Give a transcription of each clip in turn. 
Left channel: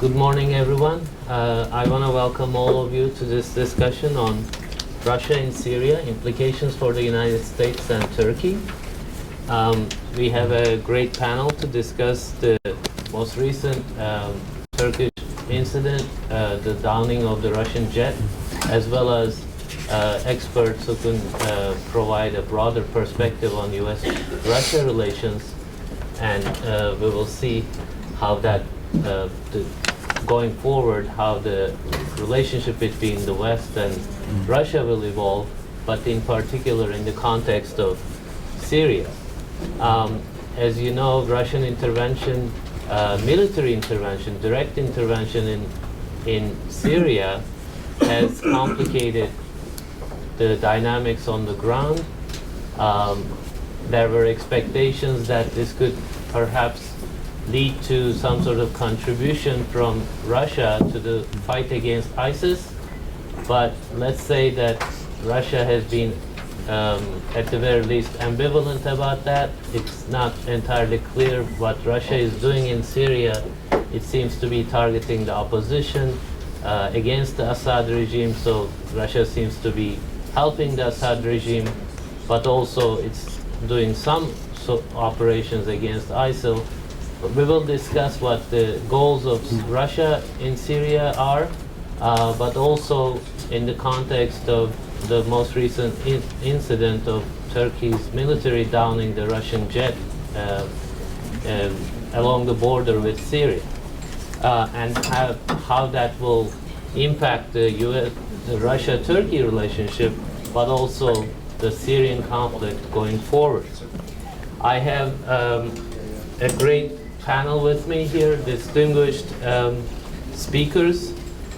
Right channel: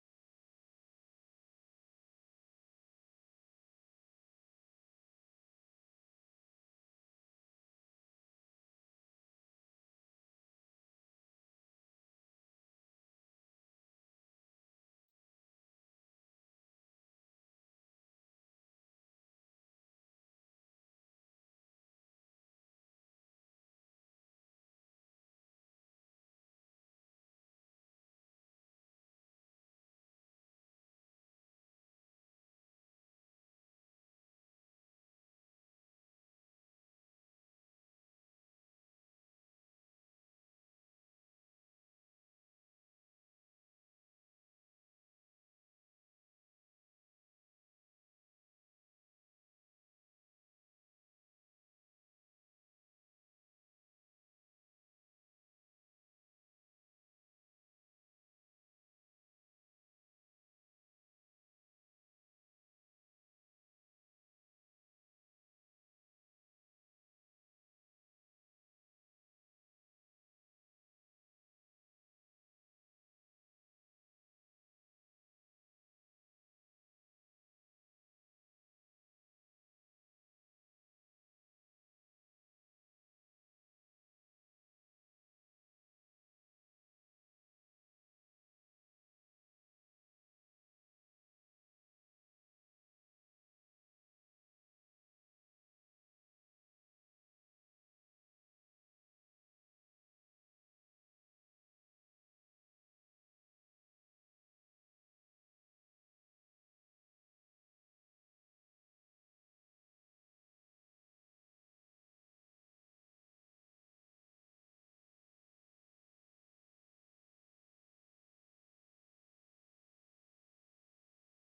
Good morning, everyone. I want to welcome all of you to this discussion on Russia and Syria, implications for the United States and Turkey. We have a great panel to discuss the most recent Turkish incident, the downing of the Russian jet, as well as experts who can provide a broader perspective on US-Russia relations, and we will see how that going forward, how the relationship between the West and Russia will evolve, but in particular in the context of Syria. As you know, Russian intervention, military intervention, direct intervention in Syria has complicated the dynamics on the ground. There were expectations that this could perhaps lead to some sort of contribution from Russia to the fight against ISIS. But let's say that Russia has been, at the very least, ambivalent about that. It's not entirely clear what Russia is doing in Syria. It seems to be targeting the opposition against the Assad regime, so Russia seems to be helping the Assad regime, but also it's doing some operations against ISIL. We will discuss what the goals of Russia in Syria are, but also in the context of the most recent incident of Turkey's military downing the Russian jet along the border with Syria, and how that will impact the Russia-Turkey relationship, but also the Syrian conflict going forward. I have a great panel with me here, distinguished speakers.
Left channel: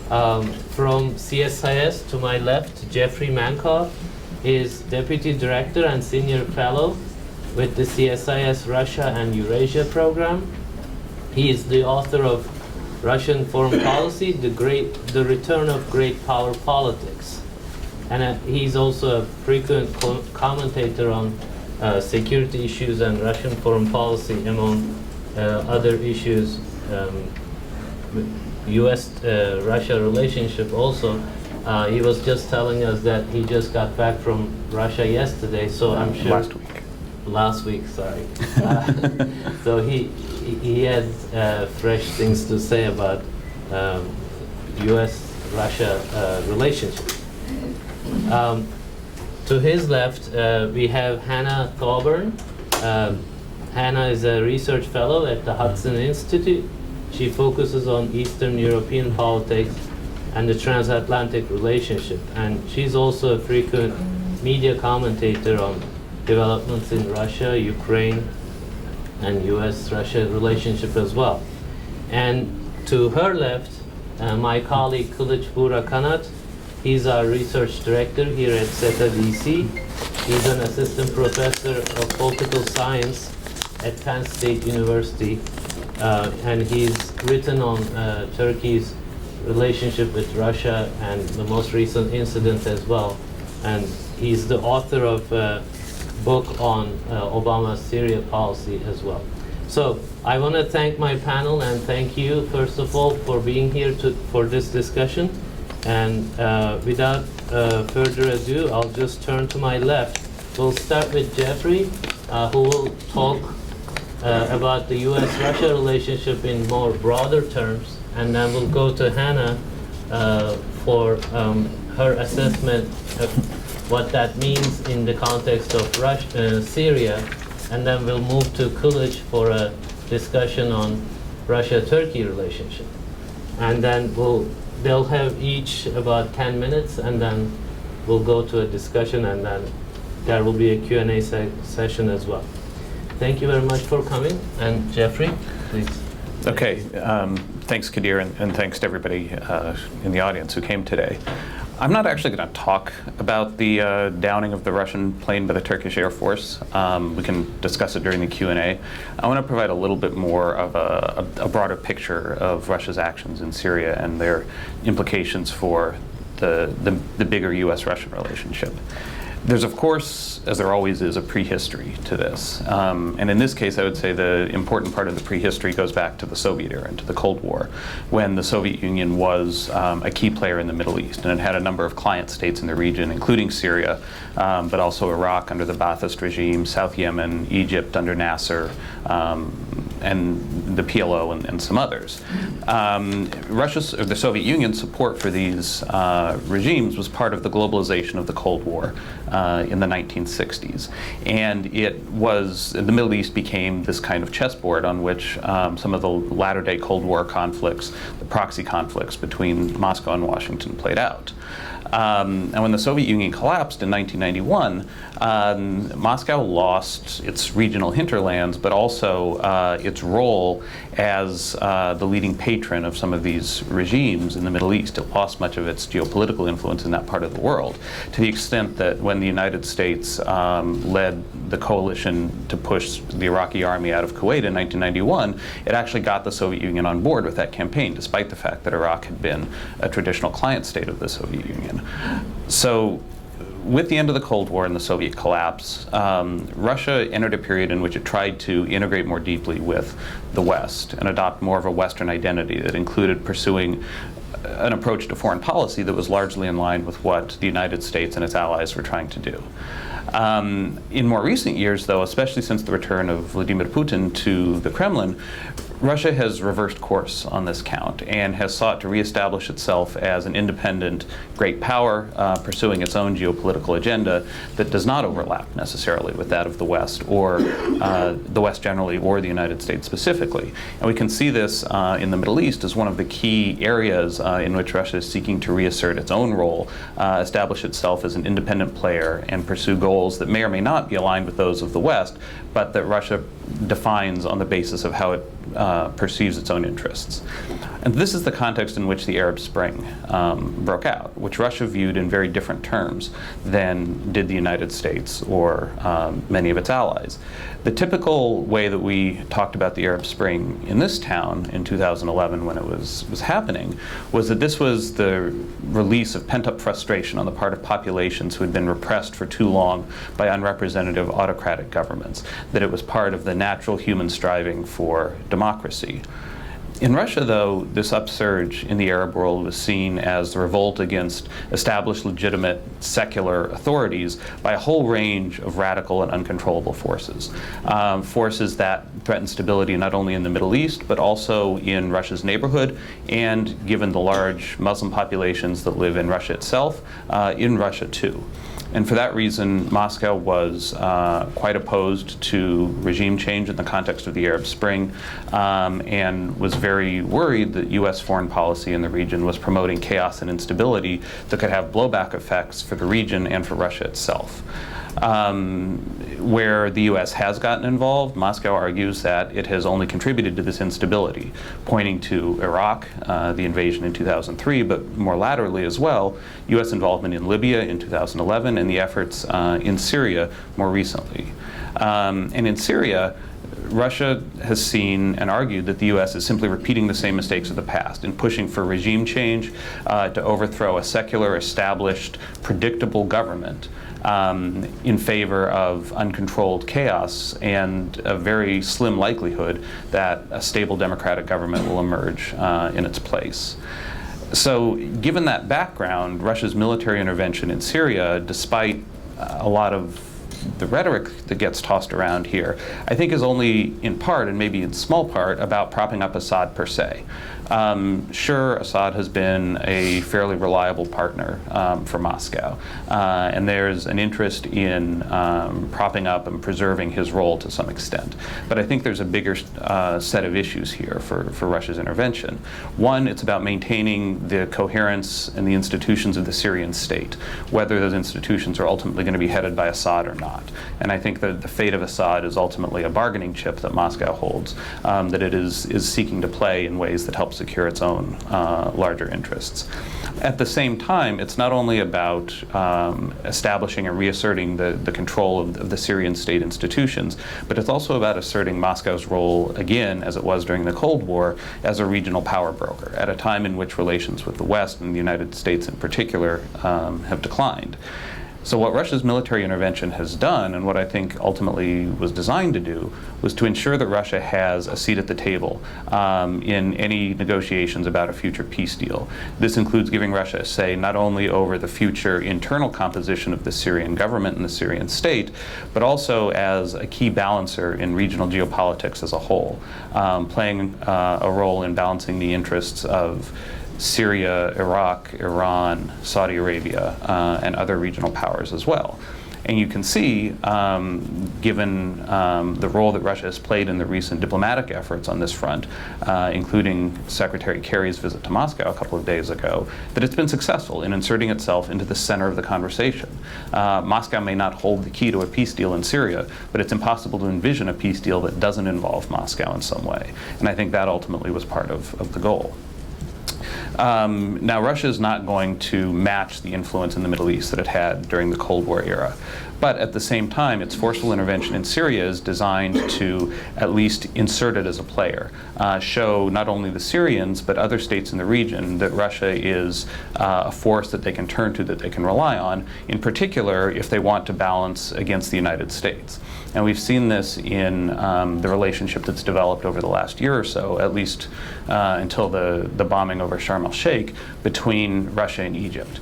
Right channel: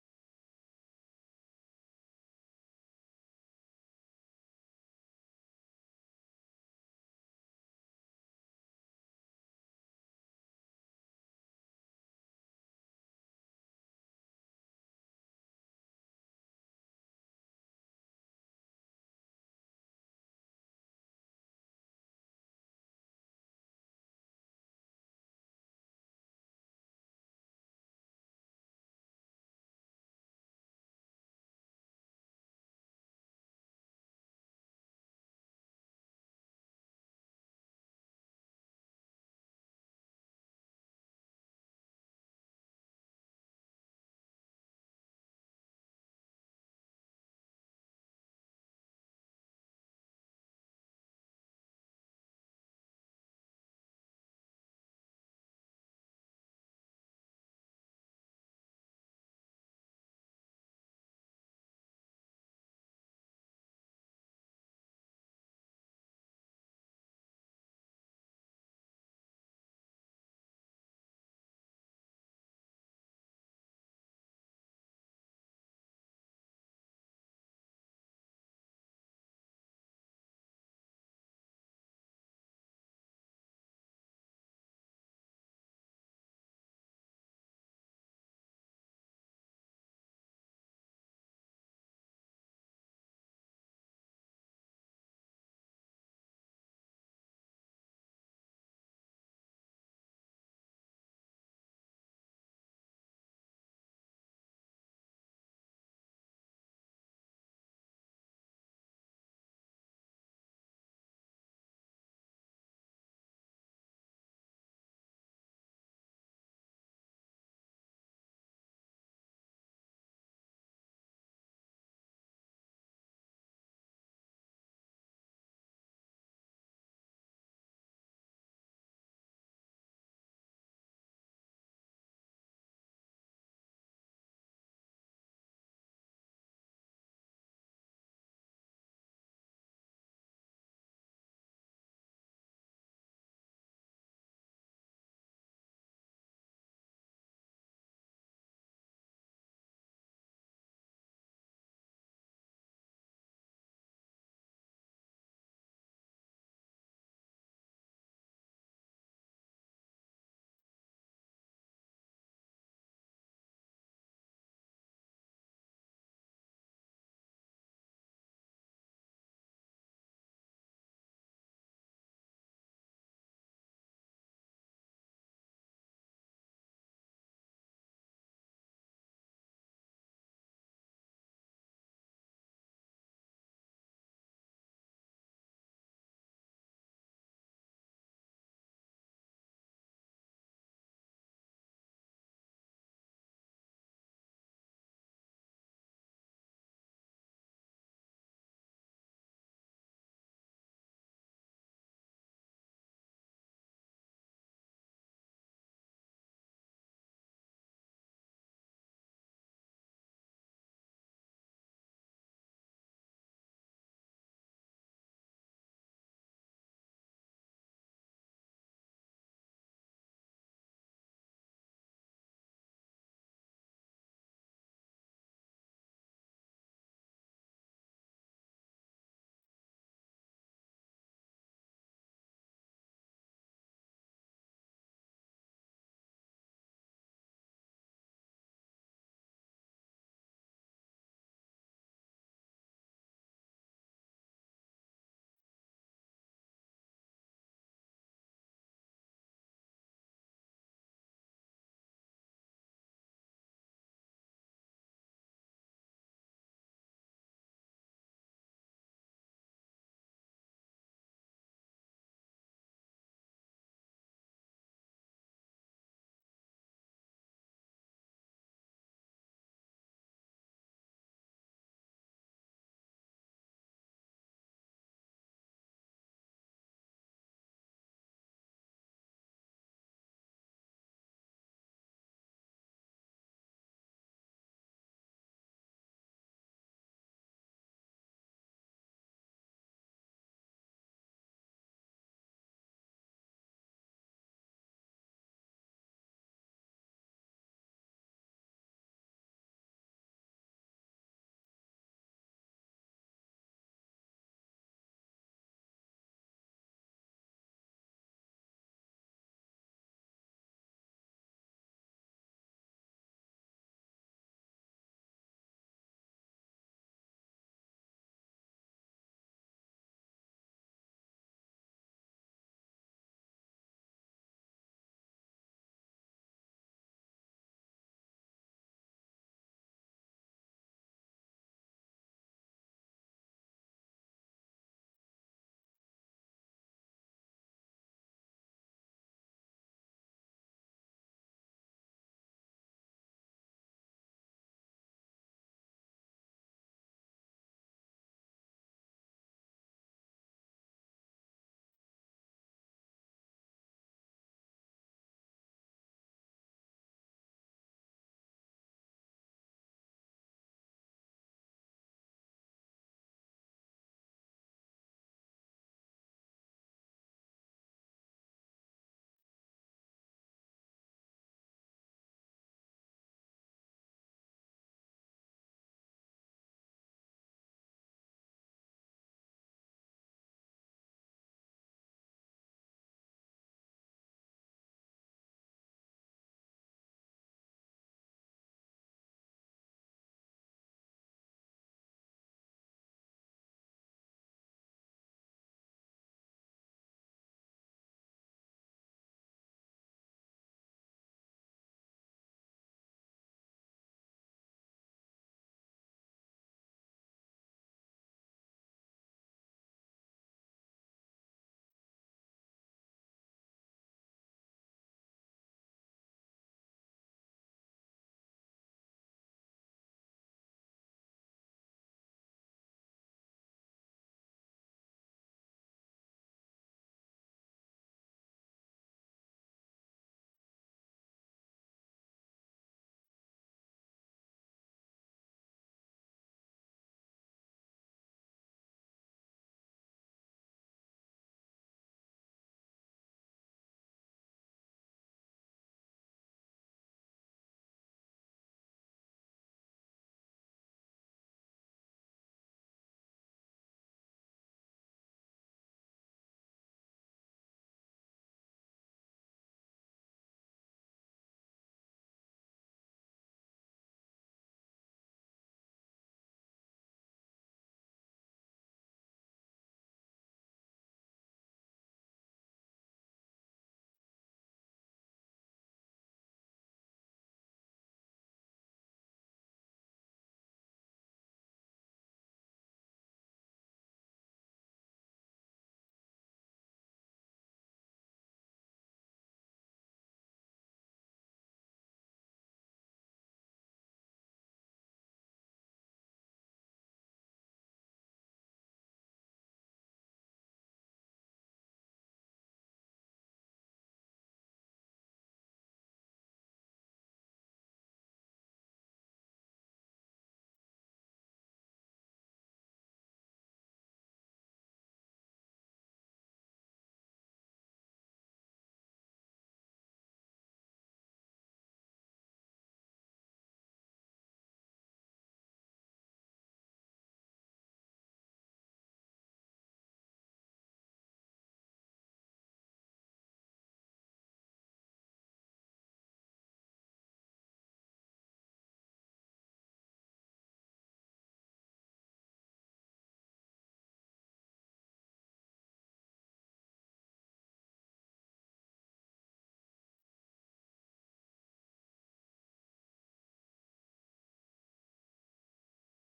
From CSIS to my left, Jeffrey Mankoff is Deputy Director and Senior Fellow with the CSIS Russia and Eurasia program. He is the author of Russian Foreign Policy, The Return of Great Power Politics. And he's also a frequent commentator on security issues and Russian foreign policy, among other issues, US-Russia relationship also. He was just telling us that he just got back from Russia yesterday, so I'm sure... Last week, sorry. So he had fresh things to say about US-Russia relationship. To his left, we have Hannah Thoburn. Hannah is a research fellow at the Hudson Institute. She focuses on Eastern European politics and the transatlantic relationship. And she's also a frequent media commentator on developments in Russia, Ukraine, and US-Russia relationship as well. And to her left, my colleague Kılıç Buğra Kanat. He's our research director here at SETA DC. He's an assistant professor of political science at Penn State University, and he's written on Turkey's relationship with Russia and the most recent incident as well. And he's the author of a book on Obama's Syria policy as well. So I want to thank my panel and thank you, first of all, for being here for this discussion. And without further ado, I'll just turn to my left. We'll start with Jeffrey, who will talk about the US-Russia relationship in more broader terms, and then we'll go to Hannah for her assessment of what that means in the context of Syria, and then we'll move to Kılıç for a discussion on Russia-Turkey relationship. And then they'll have each about 10 minutes, and then we'll go to a discussion, and then there will be a Q&A session as well. Thank you very much for coming. And Jeffrey, please. Okay, thanks Kadir, and thanks to everybody in the audience who came today. I'm not actually going to talk about the downing of the Russian plane by the Turkish Air Force. We can discuss it during the Q&A. I want to provide a little bit more of a broader picture of Russia's actions in Syria and their implications for the bigger US-Russian relationship. There's, of course, as there always is, a prehistory to this. And in this case, I would say the important part of the prehistory goes back to the Soviet era and to the Cold War, when the Soviet Union was a key player in the Middle East. And it had a number of client states in the region, including Syria, but also Iraq under the Ba'athist regime, South Yemen, Egypt under Nasser, and the PLO and some others. Russia's, or the Soviet Union's support for these regimes was part of the globalization of the Cold War in the 1960s. And the Middle East became this kind of chessboard on which some of the latter-day Cold War conflicts, the proxy conflicts between Moscow and Washington played out. And when the Soviet Union collapsed in 1991, Moscow lost its regional hinterlands, but also its role as the leading patron of some of these regimes in the Middle East. It lost much of its geopolitical influence in that part of the world, to the extent that when the United States led the coalition to push the Iraqi army out of Kuwait in 1991, it actually got the Soviet Union on board with that campaign, despite the fact that Iraq had been a traditional client state of the Soviet Union. So, with the end of the Cold War and the Soviet collapse, Russia entered a period in which it tried to integrate more deeply with the West and adopt more of a Western identity that included pursuing an approach to foreign policy that was largely in line with what the United States and its allies were trying to do. In more recent years, though, especially since the return of Vladimir Putin to the Kremlin, Russia has reversed course on this count and has sought to reestablish itself as an independent great power, pursuing its own geopolitical agenda that does not overlap necessarily with that of the West, or the West generally, or the United States specifically. And we can see this in the Middle East as one of the key areas in which Russia is seeking to reassert its own role, establish itself as an independent player, and pursue goals that may or may not be aligned with those of the West, but that Russia defines on the basis of how it perceives its own interests. And this is the context in which the Arab Spring broke out, which Russia viewed in very different terms than did the United States or many of its allies. The typical way that we talked about the Arab Spring in this town in 2011 when it was happening was that this was the release of pent-up frustration on the part of populations who had been repressed for too long by unrepresentative autocratic governments, that it was part of the natural human striving for democracy. In Russia, though, this upsurge in the Arab world was seen as the revolt against established legitimate secular authorities by a whole range of radical and uncontrollable forces. Forces that threaten stability not only in the Middle East, but also in Russia's neighborhood, and given the large Muslim populations that live in Russia itself, in Russia too. And for that reason, Moscow was quite opposed to regime change in the context of the Arab Spring, and was very worried that U.S. foreign policy in the region was promoting chaos and instability that could have blowback effects for the region and for Russia itself. Where the U.S. has gotten involved, Moscow argues that it has only contributed to this instability, pointing to Iraq, the invasion in 2003, but more laterally as well, U.S. involvement in Libya in 2011 and the efforts in Syria more recently. And in Syria, Russia has seen and argued that the U.S. is simply repeating the same mistakes of the past in pushing for regime change to overthrow a secular, established, predictable government in favor of uncontrolled chaos and a very slim likelihood that a stable democratic government will emerge in its place. So, given that background, Russia's military intervention in Syria, despite a lot of the rhetoric that gets tossed around here, I think is only in part, and maybe in small part, about propping up Assad per se. Sure, Assad has been a fairly reliable partner for Moscow, and there's an interest in propping up and preserving his role to some extent. But I think there's a bigger set of issues here for Russia's intervention. One, it's about maintaining the coherence and the institutions of the Syrian state, whether those institutions are ultimately going to be headed by Assad or not. And I think that the fate of Assad is ultimately a bargaining chip that Moscow holds, that it is seeking to play in ways that help secure its own larger interests. At the same time, it's not only about establishing and reasserting the control of the Syrian state institutions, but it's also about asserting Moscow's role again, as it was during the Cold War, as a regional power broker, at a time in which relations with the West and the United States in particular have declined. So what Russia's military intervention has done, and what I think ultimately was designed to do, was to ensure that Russia has a seat at the table in any negotiations about a future peace deal. This includes giving Russia a say not only over the future internal composition of the Syrian government and the Syrian state, but also as a key balancer in regional geopolitics as a whole, playing a role in balancing the interests of Syria, Iraq, Iran, Saudi Arabia, and other regional powers as well. And you can see, given the role that Russia has played in the recent diplomatic efforts on this front, including Secretary Kerry's visit to Moscow a couple of days ago, that it's been successful in inserting itself into the center of the conversation. Moscow may not hold the key to a peace deal in Syria, but it's impossible to envision a peace deal that doesn't involve Moscow in some way. And I think that ultimately was part of the goal. Now, Russia is not going to match the influence in the Middle East that it had during the Cold War era. But at the same time, its forceful intervention in Syria is designed to at least insert it as a player, show not only the Syrians, but other states in the region that Russia is a force that they can turn to, that they can rely on, in particular if they want to balance against the United States. And we've seen this in the relationship that's developed over the last year or so, at least until the bombing over Sharm el-Sheikh, between Russia and Egypt.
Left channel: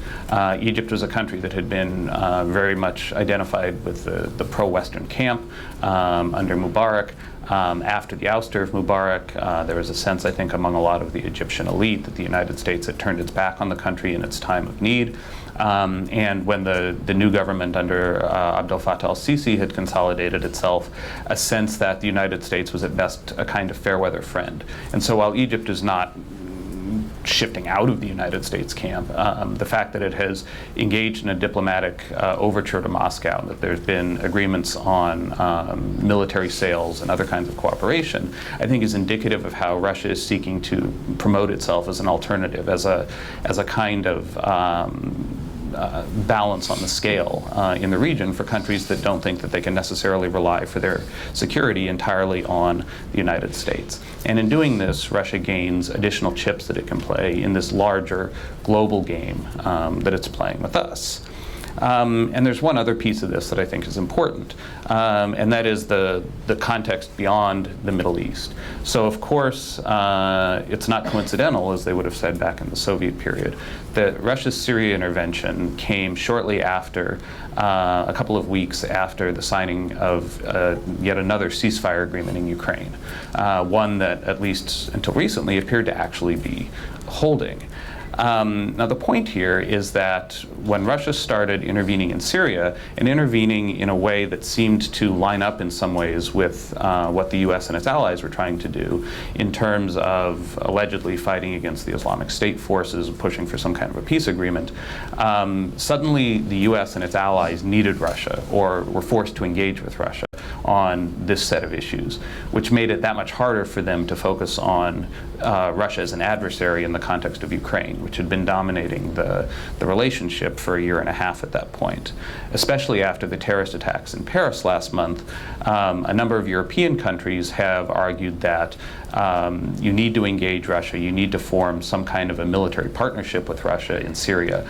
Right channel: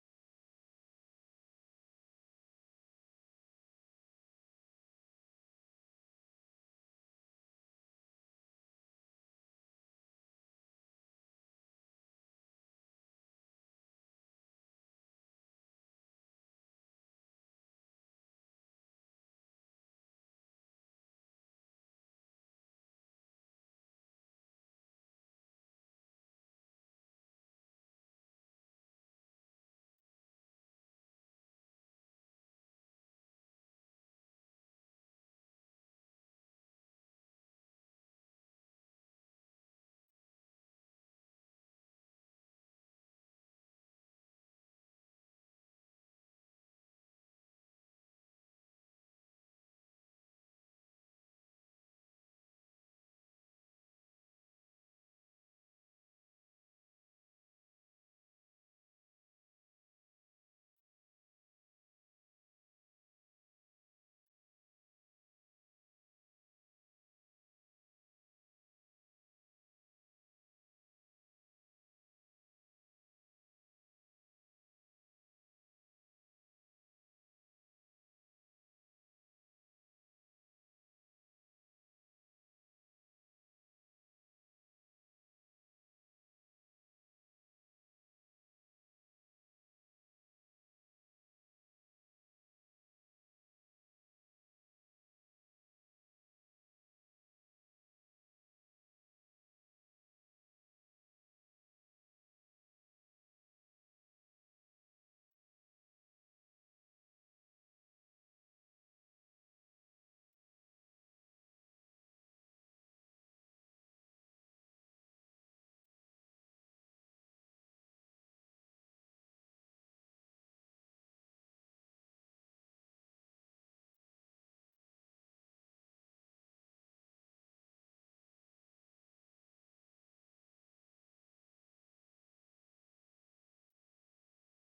Egypt was a country that had been very much identified with the pro-Western camp under Mubarak. After the ouster of Mubarak, there was a sense, I think, among a lot of the Egyptian elite that the United States had turned its back on the country in its time of need. And when the new government under Abdel Fattah al-Sisi had consolidated itself, a sense that the United States was at best a kind of fair weather friend. And so while Egypt is not shifting out of the United States camp, the fact that it has engaged in a diplomatic overture to Moscow, that there's been agreements on military sales and other kinds of cooperation, I think is indicative of how Russia is seeking to promote itself as an alternative, as a kind of balance on the scale in the region for countries that don't think that they can necessarily rely for their security entirely on the United States. And in doing this, Russia gains additional chips that it can play in this larger global game that it's playing with us. And there's one other piece of this that I think is important, and that is the context beyond the Middle East. So of course, it's not coincidental, as they would have said back in the Soviet period, that Russia's Syria intervention came shortly after, a couple of weeks after the signing of yet another ceasefire agreement in Ukraine, one that, at least until recently, appeared to actually be holding. Now, the point here is that when Russia started intervening in Syria, and intervening in a way that seemed to line up in some ways with what the US and its allies were trying to do in terms of allegedly fighting against the Islamic State forces, pushing for some kind of a peace agreement, suddenly the US and its allies needed Russia, or were forced to engage with Russia on this set of issues, which made it that much harder for them to focus on Russia as an adversary in the context of Ukraine, which had been dominating the relationship for a year and a half at that point. Especially after the terrorist attacks in Paris last month, a number of European countries have argued that you need to engage Russia, you need to form some kind of a military partnership with Russia in Syria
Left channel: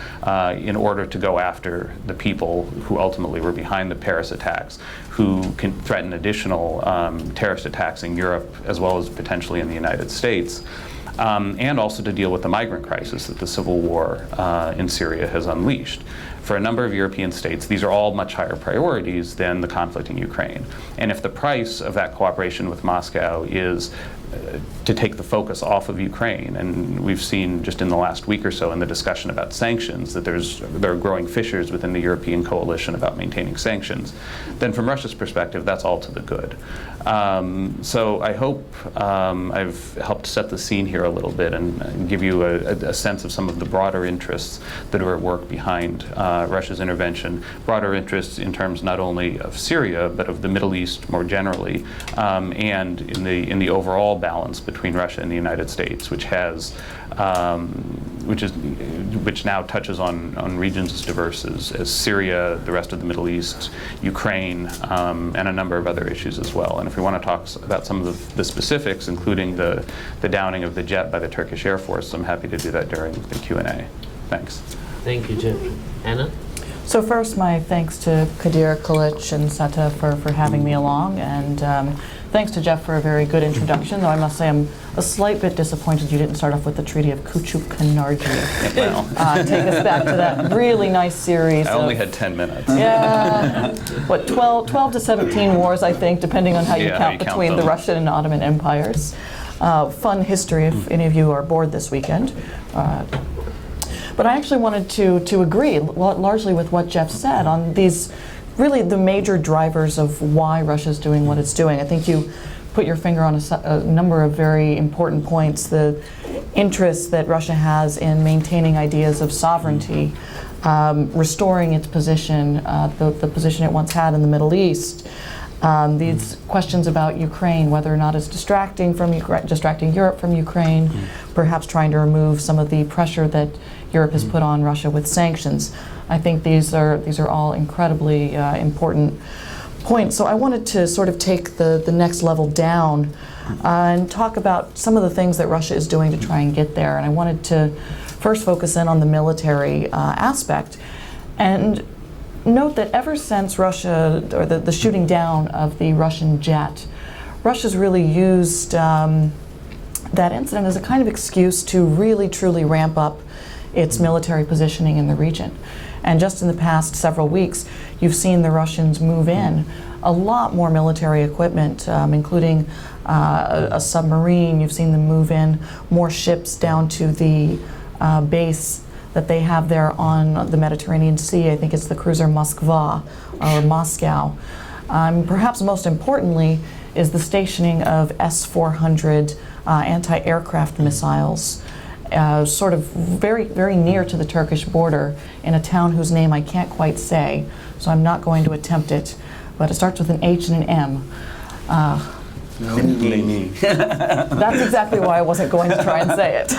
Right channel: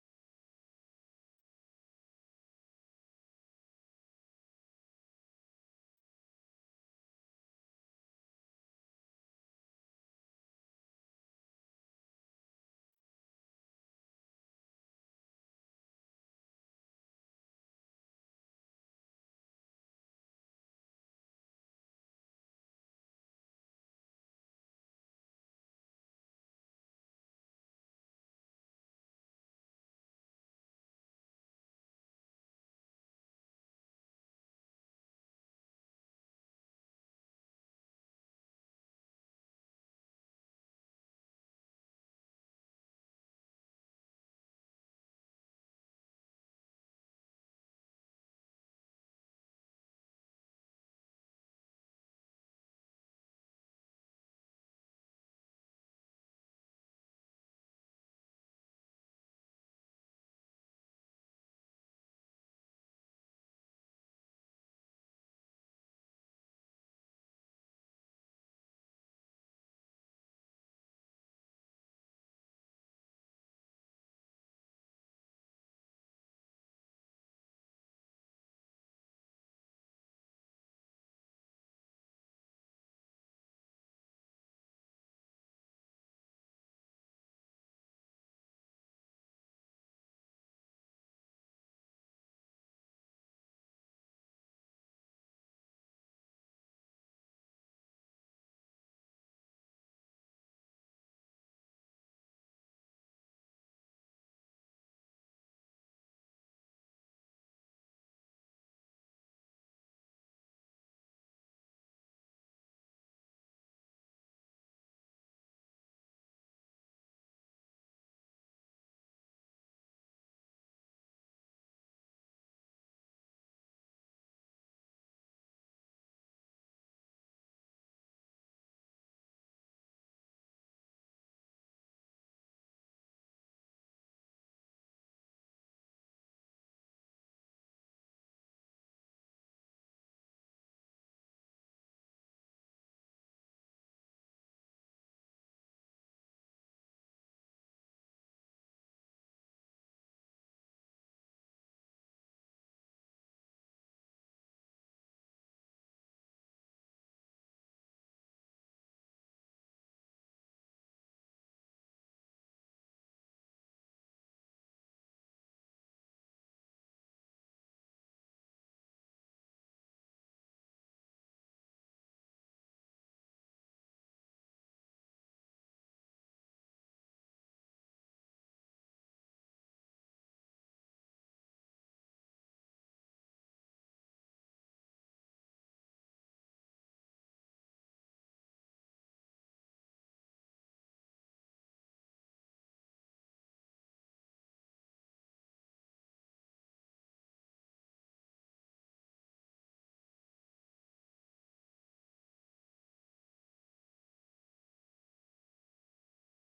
in order to go after the people who ultimately were behind the Paris attacks, who can threaten additional terrorist attacks in Europe as well as potentially in the United States. And also to deal with the migrant crisis that the civil war in Syria has unleashed. For a number of European states, these are all much higher priorities than the conflict in Ukraine. And if the price of that cooperation with Moscow is to take the focus off of Ukraine, and we've seen just in the last week or so in the discussion about sanctions that there are growing fissures within the European coalition about maintaining sanctions, then from Russia's perspective, that's all to the good. So I hope I've helped set the scene here a little bit and give you a sense of some of the broader interests that are at work behind Russia's intervention, broader interests in terms not only of Syria, but of the Middle East more generally, and in the overall balance between Russia and the United States, which has which now touches on regions as diverse as Syria, the rest of the Middle East, Ukraine, and a number of other issues as well. And if we want to talk about some of the specifics, including the downing of the jet by the Turkish Air Force, I'm happy to do that during the Q&A. Thanks. Thank you, Jim. Anna? So first, my thanks to Kadir, Kılıç, and SETA for having me along, and thanks to Jeff for a very good introduction, though I must say I'm a slight bit disappointed you didn't start off with the Treaty of Küçükçekmece. Well, Take us back to that really nice series. I only had 10 minutes. Yeah, what, 12 to 17 wars, I think, depending on how you count between the Russian and Ottoman empires. Fun history if any of you are bored this weekend. But I actually wanted to agree largely with what Jeff said on these, really the major drivers of why Russia's doing what it's doing. I think you put your finger on a number of very important points. The interest that Russia has in maintaining ideas of sovereignty, restoring its position, the position it once had in the Middle East. These questions about Ukraine, whether or not it's distracting Europe from Ukraine, perhaps trying to remove some of the pressure that Europe has put on Russia with sanctions. I think these are all incredibly important points. So I wanted to sort of take the next level down and talk about some of the things that Russia is doing to try and get there. And I wanted to first focus in on the military aspect and note that ever since Russia, or the shooting down of the Russian jet, Russia's really used that incident as a kind of excuse to really truly ramp up its military positioning in the region. And just in the past several weeks, you've seen the Russians move in a lot more military equipment, including a submarine. You've seen them move in more ships down to the base that they have there on the Mediterranean Sea. I think it's the cruiser Moskva or Moscow. Perhaps most importantly is the stationing of S-400 anti-aircraft missiles, sort of very, very near to the Turkish border in a town whose name I can't quite say, so I'm not going to attempt it, but it starts with an H and an M. That's exactly why I wasn't going to try and say it.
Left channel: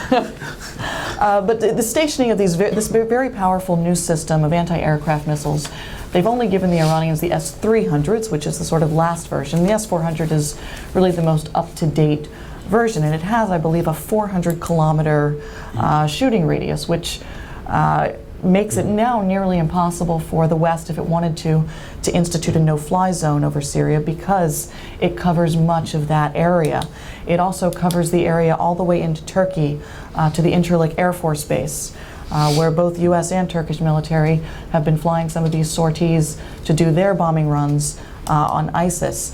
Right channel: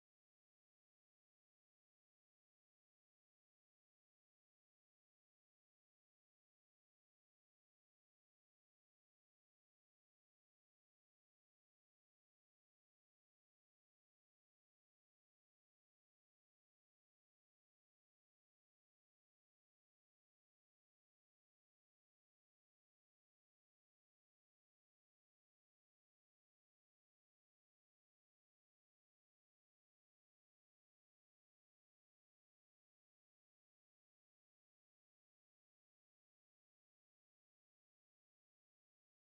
But the stationing of this very powerful new system of anti-aircraft missiles, they've only given the Iranians the S-300s, which is the sort of last version. The S-400 is really the most up-to-date version, and it has, I believe, a 400-kilometer shooting radius, which makes it now nearly impossible for the West, if it wanted to institute a no-fly zone over Syria, because it covers much of that area. It also covers the area all the way into Turkey, to the Incirlik Air Force Base, where both U.S. and Turkish military have been flying some of these sorties to do their bombing runs on ISIS.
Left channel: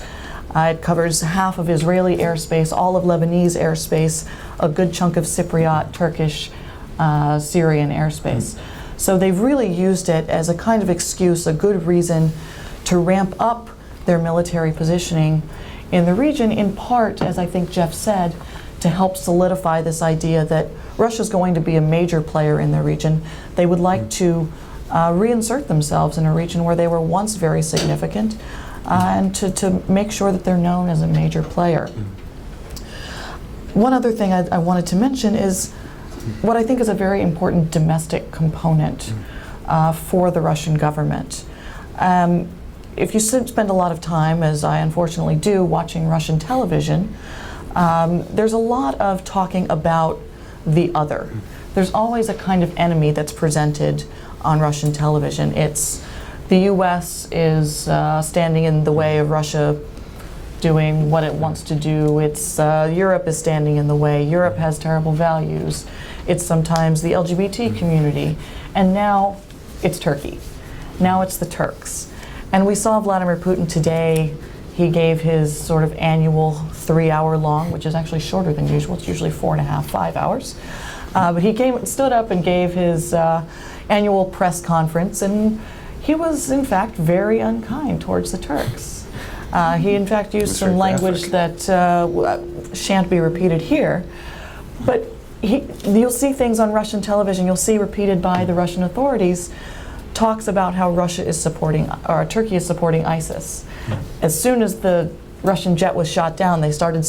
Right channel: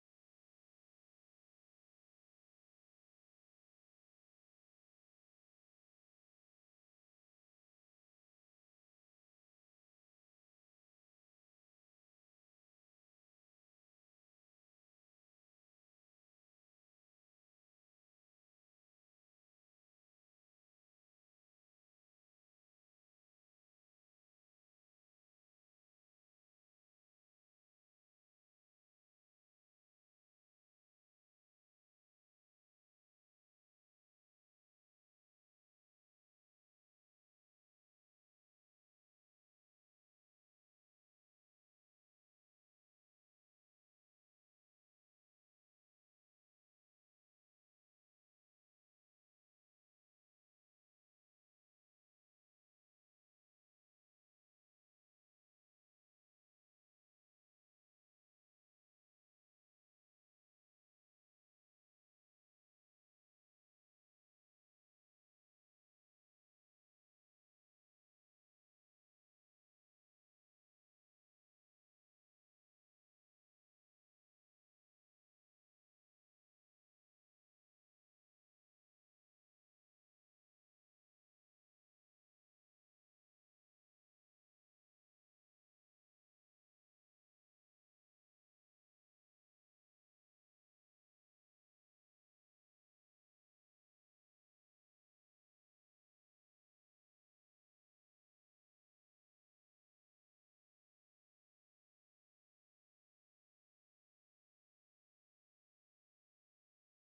It covers half of Israeli airspace, all of Lebanese airspace, a good chunk of Cypriot, Turkish, Syrian airspace. So they've really used it as a kind of excuse, a good reason to ramp up their military positioning in the region, in part, as I think Jeff said, to help solidify this idea that Russia's going to be a major player in the region. They would like to reinsert themselves in a region where they were once very significant, and to make sure that they're known as a major player. One other thing I wanted to mention is what I think is a very important domestic component for the Russian government. If you spend a lot of time, as I unfortunately do, watching Russian television, there's a lot of talking about the other. There's always a kind of enemy that's presented on Russian television. It's the U.S. is standing in the way of Russia doing what it wants to do. It's Europe is standing in the way. Europe has terrible values. It's sometimes the LGBT community. And now it's Turkey. Now it's the Turks. And we saw Vladimir Putin today. He gave his sort of annual 3-hour-long, which is actually shorter than usual. It's usually 4.5, 5 hours. But he stood up and gave his annual press conference, and he was, in fact, very unkind towards the Turks. He, in fact, used some language that shan't be repeated here. But you'll see things on Russian television, you'll see repeated by the Russian authorities, talks about how Russia is supporting, or Turkey is supporting ISIS. As soon as the Russian jet was shot down, they started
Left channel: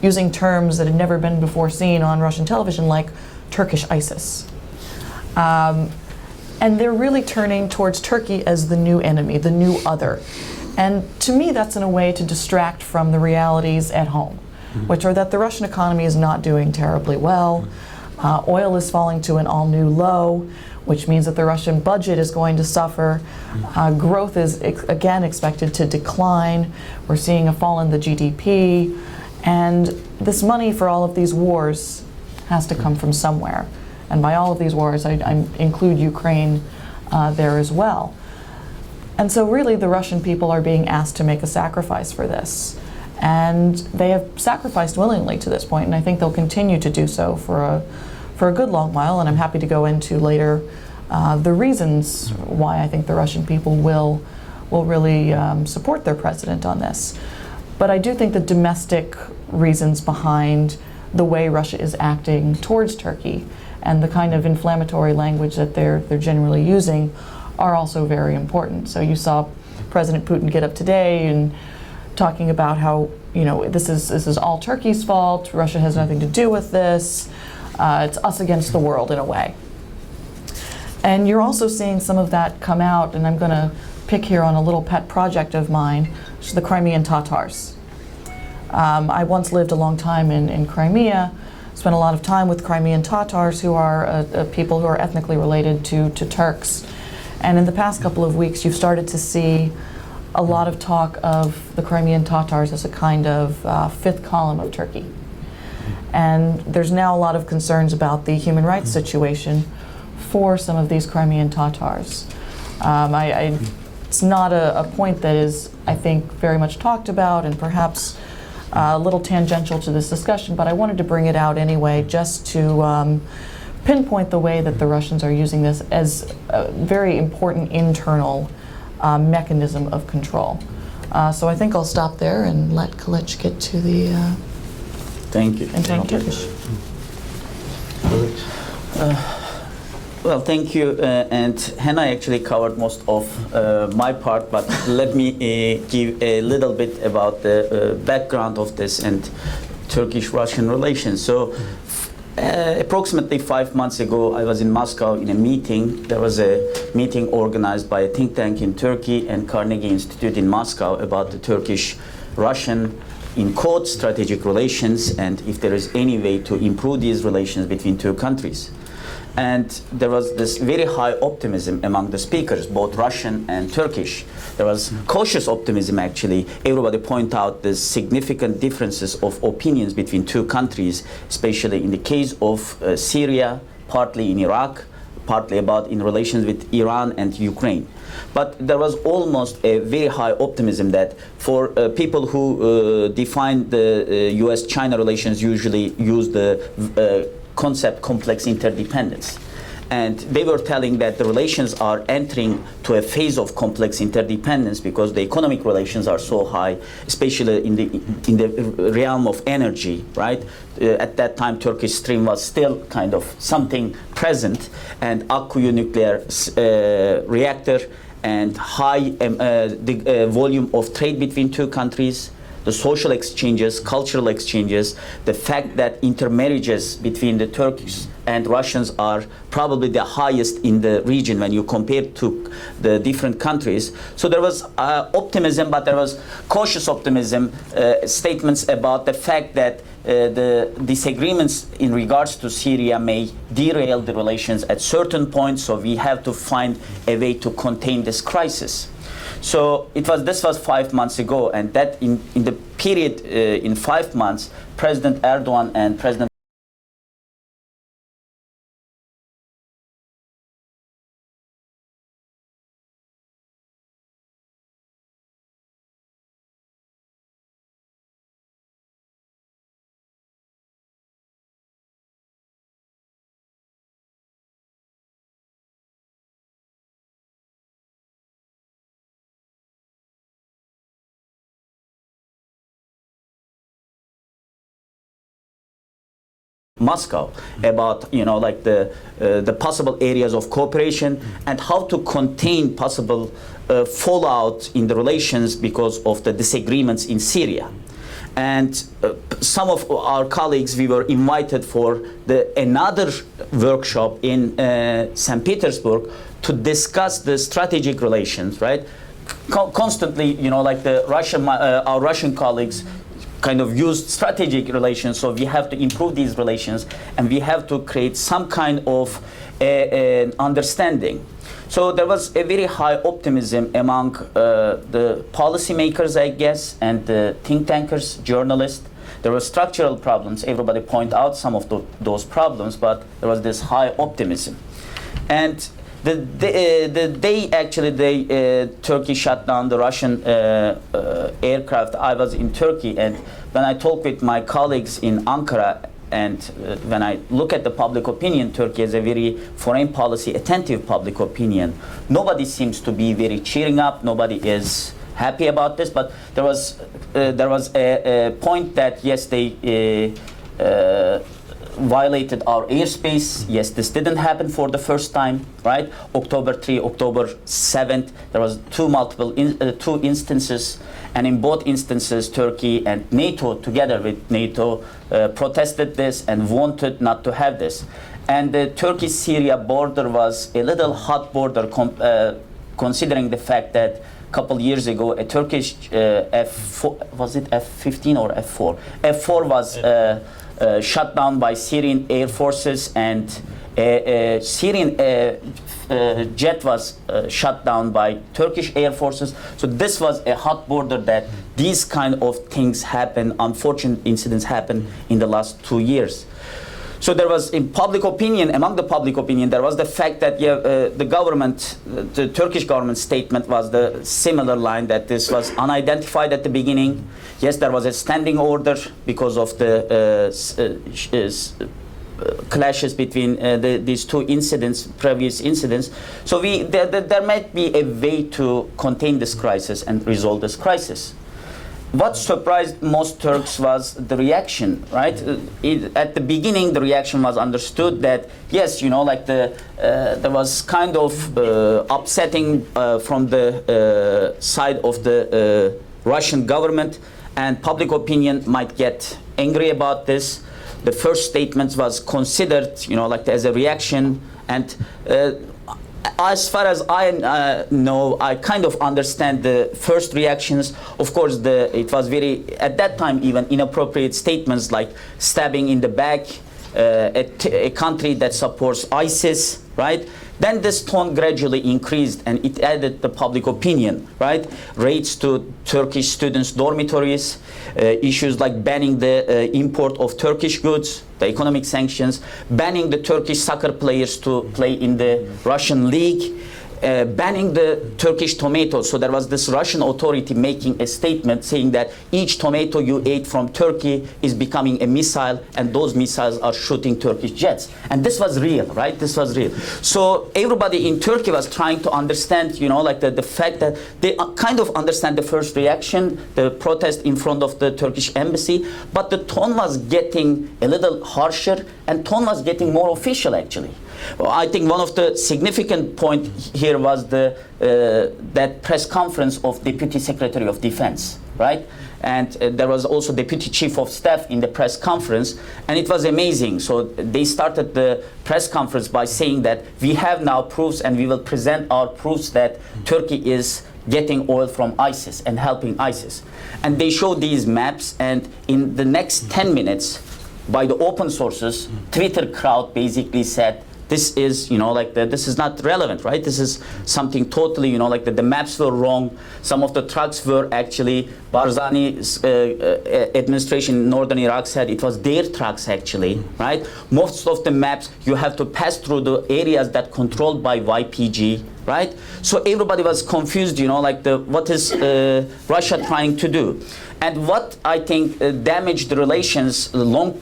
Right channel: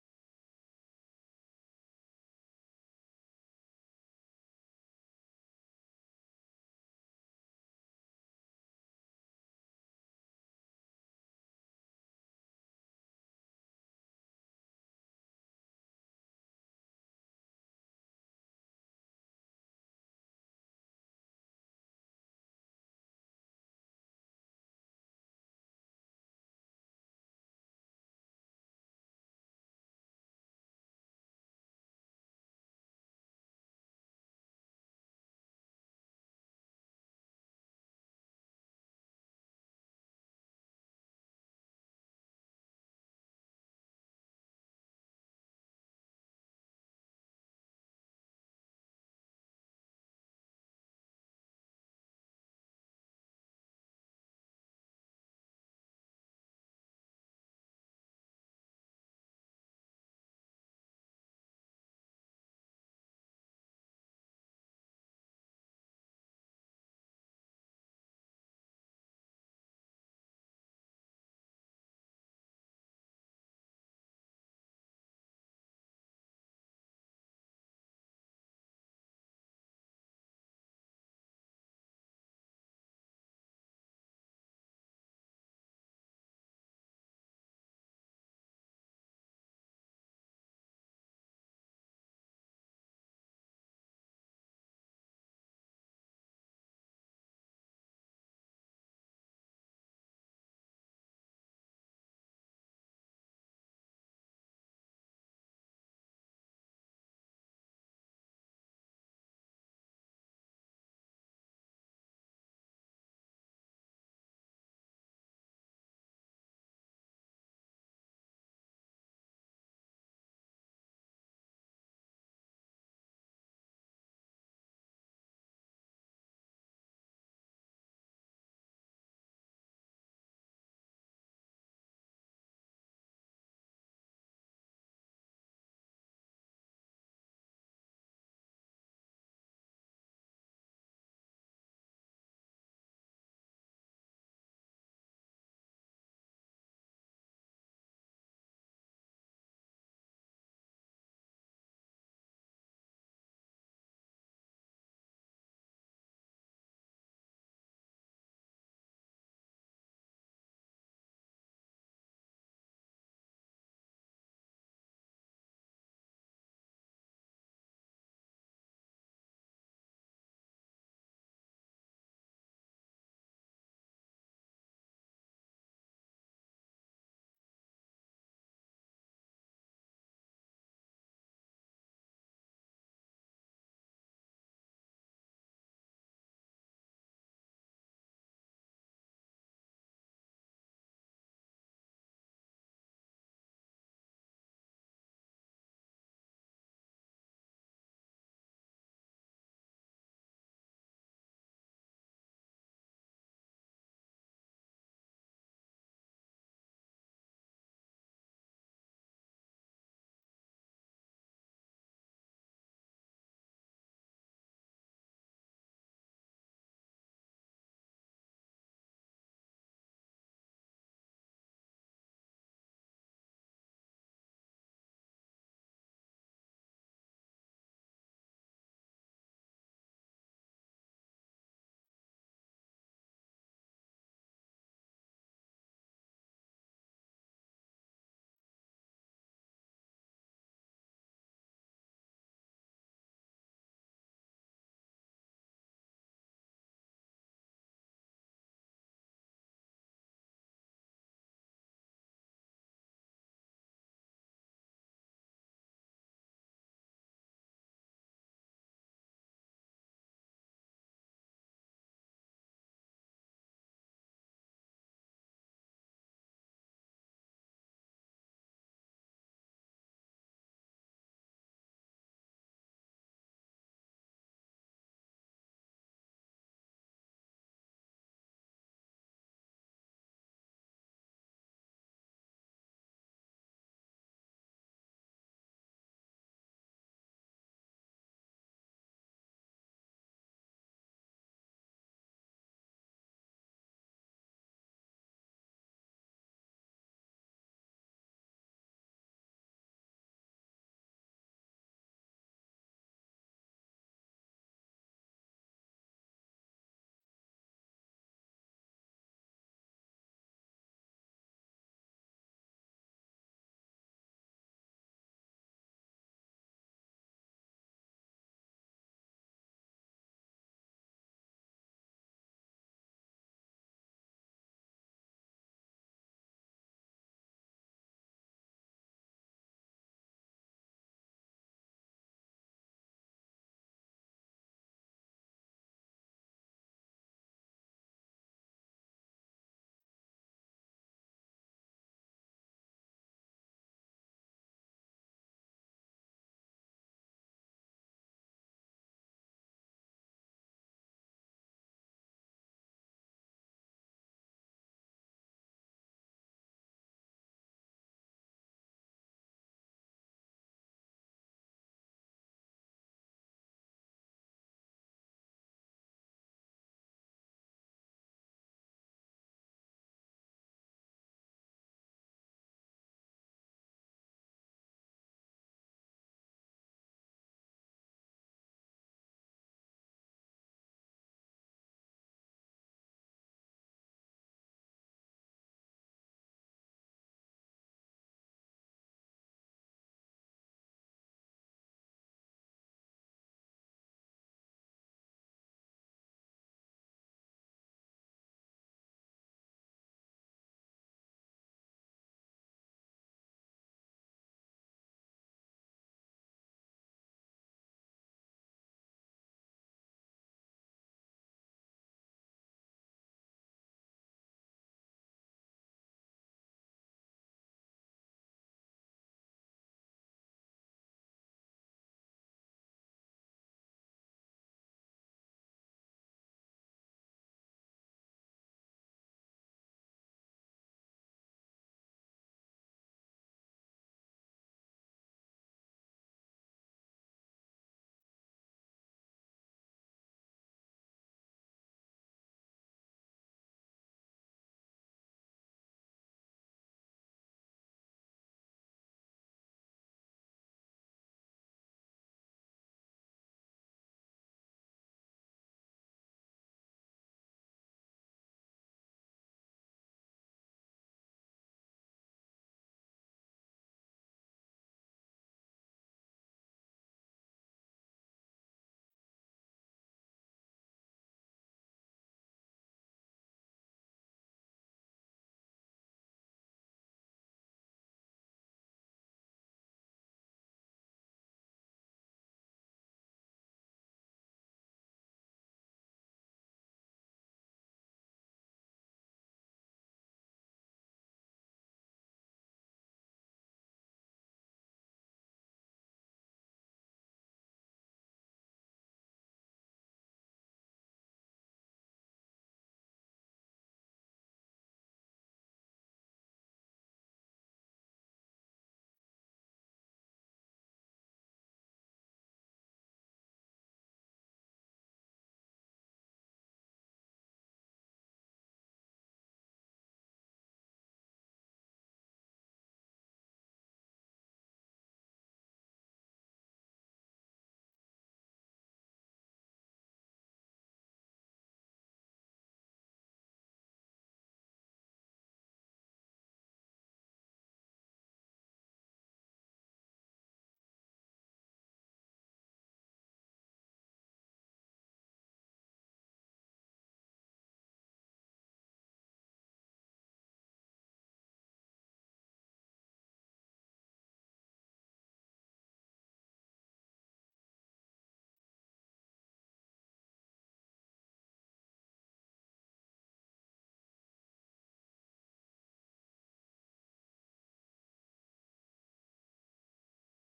using terms that had never been before seen on Russian television, like Turkish ISIS. And they're really turning towards Turkey as the new enemy, the new other. And to me, that's in a way to distract from the realities at home, which are that the Russian economy is not doing terribly well. Oil is falling to an all-new low, which means that the Russian budget is going to suffer. Growth is again expected to decline. We're seeing a fall in the GDP. And this money for all of these wars has to come from somewhere. And by all of these wars, I include Ukraine there as well. And so really the Russian people are being asked to make a sacrifice for this. And they have sacrificed willingly to this point, and I think they'll continue to do so for a good long while, and I'm happy to go into later the reasons why I think the Russian people will really support their president on this. But I do think the domestic reasons behind the way Russia is acting towards Turkey and the kind of inflammatory language that they're generally using are also very important. So you saw President Putin get up today and talking about how, you know, this is all Turkey's fault, Russia has nothing to do with this, it's us against the world in a way. And you're also seeing some of that come out, and I'm going to pick here on a little pet project of mine, which is the Crimean Tatars. I once lived a long time in Crimea, spent a lot of time with Crimean Tatars, who are people who are ethnically related to Turks. And in the past couple of weeks, you've started to see a lot of talk of the Crimean Tatars as a kind of fifth column of Turkey. And there's now a lot of concerns about the human rights situation for some of these Crimean Tatars. It's not a point that is, I think, very much talked about and perhaps a little tangential to this discussion, but I wanted to bring it out anyway just to pinpoint the way that the Russians are using this as a very important internal mechanism of control. So I think I'll stop there and let Kılıç get to the Thank you. internal Turkish. Well, thank you. And Hannah actually covered most of my part, but let me give a little bit about the background of this and Turkish-Russian relations. So approximately 5 months ago, I was in Moscow in a meeting. There was a meeting organized by a think tank in Turkey and Carnegie Institute in Moscow about the Turkish-Russian, in quotes, strategic relations, and if there is any way to improve these relations between two countries. And there was this very high optimism among the speakers, both Russian and Turkish. There was cautious optimism, actually. Everybody pointed out the significant differences of opinions between two countries, especially in the case of Syria, partly in Iraq, partly about in relations with Iran and Ukraine. But there was almost a very high optimism that for people who define the US-China relations usually use the concept complex interdependence. And they were telling that the relations are entering to a phase of complex interdependence because the economic relations are so high, especially in the realm of energy, right? At that time, Turkish Stream was still kind of something present, and Akkuyu nuclear reactor and high volume of trade between two countries, the social exchanges, cultural exchanges, the fact that intermarriages between the Turks and Russians are probably the highest in the region when you compare to the different countries. So there was optimism, but there was cautious optimism, statements about the fact that the disagreements in regards to Syria may derail the relations at certain points, so we have to find a way to contain this crisis. So this was 5 months ago, and that in the period in 5 months, President Erdogan and President Moscow about, you know, like the possible areas of cooperation and how to contain possible fallout in the relations because of the disagreements in Syria. And some of our colleagues, we were invited for another workshop in St. Petersburg to discuss the strategic relations, right? Constantly, you know, like our Russian colleagues kind of used strategic relations, so we have to improve these relations and we have to create some kind of an understanding. So there was a very high optimism among the policymakers, I guess, and the think tankers, journalists. There were structural problems. Everybody point out some of those problems, but there was this high optimism. And the day actually Turkey shut down the Russian aircraft, I was in Turkey, and when I talk with my colleagues in Ankara, and when I look at the public opinion, Turkey has a very foreign policy attentive public opinion. Nobody seems to be very cheering up. Nobody is happy about this. But there was a point that yes, they violated our airspace. Yes, this didn't happen for the first time, right? October 3, October 7th, there was two instances. And in both instances, Turkey and NATO, together with NATO, protested this and wanted not to have this. And the Turkey-Syria border was a little hot border, considering the fact that a couple years ago, a Turkish F4, was it F-15 or F4? F4 was shut down by Syrian air forces, and a Syrian jet was shut down by Turkish air forces. So this was a hot border that these kind of things happen, unfortunate incidents happen in the last 2 years. So there was, in public opinion, among the public opinion, there was the fact that the government, the Turkish government statement was the similar line that this was unidentified at the beginning. Yes, there was a standing order because of the clashes between these two incidents, previous incidents. So there might be a way to contain this crisis and resolve this crisis. What surprised most Turks was the reaction, right? At the beginning, the reaction was understood that, yes, you know, like there was kind of upsetting from the side of the Russian government, and public opinion might get angry about this. The first statement was considered, you know, like as a reaction, and as far as I know, I kind of understand the first reactions. Of course, it was very, at that time, even inappropriate statements like stabbing in the back, a country that supports ISIS, right? Then this tone gradually increased, and it added the public opinion, right? Raids to Turkish students' dormitories, issues like banning the import of Turkish goods, the economic sanctions, banning the Turkish soccer players to play in the Russian league, banning the Turkish tomatoes. So there was this Russian authority making a statement saying that each tomato you ate from Turkey is becoming a missile, and those missiles are shooting Turkish jets. And this was real, right? This was real. So everybody in Turkey was trying to understand, you know, like the fact that they kind of understand the first reaction, the protest in front of the Turkish embassy, but the tone was getting a little harsher, and tone was getting more official, actually. Well, I think one of the significant points here was that press conference of Deputy Secretary of Defense, right? And there was also Deputy Chief of Staff in the press conference, and it was amazing. So they started the press conference by saying that we have now proofs, and we will present our proofs that Turkey is getting oil from ISIS and helping ISIS. And they showed these maps, and in the next 10 minutes, by the open sources, Twitter crowd basically said, this is, you know, like this is not relevant, right? This is something totally, you know, like the maps were wrong. Some of the trucks were actually, Barzani's administration in northern Iraq said it was their trucks actually, right? Most of the maps, you have to pass through the areas that controlled by YPG, right? So everybody was confused, you know, like what is Russia trying to do? And what I think damaged the relations, long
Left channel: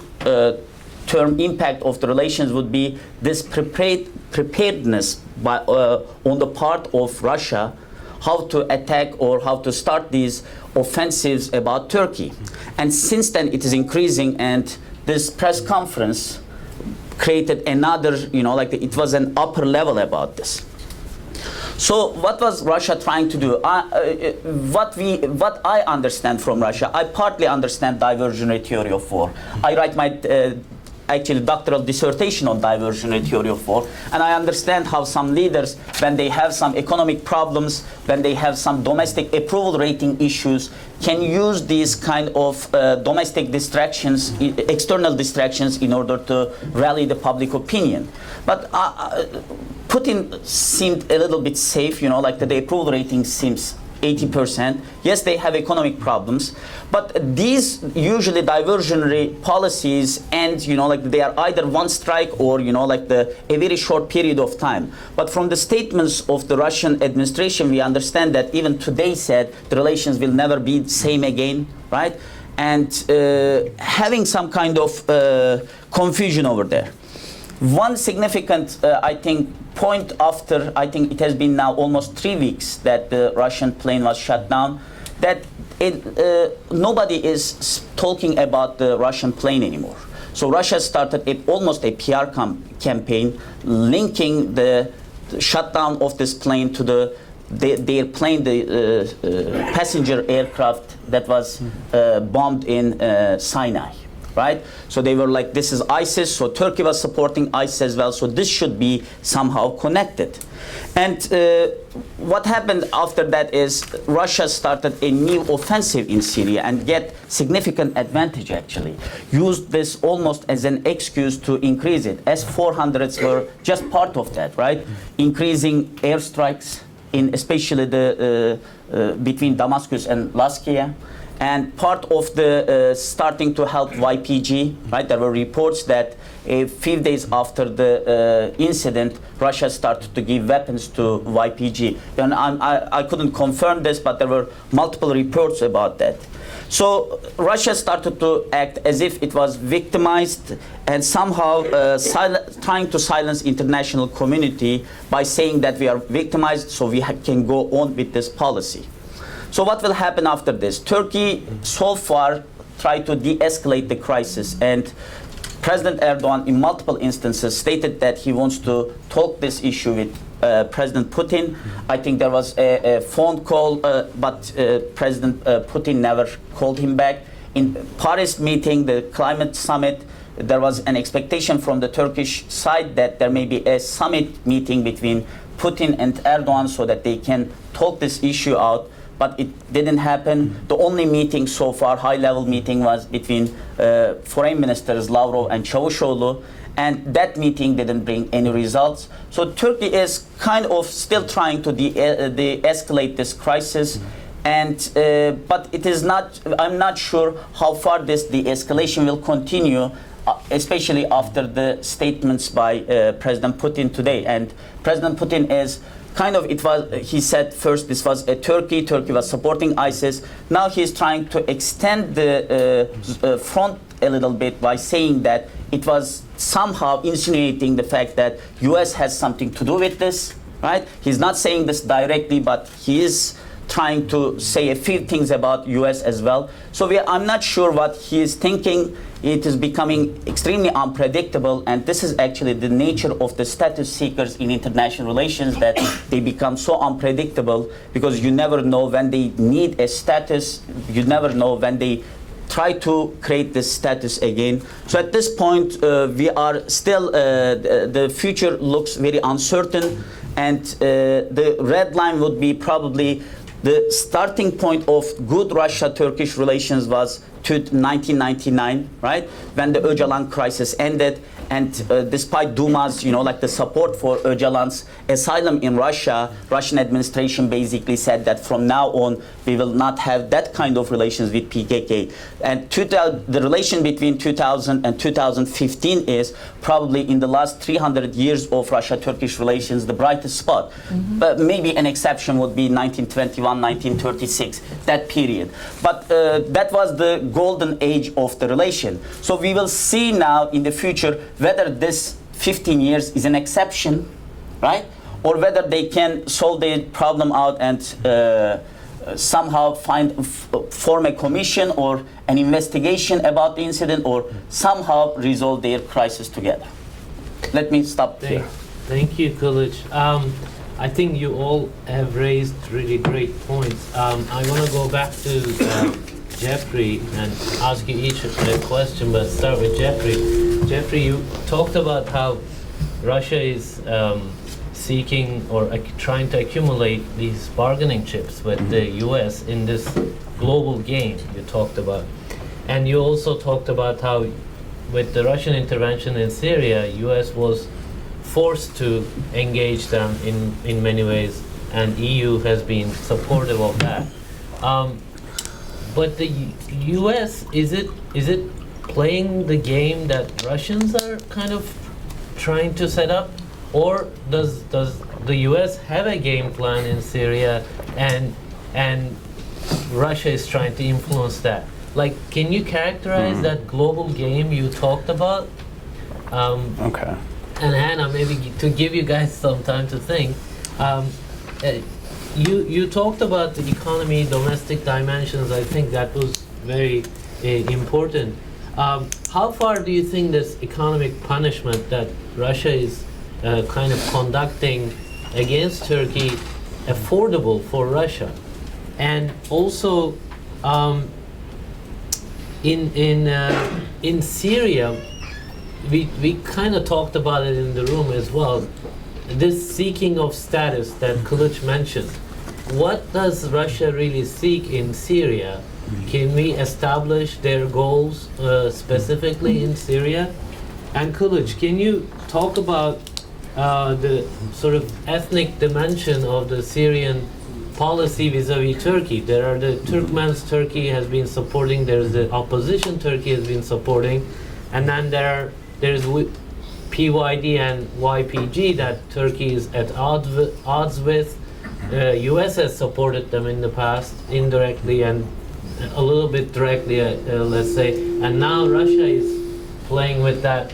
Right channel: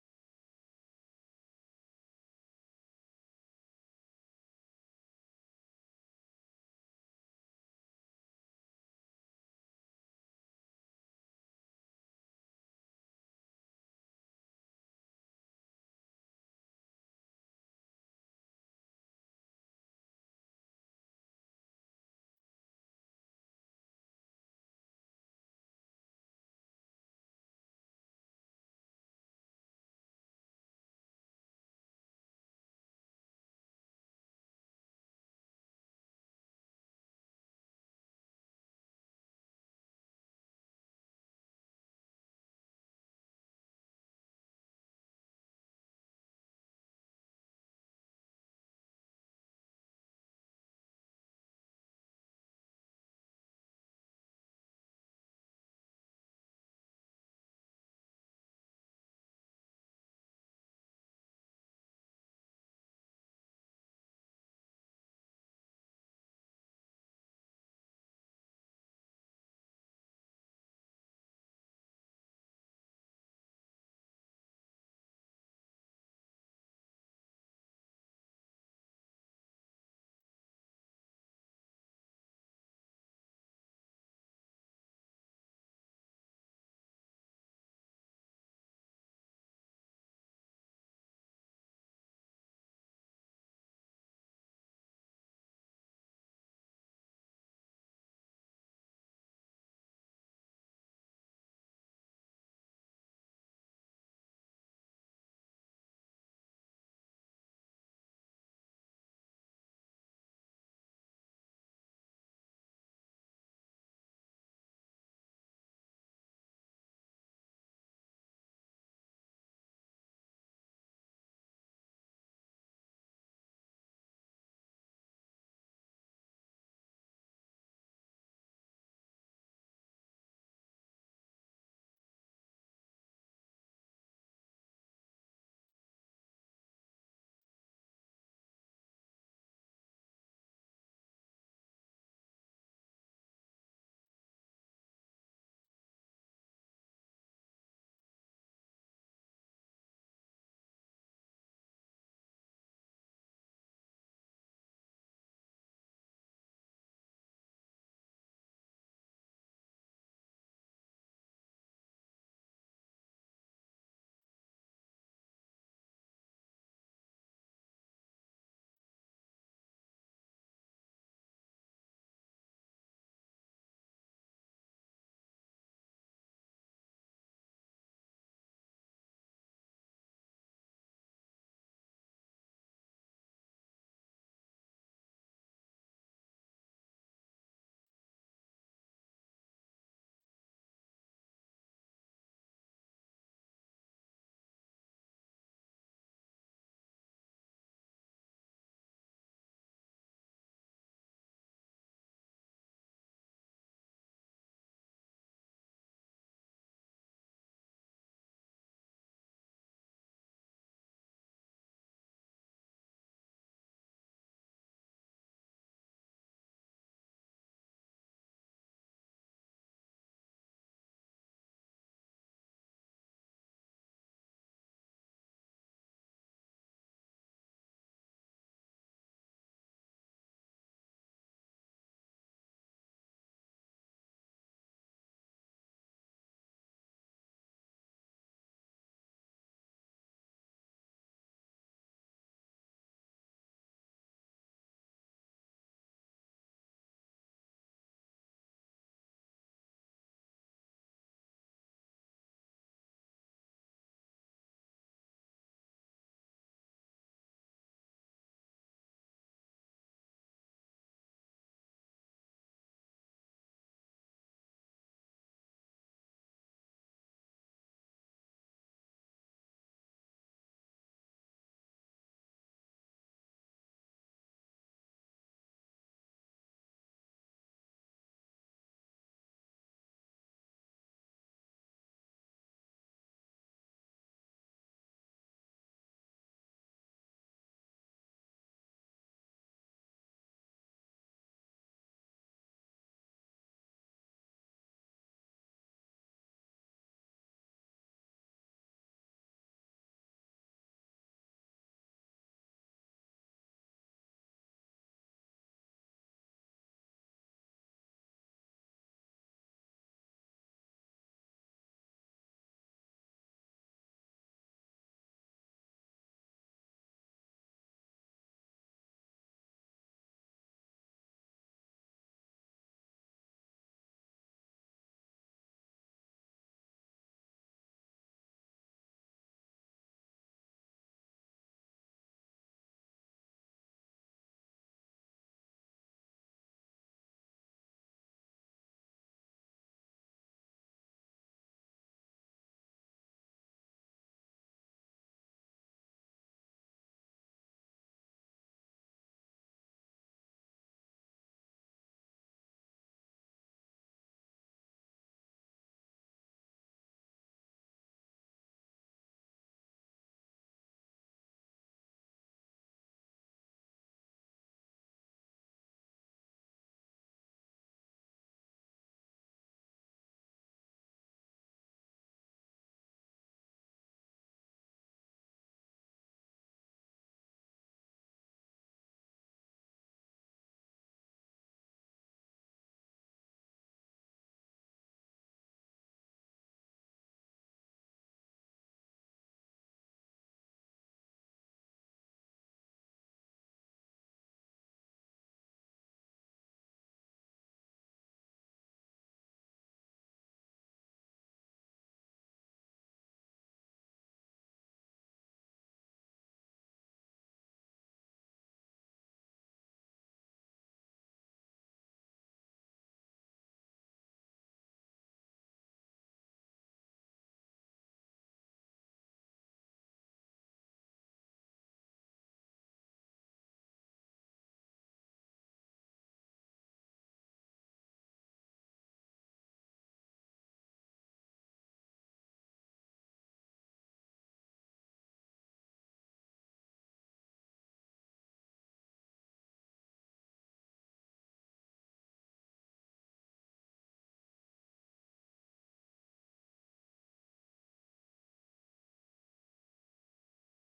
term impact of the relations would be this preparedness by, on the part of Russia, how to attack or how to start these offensives about Turkey. And since then it is increasing, and this press conference created another, you know, like it was an upper level about this. So what was Russia trying to do? What I understand from Russia, I partly understand diversionary theory of war. I write my actually doctoral dissertation on diversionary theory of war, and I understand how some leaders, when they have some economic problems, when they have some domestic approval rating issues, can use these kind of domestic distractions, external distractions, in order to rally the public opinion. But Putin seemed a little bit safe, you know, like the approval rating seems 80%. Yes, they have economic problems, but these usually diversionary policies end, you know, like they are either one strike or, you know, like a very short period of time. But from the statements of the Russian administration, we understand that even today said the relations will never be the same again, right? And having some kind of confusion over there. One significant, I think, point after, I think it has been now almost 3 weeks that the Russian plane was shut down, that nobody is talking about the Russian plane anymore. So Russia started almost a PR campaign linking the shutdown of this plane to their plane, the passenger aircraft that was bombed in Sinai. Right? So they were like, this is ISIS, so Turkey was supporting ISIS as well, so this should be somehow connected. And what happened after that is Russia started a new offensive in Syria and get significant advantage actually. Used this almost as an excuse to increase it. S-400s were just part of that, right? Increasing airstrikes in especially the between Damascus and Latakia. And part of the starting to help YPG, right? There were reports that a few days after the incident, Russia started to give weapons to YPG. And I couldn't confirm this, but there were multiple reports about that. So Russia started to act as if it was victimized and somehow trying to silence international community by saying that we are victimized, so we can go on with this policy. So what will happen after this? Turkey so far tried to de-escalate the crisis, and President Erdogan in multiple instances stated that he wants to talk this issue with President Putin. I think there was a phone call, but President Putin never called him back. In Paris meeting, the climate summit, there was an expectation from the Turkish side that there may be a summit meeting between Putin and Erdogan so that they can talk this issue out. But it didn't happen. The only meeting so far, high-level meeting, was between foreign ministers Lavrov and Çavuşoğlu, and that meeting didn't bring any results. So Turkey is kind of still trying to de-escalate this crisis, and but it is not. I'm not sure how far this de-escalation will continue, especially after the statements by President Putin today. And President Putin is kind of, he said first this was a Turkey was supporting ISIS. Now he's trying to extend the front a little bit by saying that it was somehow insinuating the fact that US has something to do with this, right? He's not saying this directly, but he is trying to say a few things about US as well. So I'm not sure what he is thinking. It is becoming extremely unpredictable, and this is actually the nature of the status seekers in international relations, that they become so unpredictable because you never know when they need a status, you never know when they try to create this status again. So at this point, we are still, the future looks very uncertain, and the red line would be probably the starting point of good Russia-Turkish relations was 1999, right? When the Öcalan crisis ended, and despite Duma's, like the support for Öcalan's asylum in Russia, Russian administration basically said that from now on we will not have that kind of relations with PKK. And the relation between 2000 and 2015 is probably in the last 300 years of Russia-Turkish relations the brightest spot. Mm-hmm. But maybe an exception would be 1921, 1936, that period. But that was the golden age of the relation. So we will see now in the future whether this 15 years is an exception, right? Or whether they can solve the problem out and somehow form a commission or an investigation about the incident, or somehow resolve their crisis together. Let me stop here. Thank you, Kılıç. I think you all have raised really great points. I want to go back to Jeffrey and ask you each a question, but start with Jeffrey. Jeffrey, you talked about how Russia is seeking or trying to accumulate these bargaining chips with the US in this global game you talked about. And you also talked about how with the Russian intervention in Syria, US was forced to engage them in many ways, and EU has been supportive of that. But the US, is it playing the game that Russians are kind of trying to set up? Or does the US have a game plan in Syria and Russia is trying to influence that? Like, can you characterize that global game you talked about? Okay. And Hannah, maybe to give you guys some time to think, you talked about the economy, domestic dimensions. I think that was very important. How far do you think this economic punishment that Russia is kind of conducting against Turkey affordable for Russia? And also, in Syria, we kind of talked about it in the room as well. This seeking of status that Kılıç mentioned. What does Russia really seek in Syria? Can we establish their goals specifically in Syria? And Kılıç, can you talk about the sort of ethnic dimension of the Syrian policy vis-a-vis Turkey? There are the Turkmens Turkey has been supporting, there's the opposition Turkey has been supporting, and then there's PYD and YPG that Turkey is at odds with. US has supported them in the past, indirectly and a little bit directly, let's say, and now Russia is playing with that.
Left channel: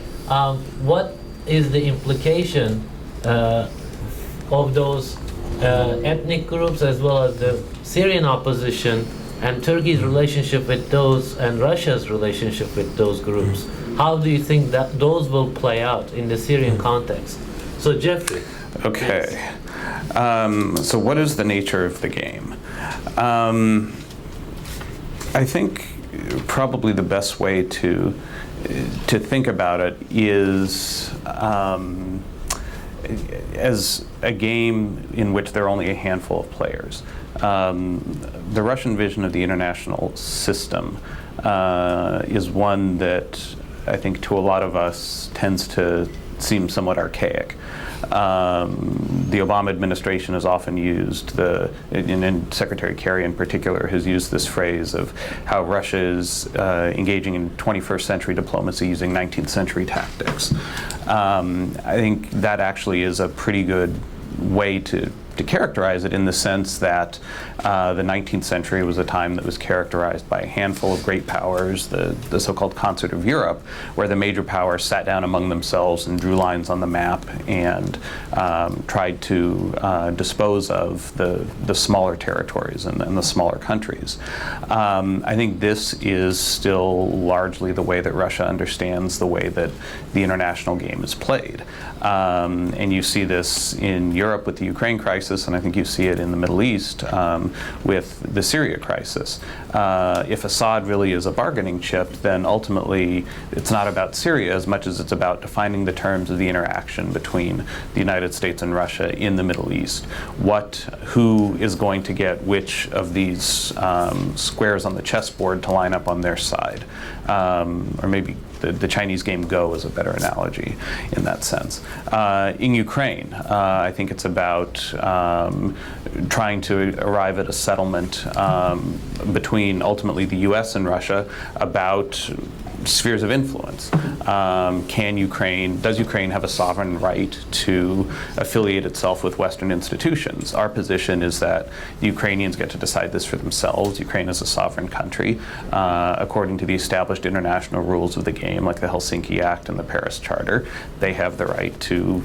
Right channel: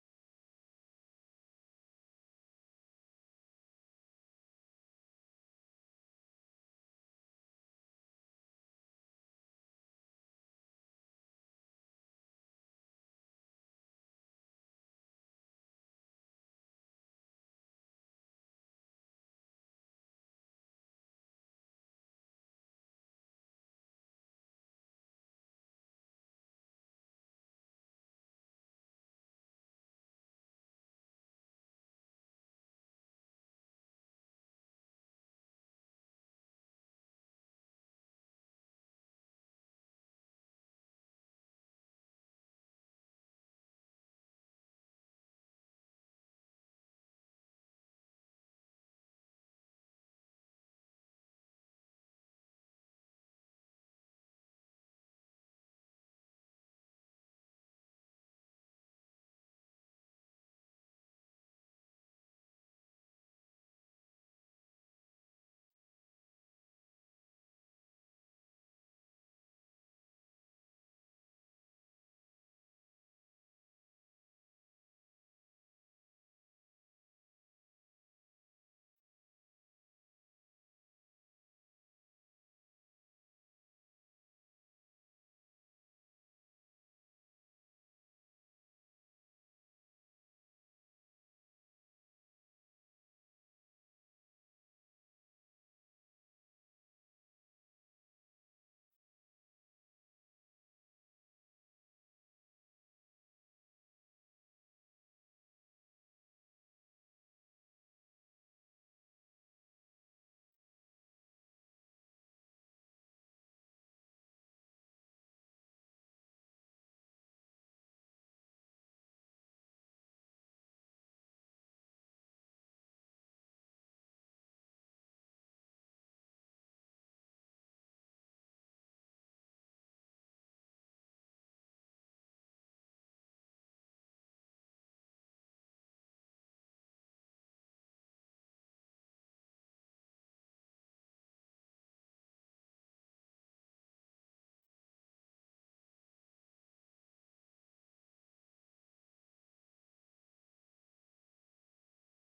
What is the implication of those ethnic groups as well as the Syrian opposition and Turkey's relationship with those and Russia's relationship with those groups? How do you think that those will play out in the Syrian context? So Jeffrey. Okay. So what is the nature of the game? I think probably the best way to think about it is as a game in which there are only a handful of players. The Russian vision of the international system is one that I think to a lot of us tends to seem somewhat archaic. The Obama administration has often used and Secretary Kerry in particular has used this phrase of how Russia is engaging in 21st century diplomacy using 19th century tactics. I think that actually is a pretty good way to characterize it, in the sense that the 19th century was a time that was characterized by a handful of great powers, the so-called Concert of Europe, where the major powers sat down among themselves and drew lines on the map and tried to dispose of the smaller territories and the smaller countries. I think this is still largely the way that Russia understands the way that the international game is played. And you see this in Europe with the Ukraine crisis, and I think you see it in the Middle East with the Syria crisis. If Assad really is a bargaining chip, then ultimately it's not about Syria as much as it's about defining the terms of the interaction between the United States and Russia in the Middle East. Who is going to get which of these squares on the chessboard to line up on their side? Or maybe the Chinese game Go is a better analogy in that sense. In Ukraine, I think it's about trying to arrive at a settlement between ultimately the US and Russia about spheres of influence. Does Ukraine have a sovereign right to affiliate itself with Western institutions? Our position is that the Ukrainians get to decide this for themselves. Ukraine is a sovereign country. According to the established international rules of the game, like the Helsinki Act and the Paris Charter, they have the right to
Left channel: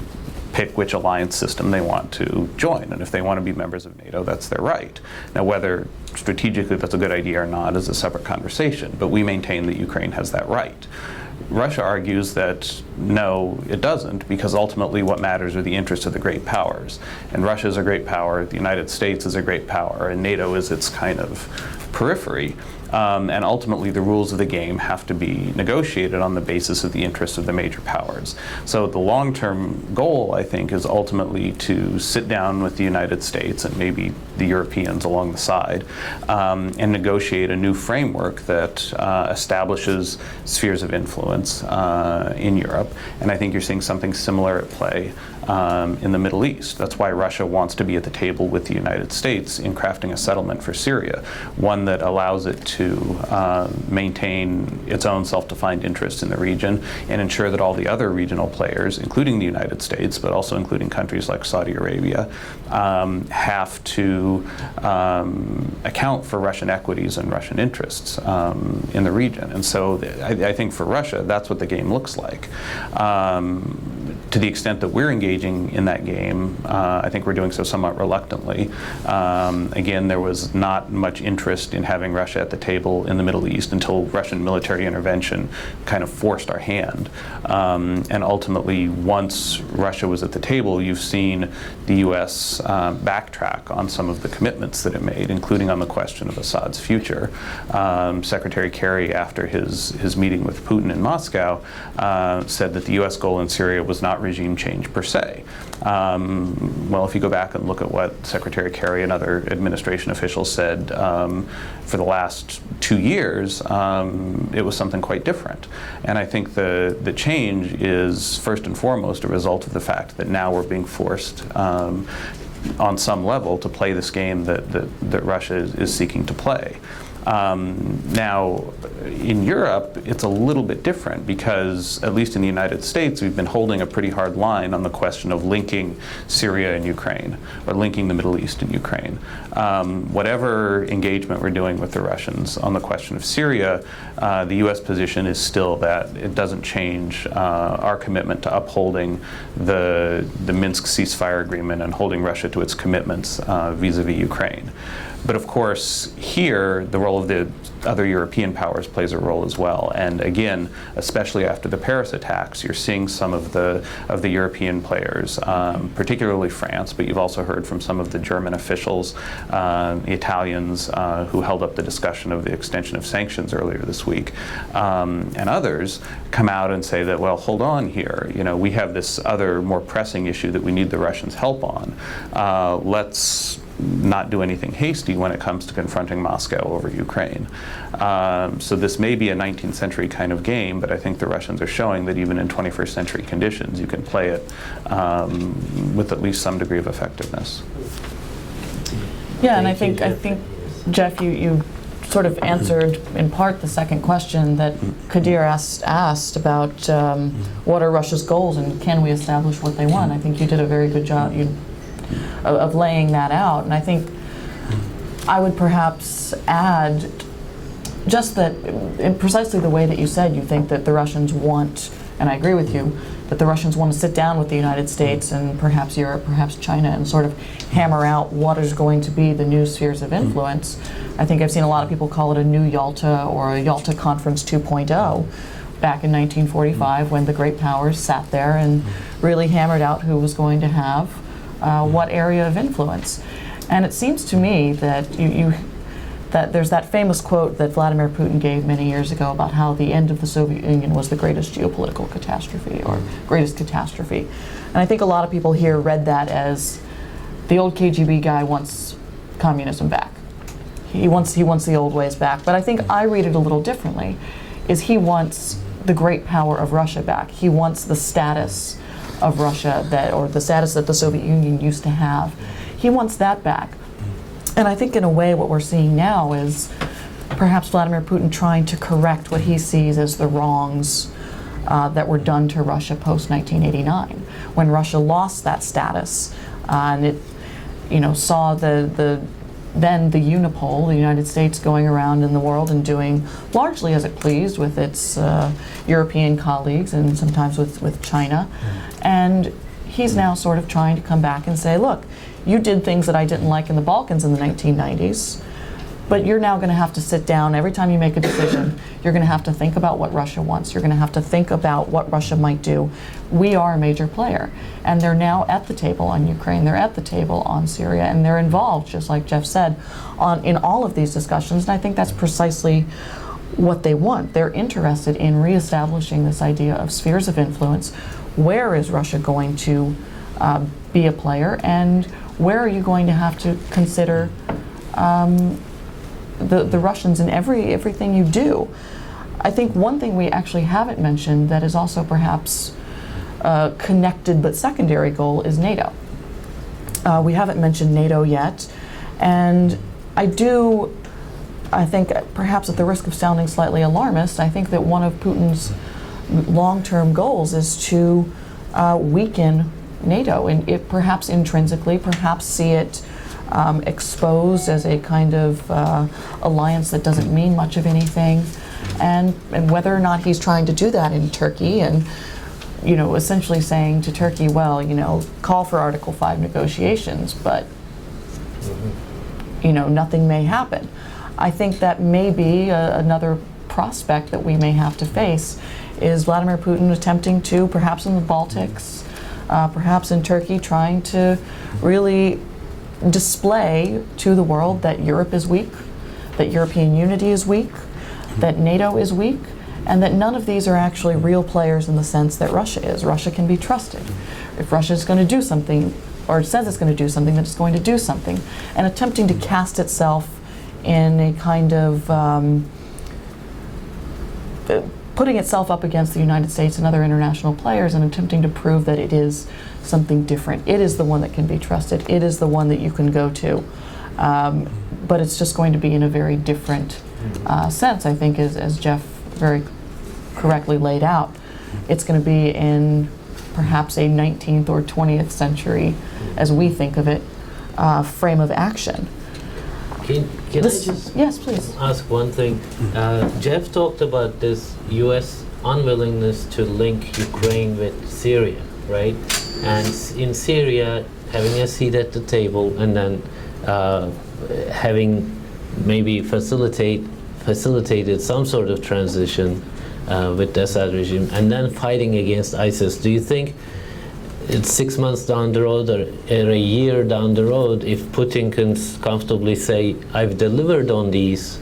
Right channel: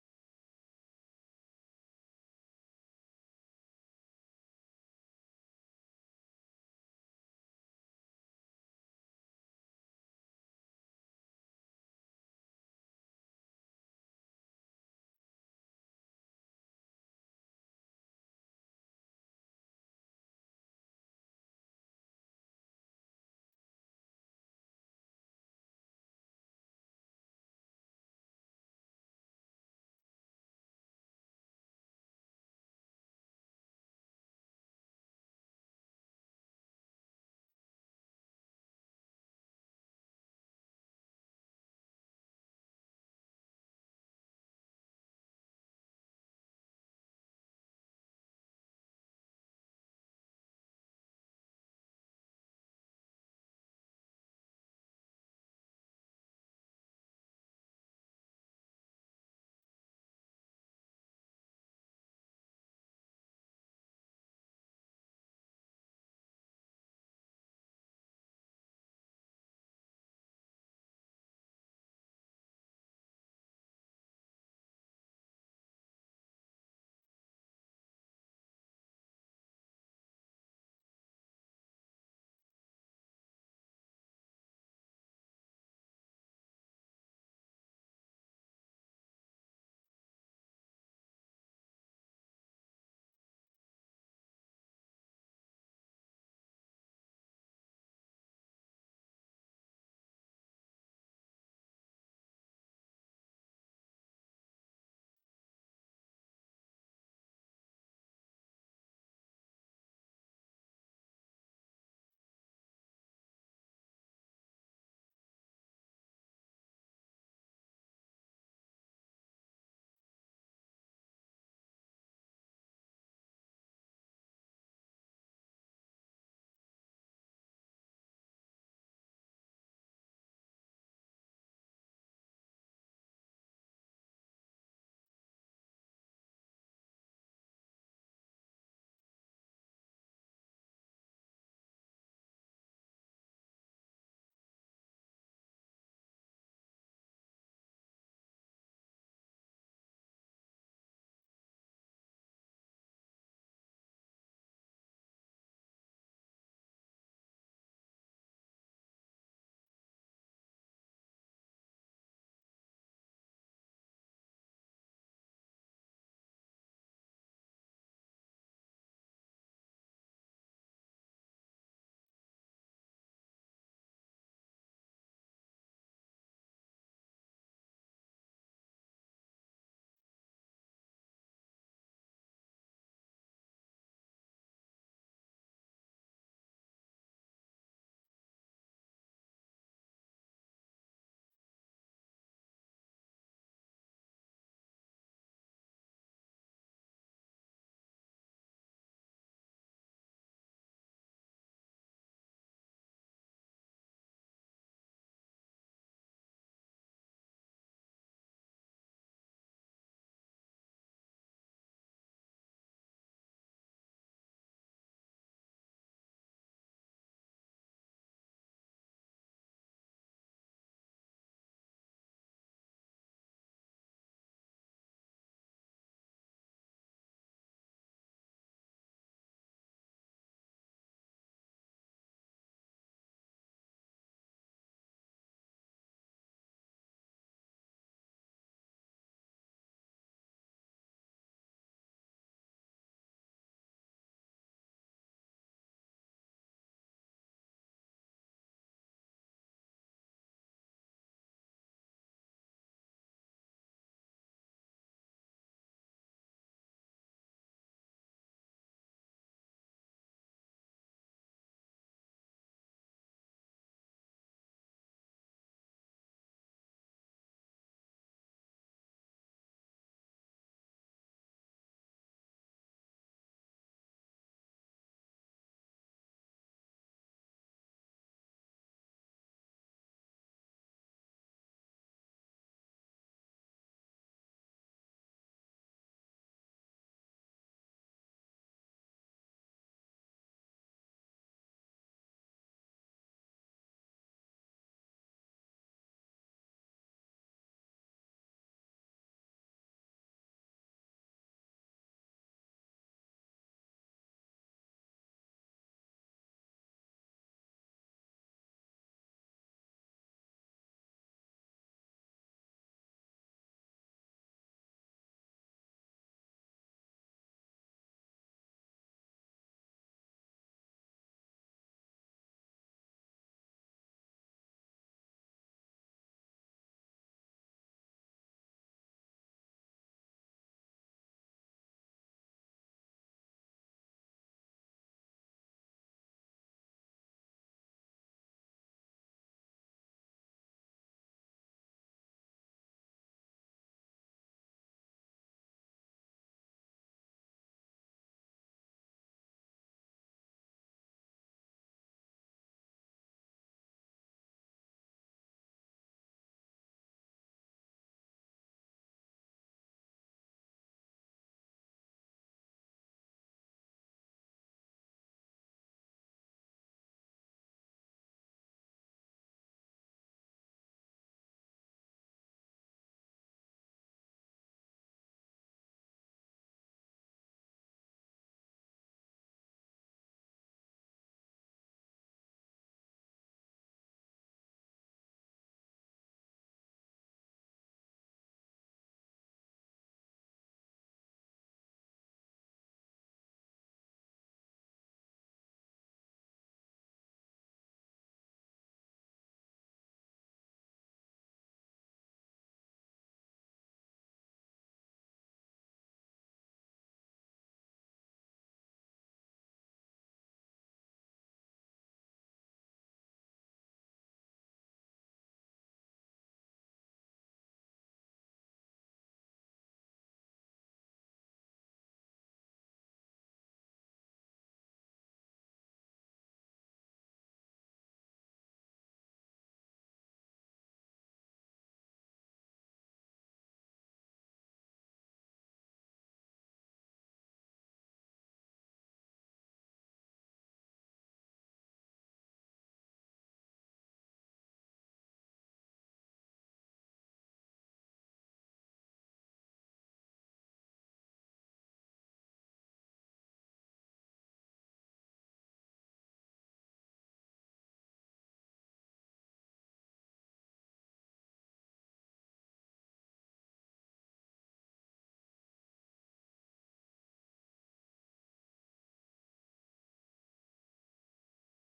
pick which alliance system they want to join. And if they want to be members of NATO, that's their right. Now, whether strategically that's a good idea or not is a separate conversation, but we maintain that Ukraine has that right. Russia argues that no, it doesn't, because ultimately what matters are the interests of the great powers. And Russia is a great power, the United States is a great power, and NATO is its kind of periphery. And ultimately, the rules of the game have to be negotiated on the basis of the interests of the major powers. So the long-term goal, I think, is ultimately to sit down with the United States and maybe the Europeans along the side and negotiate a new framework that establishes spheres of influence in Europe. And I think you're seeing something similar at play in the Middle East. That's why Russia wants to be at the table with the United States in crafting a settlement for Syria, one that allows it to maintain its own self-defined interests in the region and ensure that all the other regional players, including the United States, but also including countries like Saudi Arabia, have to account for Russian equities and Russian interests in the region. And so I think for Russia, that's what the game looks like. To the extent that we're engaging in that game, I think we're doing so somewhat reluctantly. Again, there was not much interest in having Russia at the table in the Middle East until Russian military intervention kind of forced our hand. And ultimately, once Russia was at the table, you've seen the U.S. Backtrack on some of the commitments that it made, including on the question of Assad's future. Secretary Kerry, after his meeting with Putin in Moscow, said that the U.S. goal in Syria was not regime change per se. Well, if you go back and look at what Secretary Kerry and other administration officials said for the last 2 years, it was something quite different. And I think the change is first and foremost a result of the fact that now we're being forced on some level to play this game that Russia is seeking to play. Now, in Europe, it's a little bit different because, at least in the United States, we've been holding a pretty hard line on the question of linking Syria and Ukraine, or linking the Middle East and Ukraine. Whatever engagement we're doing with the Russians on the question of Syria, the U.S. position is still that it doesn't change our commitment to upholding the Minsk ceasefire agreement and holding Russia to its commitments vis-a-vis Ukraine. But of course, here, the role of the other European powers plays a role as well. And again, especially after the Paris attacks, you're seeing some of the European players, particularly France, but you've also heard from some of the German officials, the Italians who held up the discussion of the extension of sanctions earlier this week, and others come out and say that, well, hold on here. You know, we have this other more pressing issue that we need the Russians' help on. Let's not do anything hasty when it comes to confronting Moscow over Ukraine. So this may be a 19th century kind of game, but I think the Russians are showing that even in 21st century conditions, you can play it with at least some degree of effectiveness. Yeah, and I think Jeff, you sort of answered in part the second question that Kadir asked about what are Russia's goals and can we establish what they want. I think you did a very good job of laying that out, and I think I would perhaps add just that in precisely the way that you said, you think that the Russians want, and I agree with you, that the Russians want to sit down with the United States and perhaps Europe, perhaps China, and sort of hammer out what is going to be the new spheres of influence. I think I've seen a lot of people call it a new Yalta or a Yalta Conference 2.0 back in 1945 when the great powers sat there and really hammered out who was going to have what area of influence. And it seems to me that that there's that famous quote that Vladimir Putin gave many years ago about how the end of the Soviet Union was the greatest geopolitical catastrophe or greatest catastrophe. And I think a lot of people here read that as the old KGB guy wants communism back. He wants the old ways back. But I think I read it a little differently, is he wants the great power of Russia back. He wants the status of Russia or the status that the Soviet Union used to have. He wants that back. And I think in a way what we're seeing now is perhaps Vladimir Putin trying to correct what he sees as the wrongs that were done to Russia post-1989, when Russia lost that status and it, saw then the Unipol, the United States, going around in the world and doing largely as it pleased with its European colleagues and sometimes with China. And he's now sort of trying to come back and say, look, you did things that I didn't like in the Balkans in the 1990s. But you're now going to have to sit down. Every time you make a decision, you're going to have to think about what Russia wants. You're going to have to think about what Russia might do. We are a major player. And they're now at the table on Ukraine. They're at the table on Syria. And they're involved, just like Jeff said, in all of these discussions. And I think that's precisely what they want. They're interested in reestablishing this idea of spheres of influence. Where is Russia going to be a player? And where are you going to have to consider the Russians in everything you do? I think one thing we actually haven't mentioned that is also perhaps a connected but secondary goal is NATO. We haven't mentioned NATO yet, and I think perhaps at the risk of sounding slightly alarmist, I think that one of Putin's long-term goals is to weaken NATO, and it perhaps intrinsically, perhaps see it exposed as a kind of alliance that doesn't mean much of anything, and whether or not he's trying to do that in Turkey, and essentially saying to Turkey, well, call for Article 5 negotiations, but nothing may happen. I think that may be another prospect that we may have to face, is Vladimir Putin attempting to, perhaps in the Baltics, perhaps in Turkey, trying to really display to the world that Europe is weak, that European unity is weak, that NATO is weak, and that none of these are actually real players in the sense that Russia is. Russia can be trusted. If Russia is going to do something, or says it's going to do something, then it's going to do something. And attempting to cast itself in a kind of putting itself up against the United States and other international players and attempting to prove that it is something different. It is the one that can be trusted. It is the one that you can go to. But it's just going to be in a very different sense, I think, as Jeff very correctly laid out. It's going to be in perhaps a 19th or 20th century, as we think of it, frame of action. Can I just yes, please. ask one thing? Jeff talked about this U.S. unwillingness to link Ukraine with Syria, right? And in Syria, having a seat at the table and then having maybe facilitated some sort of transition with the Assad regime, and then fighting against ISIS. Do you think it's 6 months down the road or a year down the road, if Putin can comfortably say, I've delivered on these,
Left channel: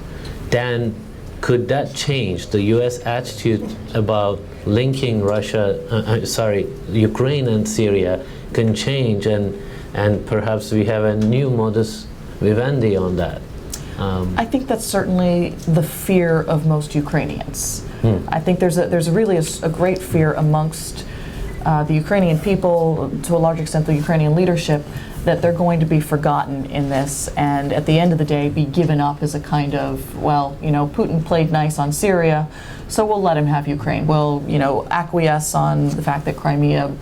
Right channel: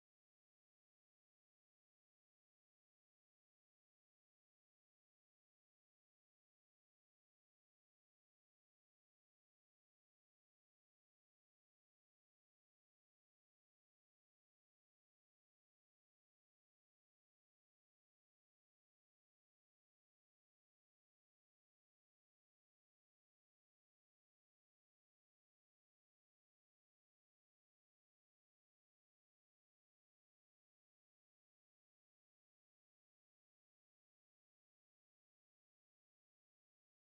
then could that change? The U.S. attitude about linking Ukraine and Syria can change, and perhaps we have a new modus vivendi on that. I think that's certainly the fear of most Ukrainians. I think there's really a great fear amongst the Ukrainian people, to a large extent the Ukrainian leadership, that they're going to be forgotten in this, and at the end of the day be given up as a kind of, well, Putin played nice on Syria, so we'll let him have Ukraine. We'll, acquiesce on the fact that Crimea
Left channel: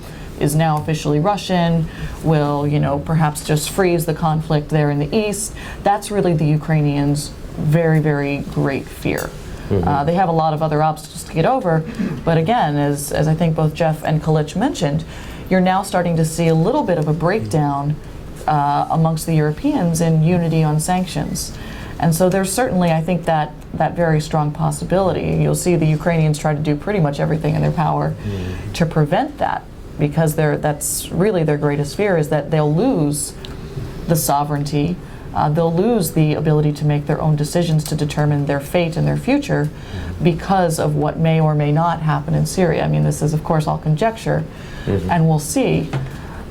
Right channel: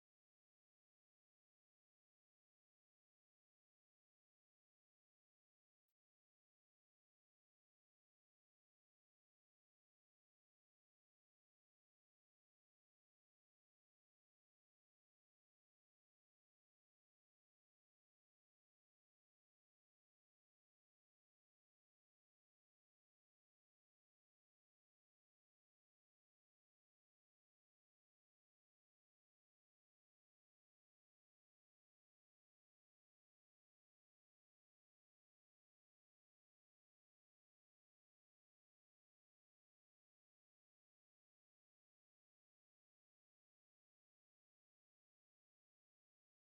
is now officially Russian. We'll, perhaps just freeze the conflict there in the east. That's really the Ukrainians' very, very great fear. They have a lot of other obstacles to get over, but again, as I think both Jeff and Kalic mentioned, you're now starting to see a little bit of a breakdown amongst the Europeans in unity on sanctions. And so there's certainly, I think, that very strong possibility. You'll see the Ukrainians try to do pretty much everything in their power to prevent that, because that's really their greatest fear, is that they'll lose the sovereignty. They'll lose the ability to make their own decisions to determine their fate and their future because of what may or may not happen in Syria. I mean, this is, of course, all conjecture, and we'll see.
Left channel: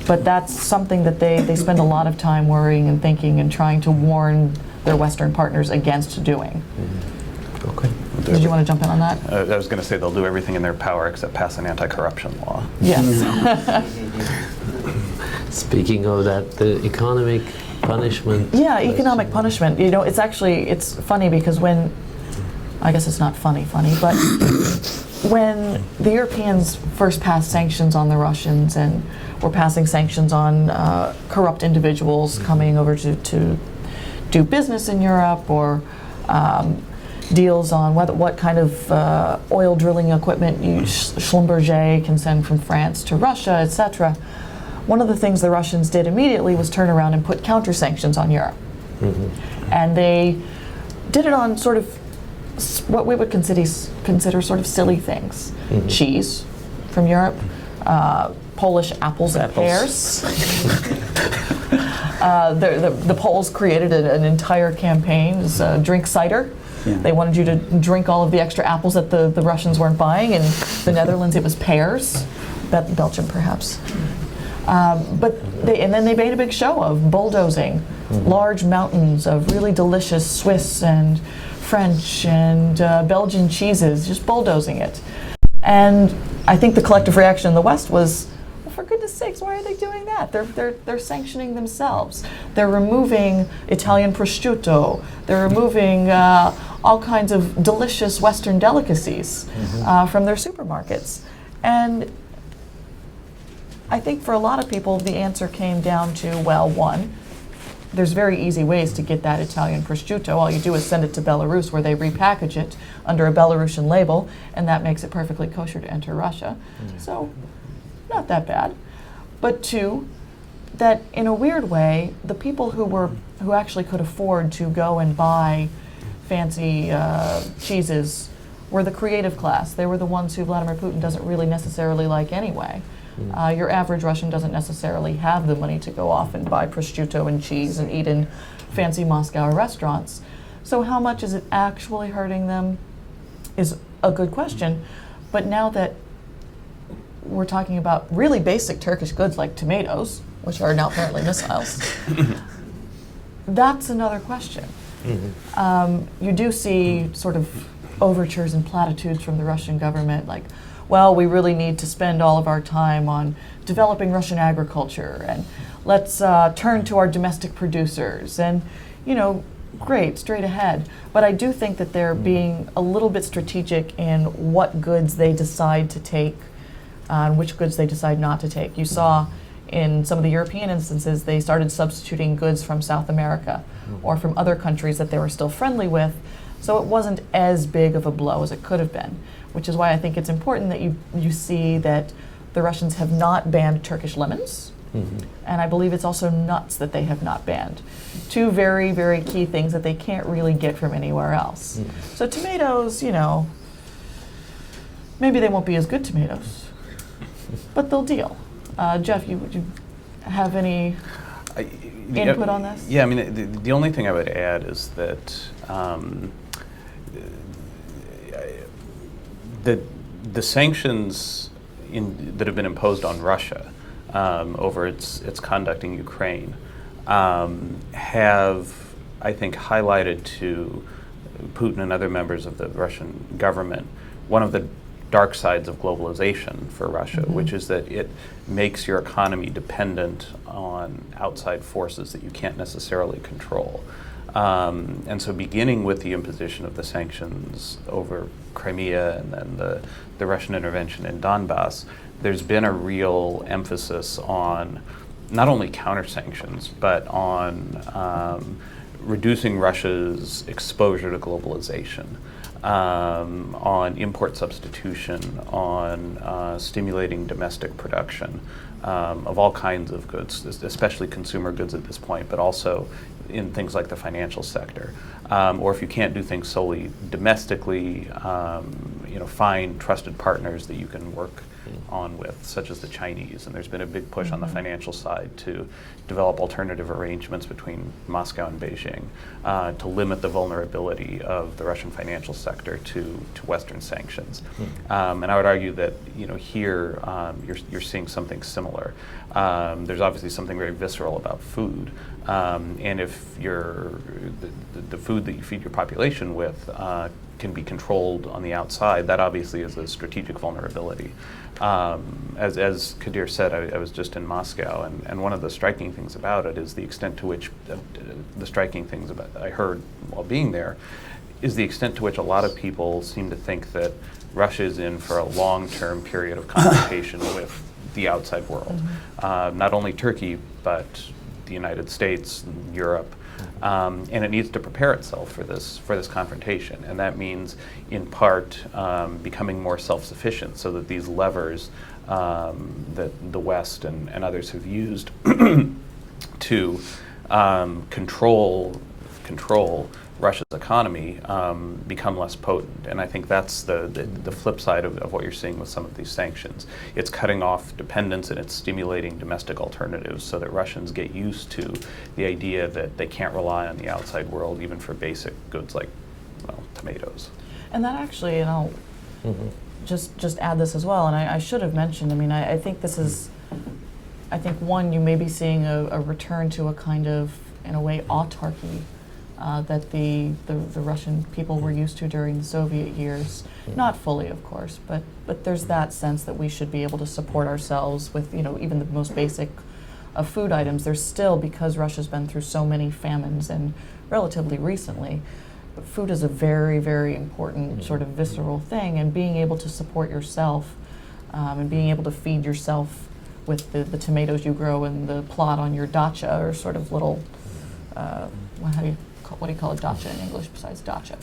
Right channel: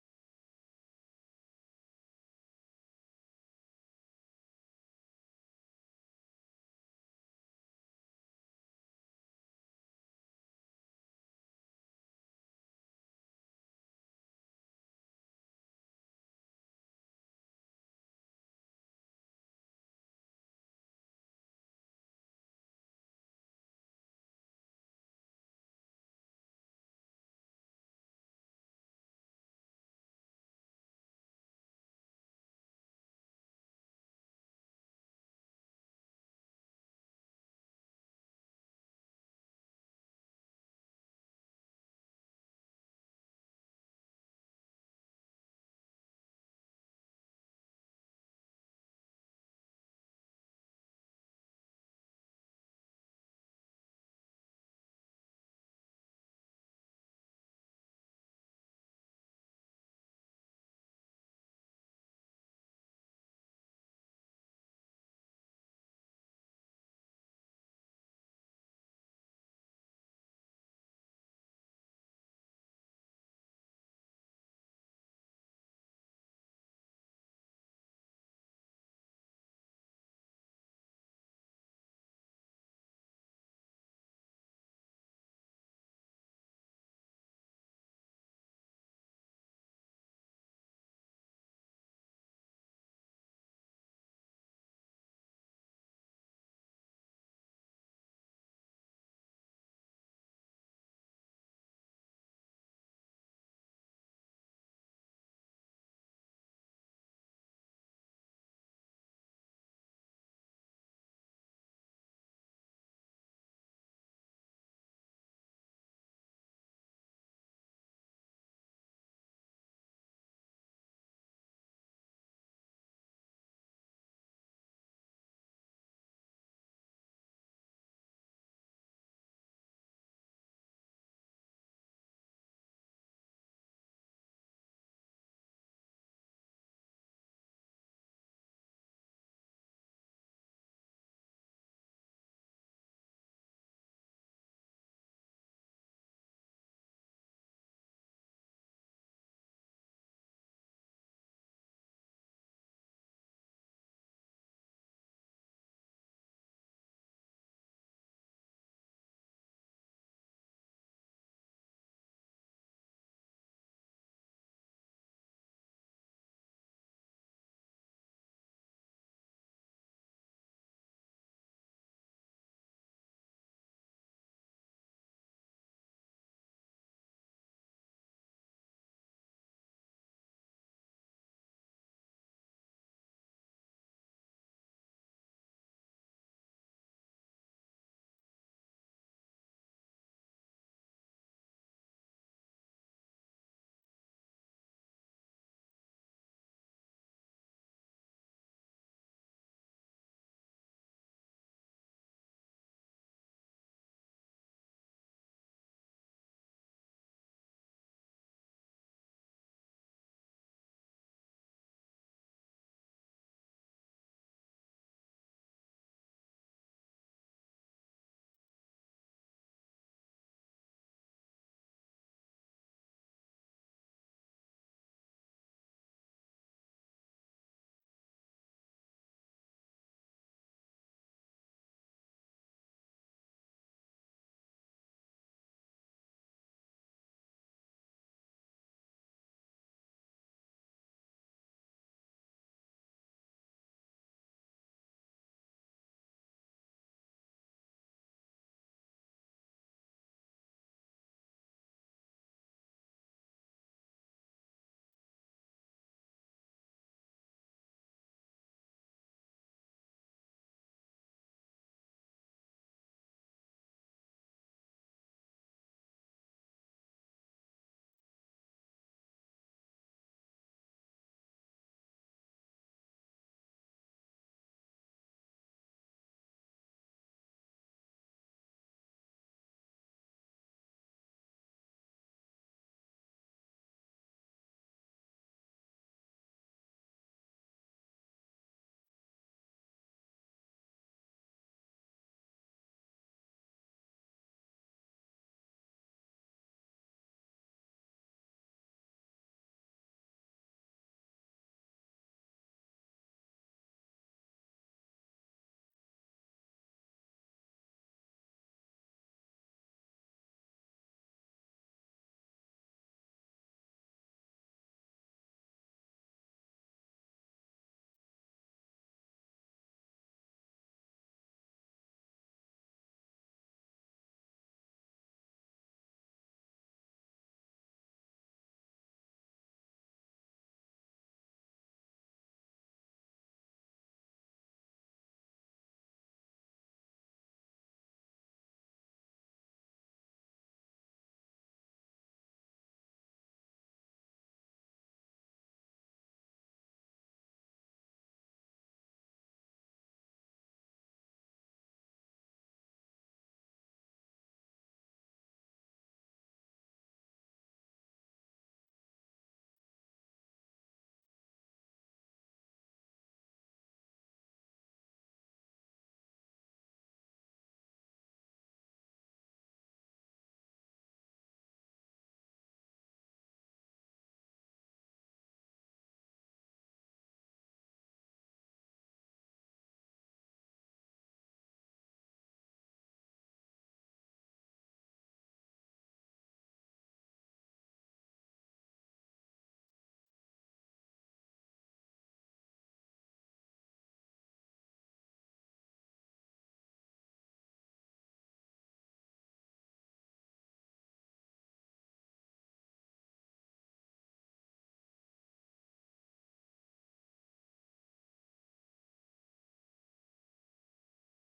But that's something that they spend a lot of time worrying and thinking and trying to warn their Western partners against doing. Okay. Did you want to jump in on that? I was going to say they'll do everything in their power except pass an anti-corruption law. Yes. Speaking of that, the economic punishment. Yeah, economic punishment. It's funny because I guess it's not funny, but when the Europeans first passed sanctions on the Russians and were passing sanctions on corrupt individuals coming over to do business in Europe, or deals on what kind of oil drilling equipment Schlumberger can send from France to Russia, etc. One of the things the Russians did immediately was turn around and put counter sanctions on Europe. And they did it on sort of what we would consider sort of silly things. Cheese from Europe, Polish apples and pears. The Poles created an entire campaign, drink cider. Yeah. They wanted you to drink all of the extra apples that the Russians weren't buying. In the Netherlands, it was pears. Belgium, perhaps. And then they made a big show of bulldozing large mountains of really delicious Swiss and French and Belgian cheeses, just bulldozing it. And I think the collective reaction in the West was, well, for goodness sakes, why are they doing that? They're sanctioning themselves. They're removing Italian prosciutto. They're removing all kinds of delicious Western delicacies from their supermarkets. And I think for a lot of people, the answer came down to, well, one, there's very easy ways to get that Italian prosciutto. All you do is send it to Belarus, where they repackage it under a Belarusian label, and that makes it perfectly kosher to enter Russia. So, not that bad. But two, that in a weird way, the people who actually could afford to go and buy fancy cheeses were the creative class. They were the ones who Vladimir Putin doesn't really necessarily like anyway. Your average Russian doesn't necessarily have the money to go off and buy prosciutto and cheese and eat in fancy Moscow restaurants. So how much is it actually hurting them is a good question. But now that we're talking about really basic Turkish goods like tomatoes, which are now apparently missiles, that's another question. You do see sort of overtures and platitudes from the Russian government like, well, we really need to spend all of our time on developing Russian agriculture, and let's turn to our domestic producers, and, great, straight ahead. But I do think that they're being a little bit strategic in what goods they decide to take and which goods they decide not to take. You saw in some of the European instances, they started substituting goods from South America or from other countries that they were still friendly with, so it wasn't as big of a blow as it could have been. Which is why I think it's important that you see that the Russians have not banned Turkish lemons, and I believe it's also nuts that they have not banned. Two very, very key things that they can't really get from anywhere else. So tomatoes, maybe they won't be as good tomatoes, but they'll deal. Jeff, would you have any input on this? Yeah, I mean, the only thing I would add is that the sanctions that have been imposed on Russia over its conduct in Ukraine have, I think, highlighted to Putin and other members of the Russian government one of the dark sides of globalization for Russia, which is that it makes your economy dependent on outside forces that you can't necessarily control. And so beginning with the imposition of the sanctions over Crimea and then the Russian intervention in Donbass, there's been a real emphasis on not only counter-sanctions, but on reducing Russia's exposure to globalization, on import substitution, on stimulating domestic production of all kinds of goods, especially consumer goods at this point, but also in things like the financial sector. Or if you can't do things solely domestically, find trusted partners that you can work on with, such as the Chinese. And there's been a big push on the financial side to develop alternative arrangements between Moscow and Beijing to limit the vulnerability of the Russian financial sector to Western sanctions. And I would argue that here you're seeing something similar. There's obviously something very visceral about food. And if the food that you feed your population with can be controlled on the outside, that obviously is a strategic vulnerability. As Kadir said, I was just in Moscow, and one of the striking things about it is the extent to which, I heard while being there, is the extent to which a lot of people seem to think that Russia is in for a long-term period of confrontation with the outside world. Not only Turkey, but the United States, Europe, and it needs to prepare itself for this confrontation, and that means, in part, becoming more self-sufficient, so that these levers that the West and others have used to control Russia's economy become less potent. And I think that's the flip side of what you're seeing with some of these sanctions. It's cutting off dependence and it's stimulating domestic alternatives so that Russians get used to the idea that they can't rely on the outside world even for basic goods like, well, tomatoes. And that actually, and I'll just add this as well, and I should have mentioned, I mean, I think this is, I think one, you may be seeing a return to a kind of, in a way, autarky that the Russian people were used to during the Soviet years. Not fully, of course, but there's that sense that we should be able to support ourselves with, you know, even the most basic of food items. There's still, because Russia's been through so many famines and relatively recently, food is a very, very important sort of visceral thing, and being able to support yourself and being able to feed yourself with the tomatoes you grow in the plot on your dacha, or sort of little, what do you call a dacha in English besides dacha?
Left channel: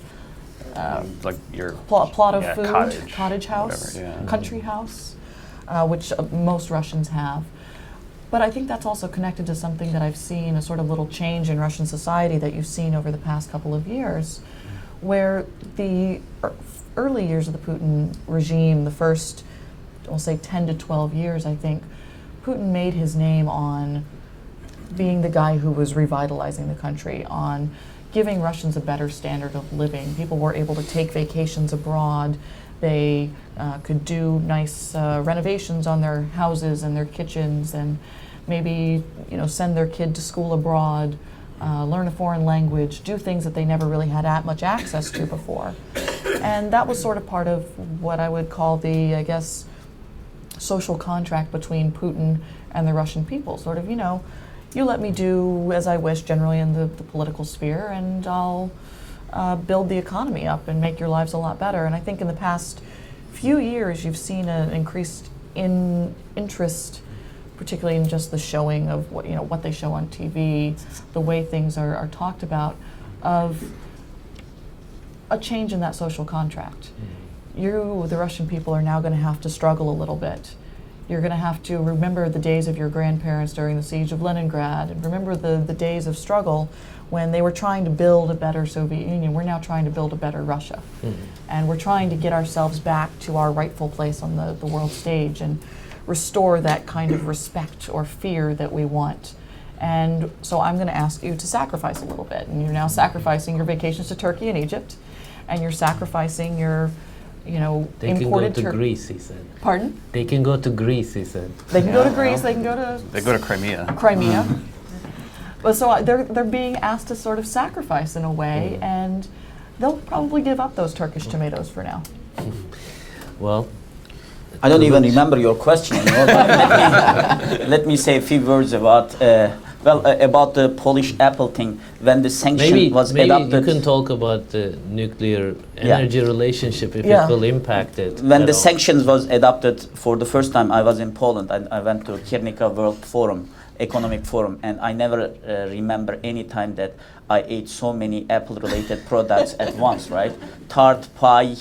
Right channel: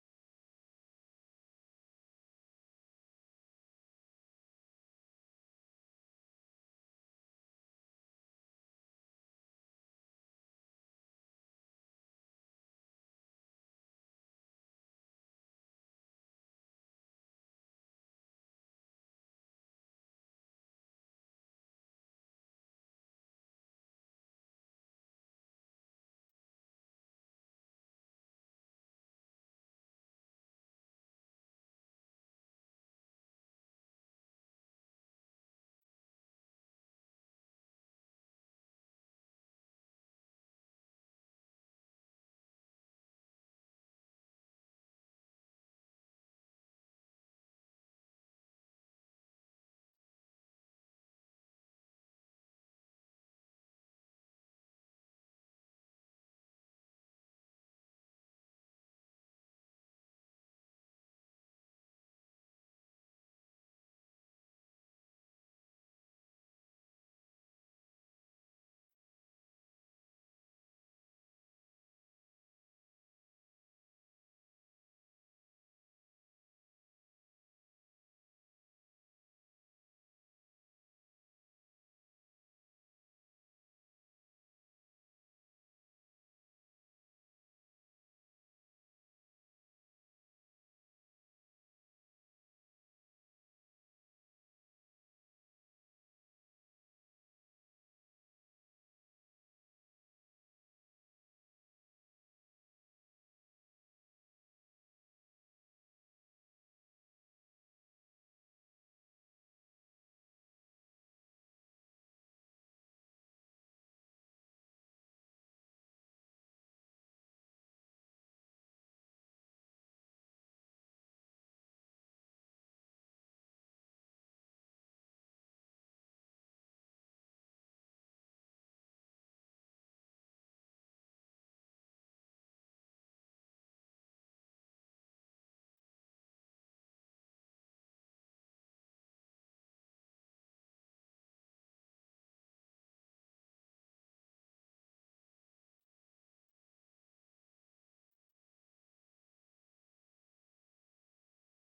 Like your Plot of food, cottage house, whatever, yeah. country house, which most Russians have. But I think that's also connected to something that I've seen, a sort of little change in Russian society that you've seen over the past couple of years, where the early years of the Putin regime, the first, we'll say 10 to 12 years, I think, Putin made his name on being the guy who was revitalizing the country, on giving Russians a better standard of living. People were able to take vacations abroad. They could do nice renovations on their houses and their kitchens, and maybe, you know, send their kid to school abroad, learn a foreign language, do things that they never really had much access to before. And that was sort of part of what I would call the, I guess, social contract between Putin and the Russian people. Sort of, you know, you let me do as I wish generally in the political sphere, and I'll build the economy up and make your lives a lot better. And I think in the past few years you've seen an increased interest, particularly in just the showing of what, you know, what they show on TV, the way things are talked about, of a change in that social contract. You, the Russian people, are now going to have to struggle a little bit. You're going to have to remember the days of your grandparents during the siege of Leningrad, and remember the days of struggle when they were trying to build a better Soviet Union. We're now trying to build a better Russia. And we're trying to get ourselves back to our rightful place on the world stage and restore that kind of respect or fear that we want. And so I'm going to ask you to sacrifice a little bit. And you're now sacrificing your vacations to Turkey and Egypt, and you're sacrificing your, you know, They can go imported to Greece, he said. Pardon? They can go to Greece, he said. They can go to Greece, they can go to They go to Crimea. Crimea. But so they're being asked to sort of sacrifice in a way, and they'll probably give up those Turkish tomatoes for now. Well, I don't even remember your question. You know, but let me say a few words about about the Polish apple thing. When the sanction was adopted, you can talk about the nuclear energy relationship if it will impact it. When the sanctions was adopted for the first time, I was in Poland. I went to Kiernica World Forum, Economic Forum, and I never remember any time that I ate so many apple-related products at once. Right, tart, pie.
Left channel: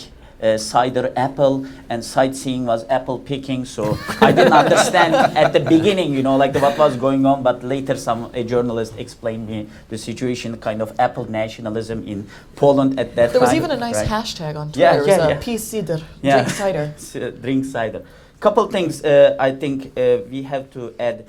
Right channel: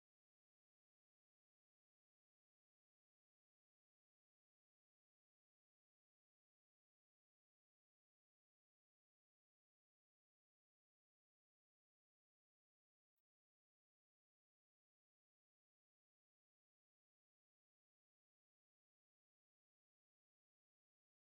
Cider, apple, and sightseeing was apple picking. So I didn't understand at the beginning, you know, like what was going on. But later, a journalist explained me the situation, kind of apple nationalism in Poland at that time. There was even a nice hashtag on Twitter. It was peace cider, drink cider. Drink cider. Couple things I think we have to add.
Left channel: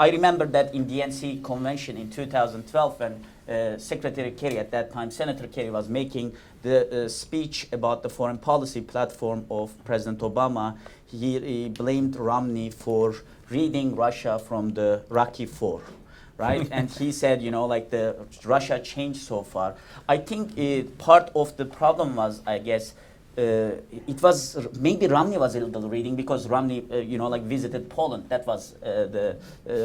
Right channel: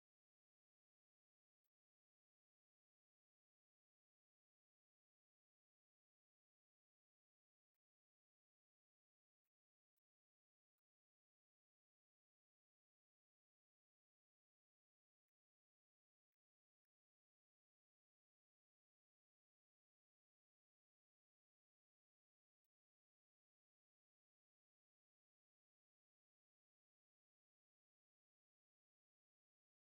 I remember that in DNC convention in 2012, when Secretary Kerry at that time, Senator Kerry, was making the speech about the foreign policy platform of President Obama, he blamed Romney for reading Russia from the Rocky IV, right? And he said, you know, like the Russia changed so far. I think part of the problem was, I guess, it was maybe Romney was a little reading because Romney, you know, like visited Poland. That was the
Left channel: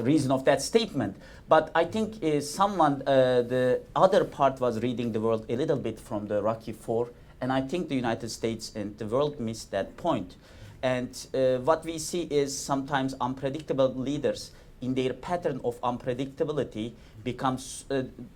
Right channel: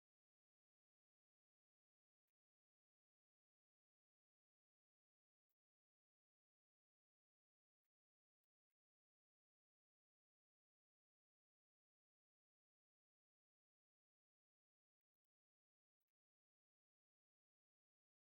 reason of that statement. But I think the other part was reading the world a little bit from the Rocky IV, and I think the United States and the world missed that point. And what we see is sometimes unpredictable leaders in their pattern of unpredictability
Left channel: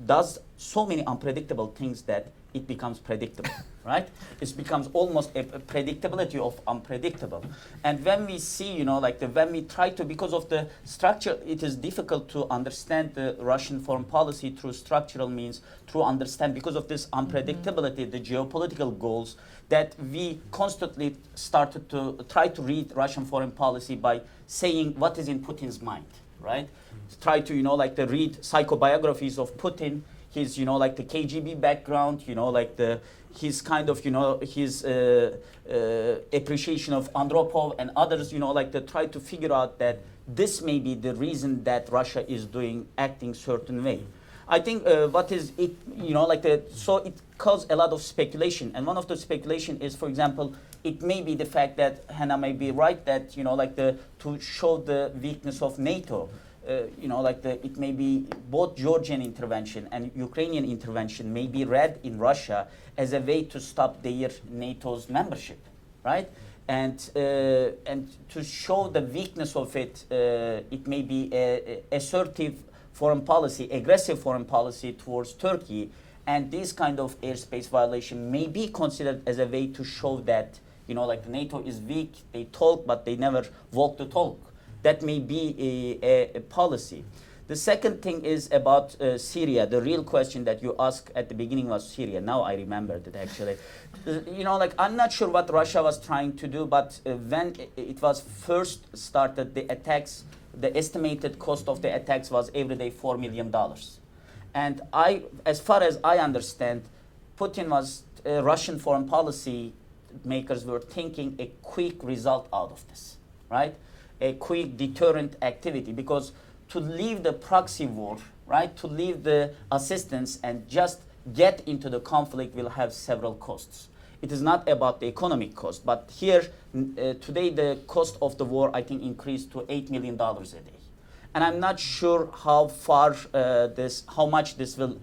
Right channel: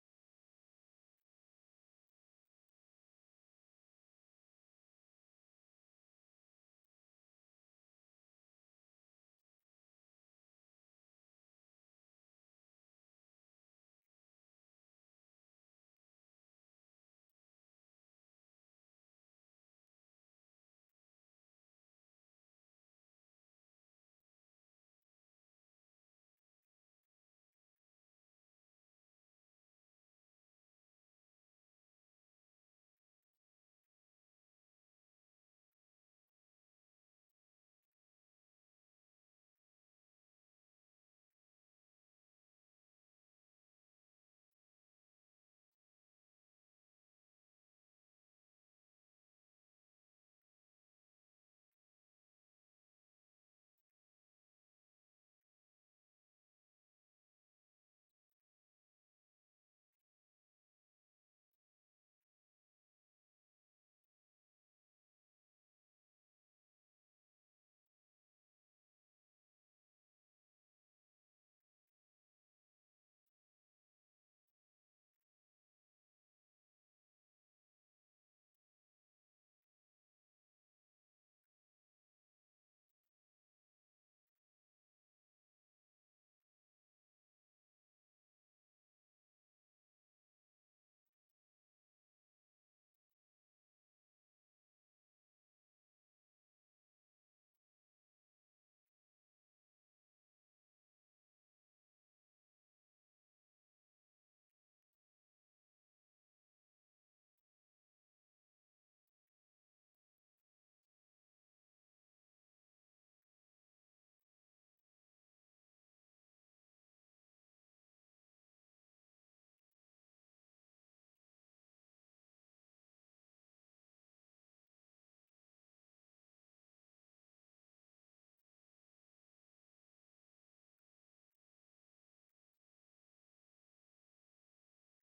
does so many unpredictable things that it becomes predictable, right? It becomes almost a predictability of unpredictable. And when we see, you know, like when we try to, because of the structure, it is difficult to understand the Russian foreign policy through structural means, through understand, because of this unpredictability, the geopolitical goals, that we constantly started to try to read Russian foreign policy by saying what is in Putin's mind, right? Try to, you know, like read psychobiographies of Putin, his, you know, like the KGB background, you know, like his kind of, you know, his appreciation of Andropov and others, you know, like to try to figure out that this may be the reason that Russia is acting certain way. I think what is it, you know, like so it caused a lot of speculation. And one of the speculation is, for example, it may be the fact that Hannah may be right that, you know, like to show the weakness of NATO. You know, like it may be both Georgian intervention and Ukrainian intervention may be read in Russia as a way to stop their NATO's membership, right? And to show the weakness of it, it may be a assertive foreign policy, aggressive foreign policy towards Turkey, and this kind of airspace violation may be considered as a way to show that, you know, like NATO is weak, they talk, but they never walk the talk. That may be a policy. The second thing is about Syria. The real question that you asked at the beginning was Syria. Now I remembered it actually. You know, like I'm not sure what Russia was trying to do, but when it was first started, the attacks, the estimated cost of the attacks was every day $4 million. And as far as I understand, Putin was, Russian foreign policy makers were thinking a quick result out of this, right? A quick deterrent activity, because to leave the proxy war, right, to leave the assistance and just get into the conflict will have several costs. It is not about the economic cost, but here today the cost of the war I think increased to $8 million a day, and I'm not sure how far how much this will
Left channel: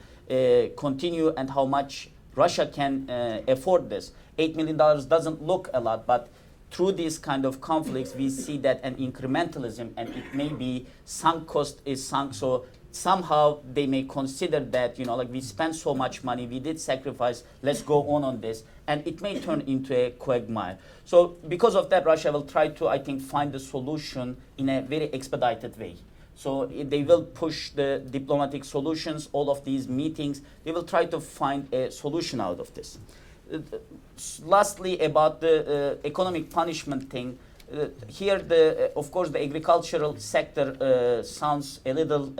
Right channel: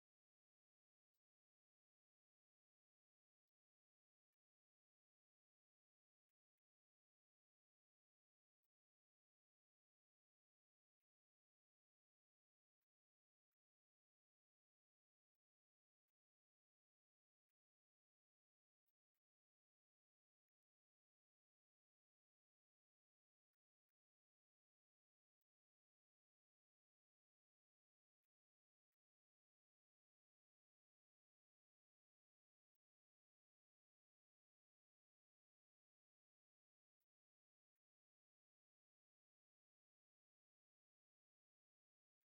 continue and how much Russia can afford this. $8 million doesn't look a lot, but through these kind of conflicts, we see that an incrementalism, and it may be sunk cost is sunk. So somehow they may consider that, you know, like we spent so much money, we did sacrifice, let's go on this. And it may turn into a quagmire. So because of that, Russia will try to, I think, find the solution in a very expedited way. So they will push the diplomatic solutions, all of these meetings, they will try to find a solution out of this. Lastly, about the economic punishment thing, here, of course, the agricultural sector sounds a little,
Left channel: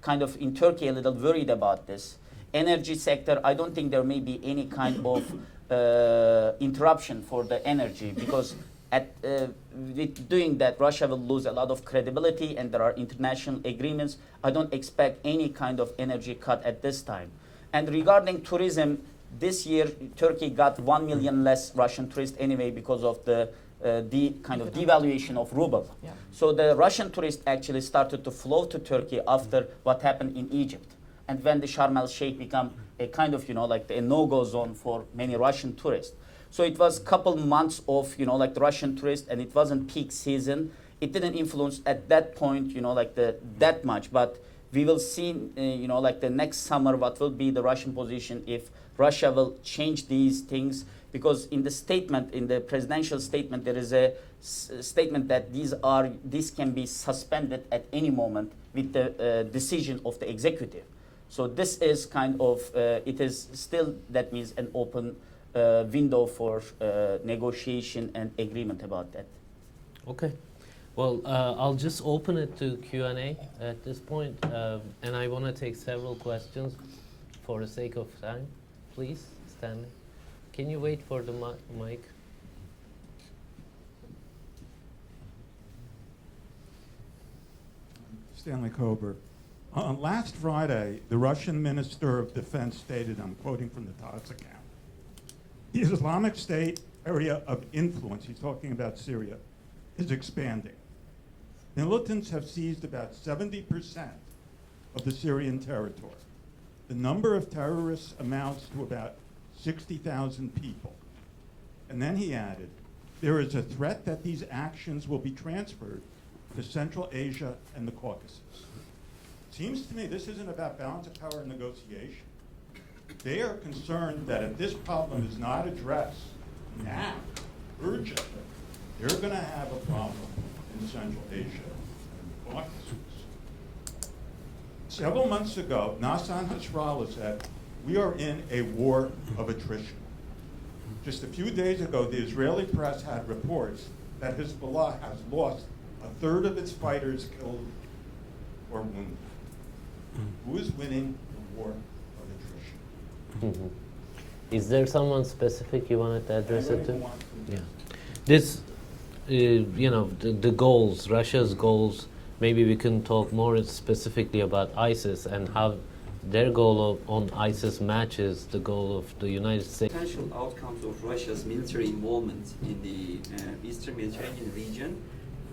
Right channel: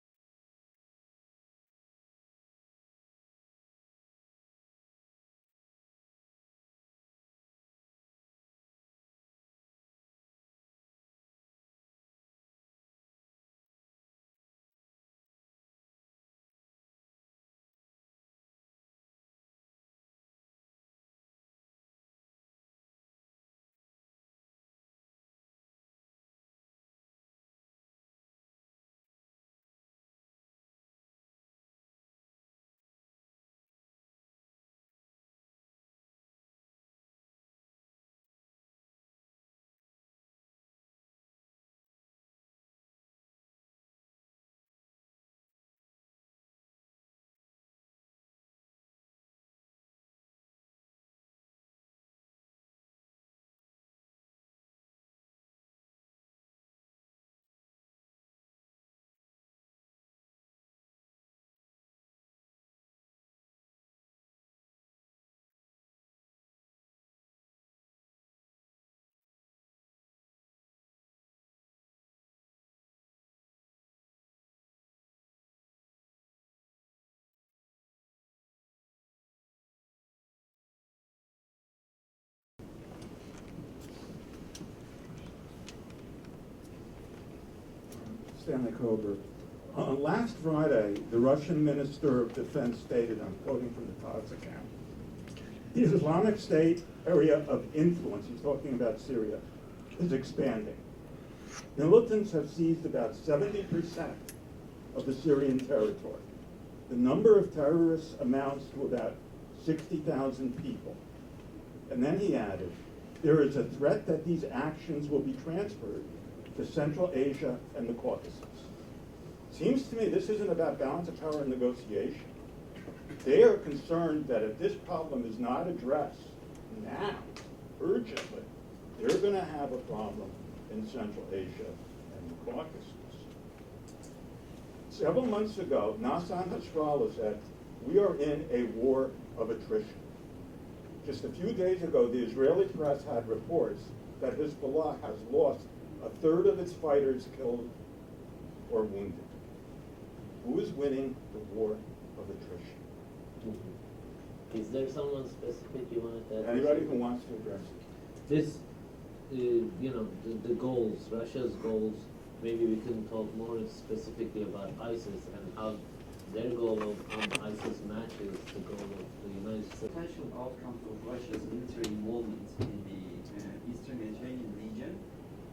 kind of in Turkey, a little worried about this. Energy sector, I don't think there may be any kind of interruption for the energy, because with doing that, Russia will lose a lot of credibility, and there are international agreements. I don't expect any kind of energy cut at this time. And regarding tourism, this year, Turkey got 1 million less Russian tourists anyway because of the kind of devaluation of ruble. Yeah. So the Russian tourists actually started to flow to Turkey after what happened in Egypt. And when the Sharm el-Sheikh became a kind of, you know, like a no-go zone for many Russian tourists. So it was a couple months of, you know, like the Russian tourists, and it wasn't peak season. It didn't influence at that point, you know, like that much. But we will see, you know, like the next summer, what will be the Russian position if Russia will change these things, because in the statement, in the presidential statement, there is a statement that this can be suspended at any moment with the decision of the executive. So this is kind of, it is still, that means an open window for negotiation and agreement about that. Okay. Well, I'll just open it to Q&A at this point, and I want to take several questions for the sake of time. Please, Stanley. Can you wait for the mic? Stanley Kober. Last Friday, the Russian Minister of Defense stated, I'm quoting from the Times account, the Islamic State area of influence, he's talking about Syria, is expanding. Militants have seized about 70% of the Syrian territory. The number of terrorists amounts to about 60,000 people. And then he added, there is a threat that these actions will be transferred to Central Asia and the Caucasus. Seems to me this isn't about balance of power and negotiation. they are concerned that if this problem is not addressed now, urgently, they're going to have a problem in Central Asia and the Caucasus. Several months ago, Nassan Nasrallah said, we are in a war of attrition. Just a few days ago, the Israeli press had reports that Hezbollah has lost a third of its fighters killed or wounded. Who is winning the war of attrition? Is there someone specific you wanted to address it Anybody to? who wants to address This, the goals, Russia's goals, maybe we can talk more specifically about ISIS and how their goal on ISIS matches the goal of the United States. Potential outcomes of Russia's military involvement in the Eastern Mediterranean region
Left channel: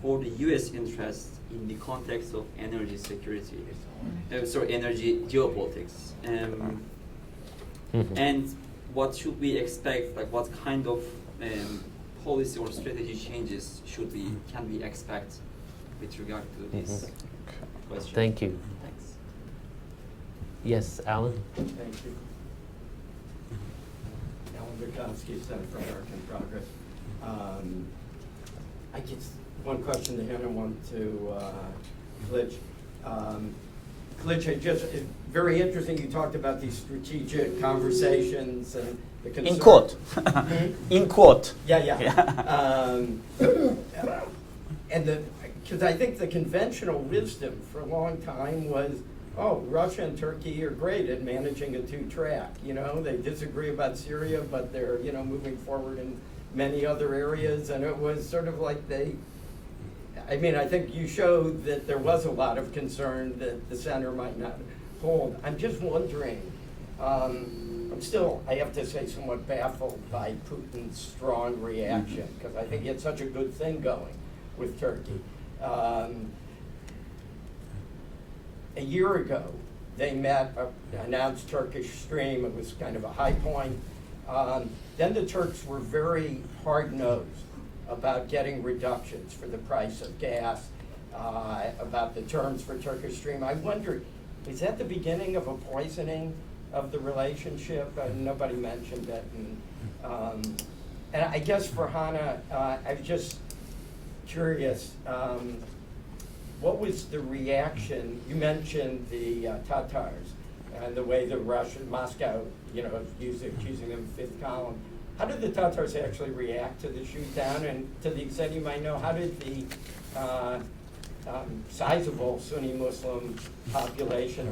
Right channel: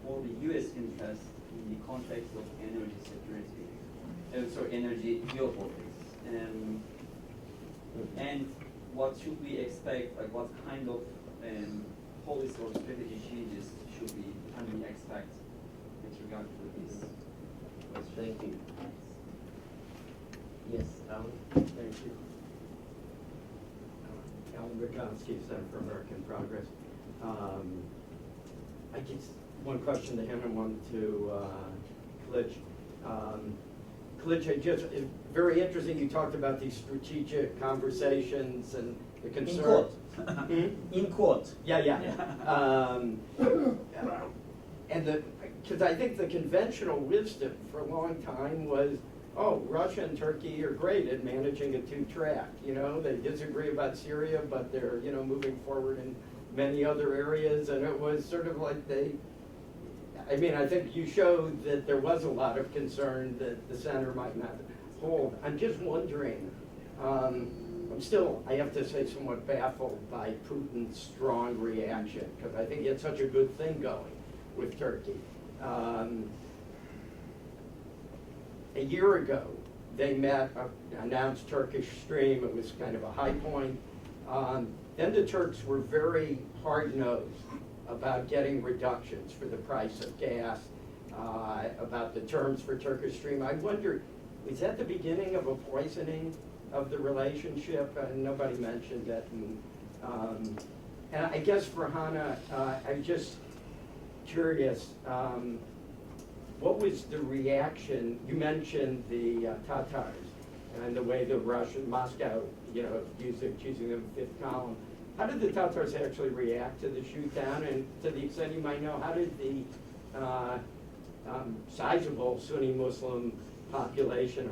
or the U.S. interest in the context of energy security, energy geopolitics. And what should we expect, like what kind of policy or strategy changes can we expect with regard to this question? Thank you. Thanks. Yes, Alan? Thank you. Alan Bukowski, Center for American Progress. I guess one question to him and one to Klitsch. Klitsch, it's very interesting you talked about these strategic conversations and the concern. In quote. In quote. Yeah. And because I think the conventional wisdom for a long time was, oh, Russia and Turkey are great at managing a two-track. They disagree about Syria, but they're, moving forward in many other areas. And it was sort of like I think you showed that there was a lot of concern that the center might not hold. I'm just wondering, I'm still, I have to say, somewhat baffled by Putin's strong reaction, because I think he had such a good thing going with Turkey. A year ago, they met, announced Turkish Stream. It was kind of a high point. Then the Turks were very hard-nosed about getting reductions for the price of gas, about the terms for Turkish Stream. I wonder, is that the beginning of a poisoning of the relationship? Nobody mentioned that. And I guess for Hannah, I'm just curious, what was the reaction? You mentioned the Tatars and the way the Russian, Moscow, accusing them of fifth column. How did the Tatars actually react to the shoot down? And to the extent you might know, how did the sizable Sunni Muslim population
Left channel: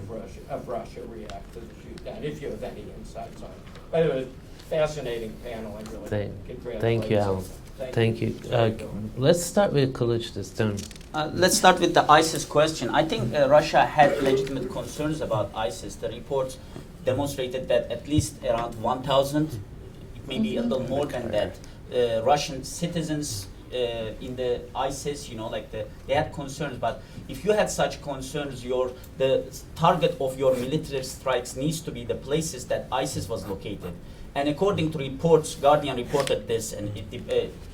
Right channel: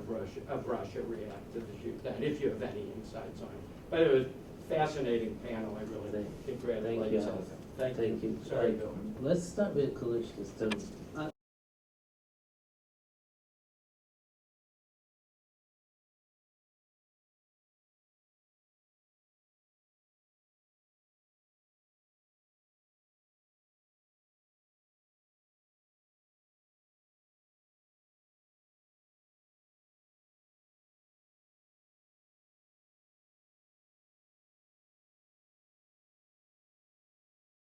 of Russia react to the shoot down, if you have any insights on it? But it was a fascinating panel. I really congratulate. Thank you, Alan. Thank you. Let's start with Kılıç this time. Let's start with the ISIS question. I think Russia had legitimate concerns about ISIS. The reports demonstrated that at least around 1,000, maybe a little more than that, Russian citizens in the ISIS, they had concerns. But if you had such concerns, the target of your military strikes needs to be the places that ISIS was located. And according to reports, Guardian reported this, and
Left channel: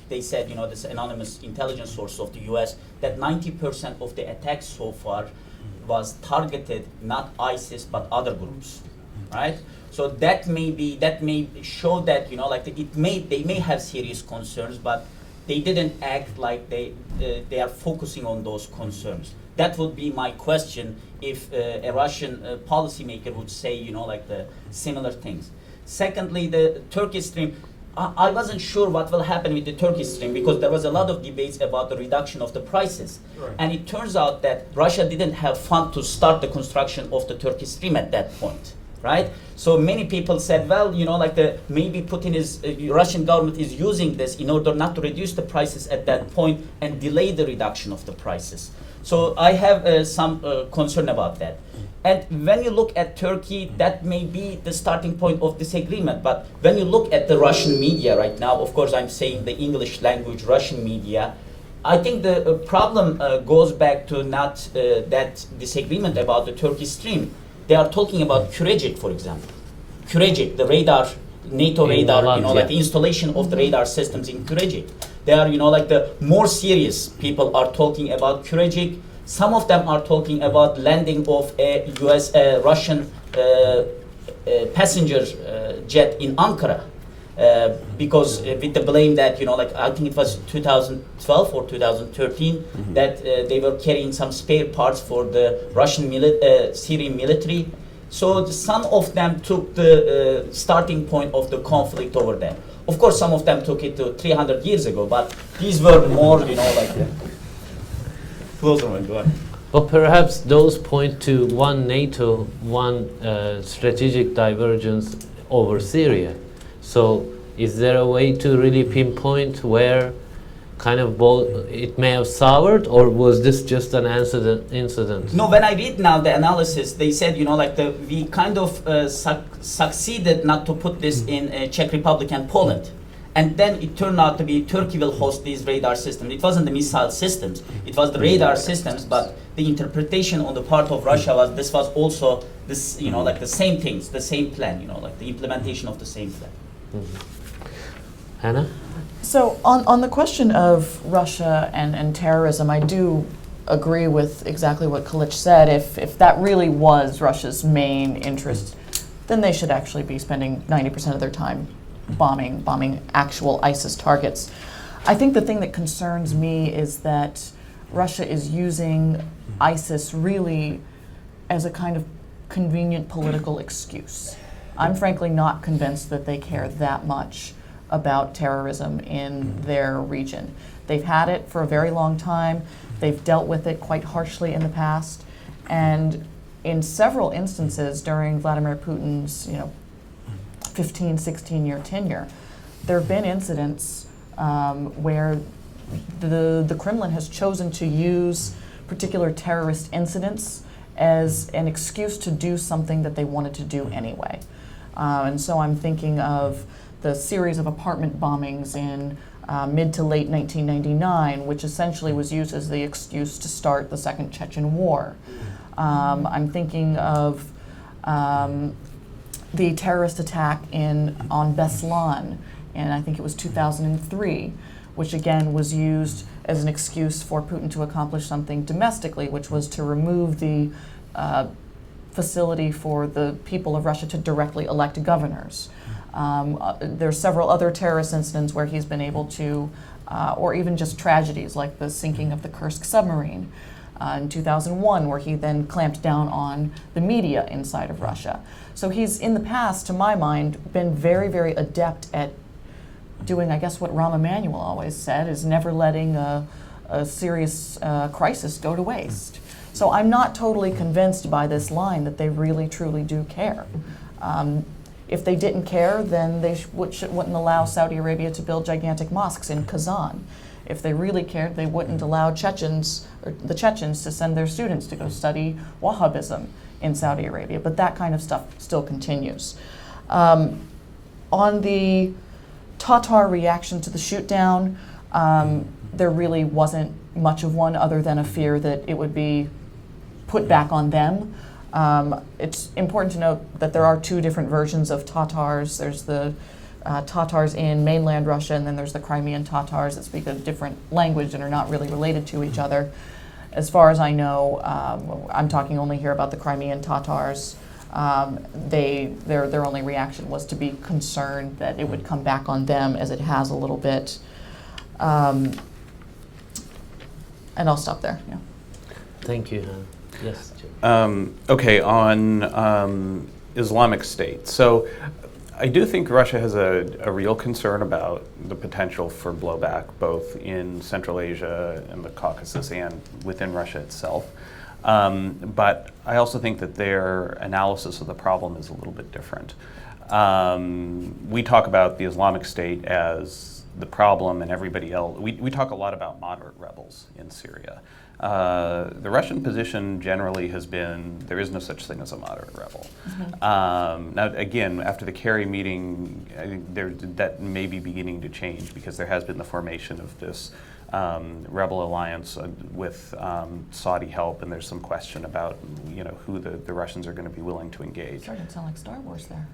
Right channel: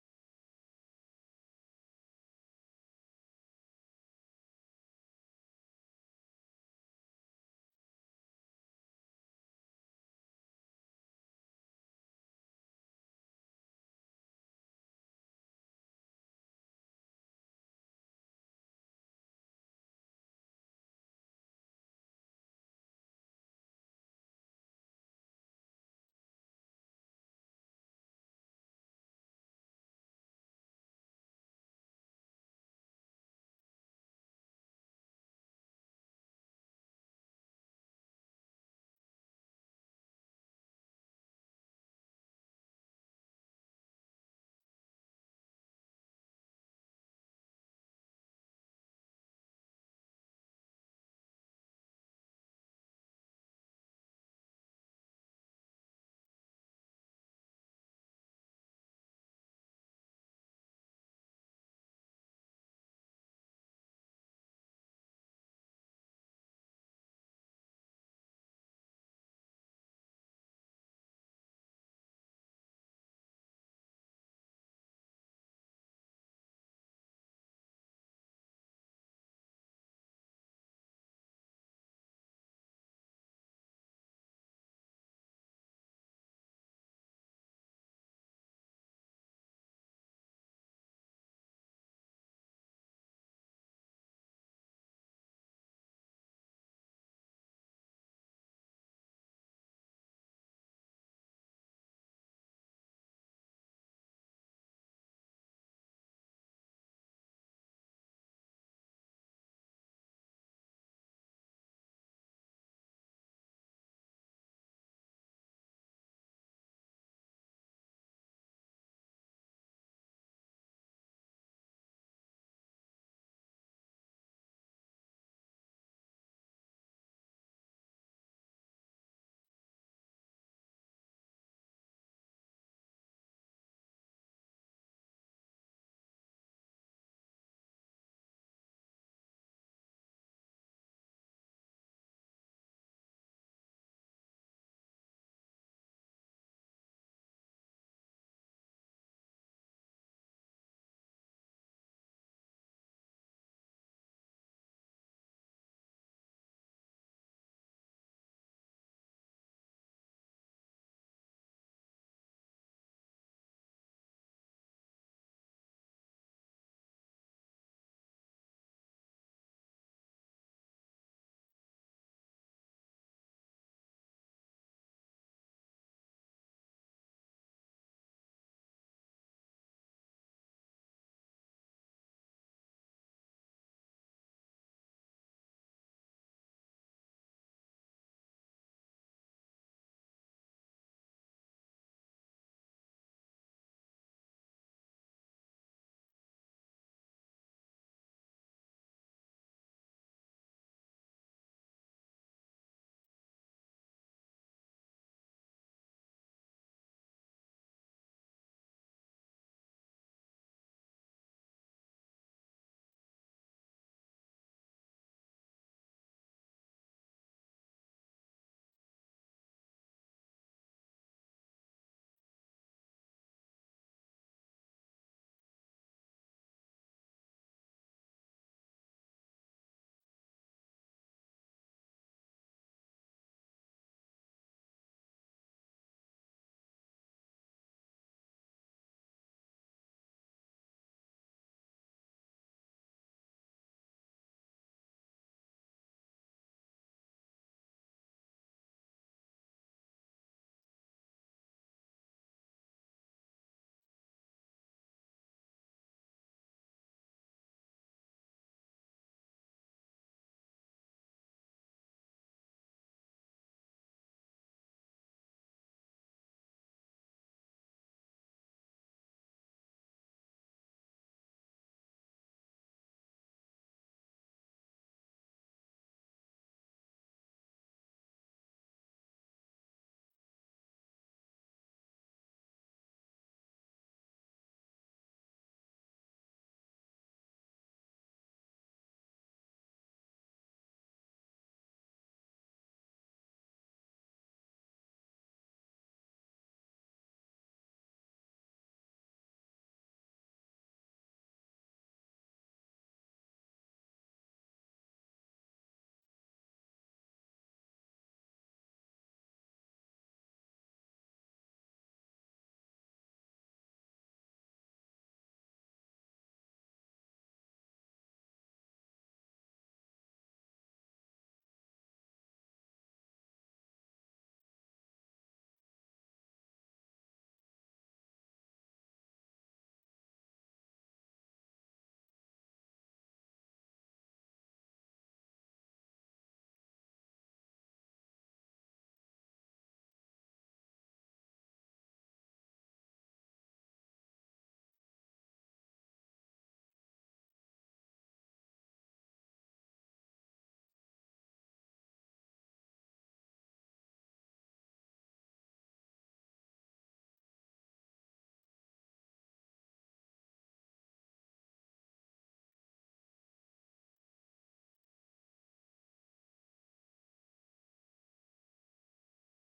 they said, this anonymous intelligence source of the U.S., that 90% of the attacks so far was targeted not ISIS but other groups, right? So that may show that they may have serious concerns, but they didn't act like they are focusing on those concerns. That would be my question if a Russian policymaker would say the similar things. Secondly, the Turkish Stream. I wasn't sure what will happen with the Turkish Stream because there was a lot of debates about the reduction of the prices. Right. And it turns out that Russia didn't have funds to start the construction of the Turkish Stream at that point, right? So many people said, well, maybe Putin Russian government is using this in order not to reduce the prices at that point and delay the reduction of the prices. So I have some concern about that. And when you look at Turkey, that may be the starting point of disagreement. But when you look at the Russian media right now, of course I'm saying the English language Russian media, I think the problem goes back to not that disagreement about the Turkish Stream. They are talking about Kurecik, for example. Kurecik, the radar, NATO radar, the installation of the radar systems in Kurecik. They are, the more serious people are talking about Kurecik. Some of them are talking about landing of a Russian passenger jet in Ankara. Because with the blame that, like I think it was 2012 or 2013, that they were carrying some spare parts for the Russian Syrian military. So some of them took the starting point of the conflict over there. Of course, some of them took it to 300 years ago, but these were more, like closer one. Go ahead. But perhaps those point to one NATO, one strategic divergence over Syria. So is there a way to really pinpoint where kind of both it may have soured, or was this just an incident? No, when I read now the analysis, they said, we kind of succeeded not to put this in Czech Republic and Poland. And then it turned out to be Turkey will host these radar systems. It wasn't the missile systems, it was the radar systems, but the interpretation on the part of Russia was this was also this, like the same things, the same plan, like the implementation of the same plan. Hannah? So on the question of Russia and terrorism, I do agree with exactly what Kalic said. If that really was Russia's main interest, then they should actually be spending 90% of their time bombing actual ISIS targets. I think the thing that concerns me is that Russia is using ISIS really as a kind of convenient political excuse. I'm frankly not convinced that they care that much about terrorism in their region. They've had it for a very long time. They've dealt with it quite harshly in the past. And in several instances during Vladimir Putin's 15, 16-year tenure, there have been incidents where the Kremlin has chosen to use particular terrorist incidents as an excuse to do something that they wanted to do anyway. And so I'm thinking of the series of apartment bombings in mid to late 1999, which essentially was used as the excuse to start the Second Chechen War. I'm thinking of the terrorist attack on Beslan, and I think it was 2003, which again was used as an excuse for Putin to accomplish something domestically, which was to remove the facility for the people of Russia to directly elect governors. There's several other terrorist incidents where he's been able to, or even just tragedies like the sinking of the Kursk submarine in 2001, where he then clamped down on the media inside of Russia. So he's, in the past, to my mind, been very, very adept at doing, I guess, what Rahm Emanuel always said, is never letting a serious crisis go to waste. So I'm not totally convinced by this line that they really, truly do care. If they didn't care, then they wouldn't allow Saudi Arabia to build gigantic mosques in Kazan. If they really cared, they wouldn't allow the Chechens to send their students to go study Wahhabism in Saudi Arabia. But that kind of stuff still continues. On the Tatar reaction to the shoot-down, there really wasn't much of one other than a fear that it would be put back on them. It's important to note that there are two different versions of Tatars. There's the Tatars in mainland Russia, and then there's the Crimean Tatars that speak a different language and are not really related to each other. As far as I know, I'm talking only here about the Crimean Tatars. Their only reaction was to be concerned that it would come back on them, as it has a little bit. And I'll stop there. Yeah. Thank you. Yes, Jim. Okay, on Islamic State. So I do think Russia has a real concern about the potential for blowback, both in Central Asia and the Caucasus and within Russia itself. But I also think that their analysis of the problem is a little bit different. We talk about the Islamic State as the problem, and everybody else. We talk a lot about moderate rebels in Syria. The Russian position generally has been there is no such thing as a moderate rebel. Now, again, after the Kerry meeting, I think that may be beginning to change, because there has been the formation of this rebel alliance with Saudi help, and there's some question about who the Russians are going to be willing to engage. Starting to sound like Star Wars there.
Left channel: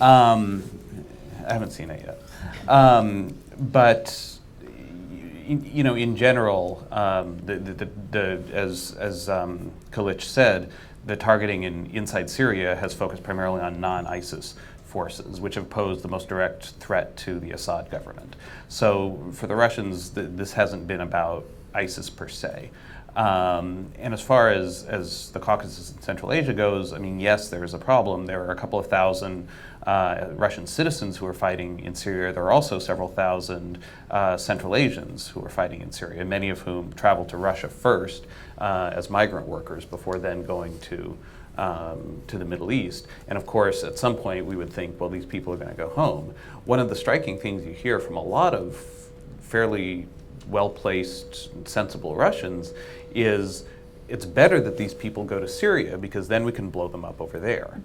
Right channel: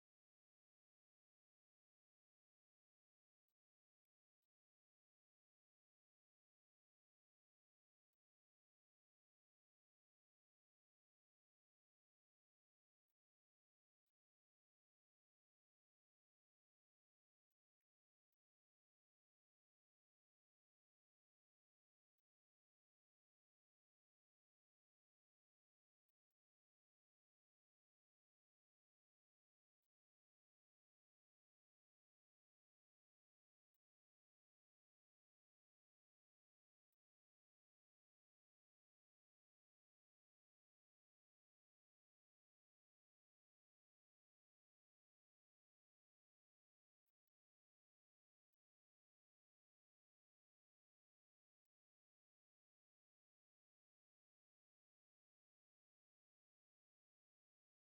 I haven't seen it yet, but. In general, as Kalic said, the targeting inside Syria has focused primarily on non-ISIS forces, which have posed the most direct threat to the Assad government. So for the Russians, this hasn't been about ISIS per se. And as far as the Caucasus and Central Asia goes, I mean, yes, there is a problem. There are a couple of thousand Russian citizens who are fighting in Syria. There are also several thousand Central Asians who are fighting in Syria, many of whom traveled to Russia first as migrant workers before then going to the Middle East. And of course, at some point, we would think, well, these people are going to go home. One of the striking things you hear from a lot of fairly well-placed, sensible Russians is it's better that these people go to Syria because then we can blow them up over there.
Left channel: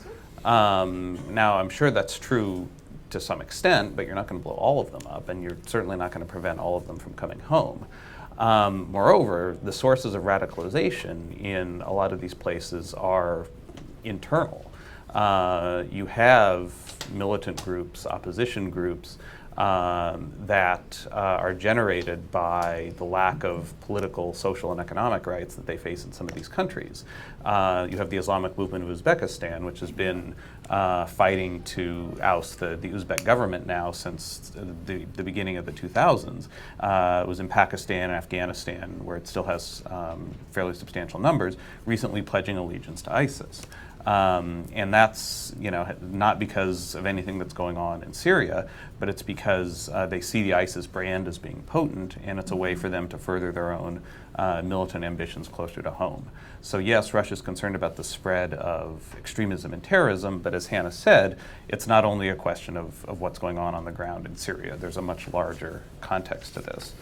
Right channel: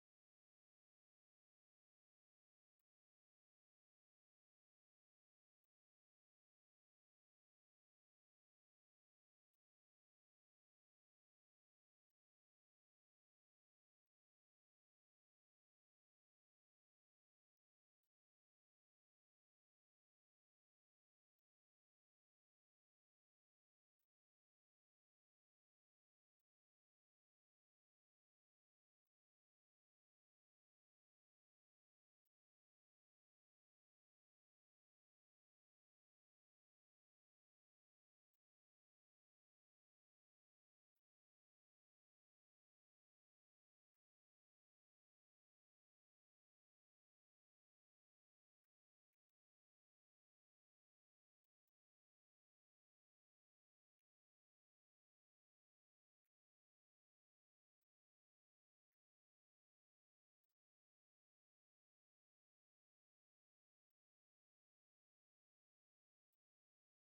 Now, I'm sure that's true to some extent, but you're not going to blow all of them up, and you're certainly not going to prevent all of them from coming home. Moreover, the sources of radicalization in a lot of these places are internal. You have militant groups, opposition groups, that are generated by the lack of political, social, and economic rights that they face in some of these countries. You have the Islamic movement of Uzbekistan, which has been fighting to oust the Uzbek government now since the beginning of the 2000s. It was in Pakistan and Afghanistan, where it still has fairly substantial numbers, recently pledging allegiance to ISIS. And that's, not because of anything that's going on in Syria, but it's because they see the ISIS brand as being potent, and it's a way for them to further their own militant ambitions closer to home. So yes, Russia's concerned about the spread of extremism and terrorism, but as Hannah said, it's not only a question of what's going on the ground in Syria. There's a much larger context to this.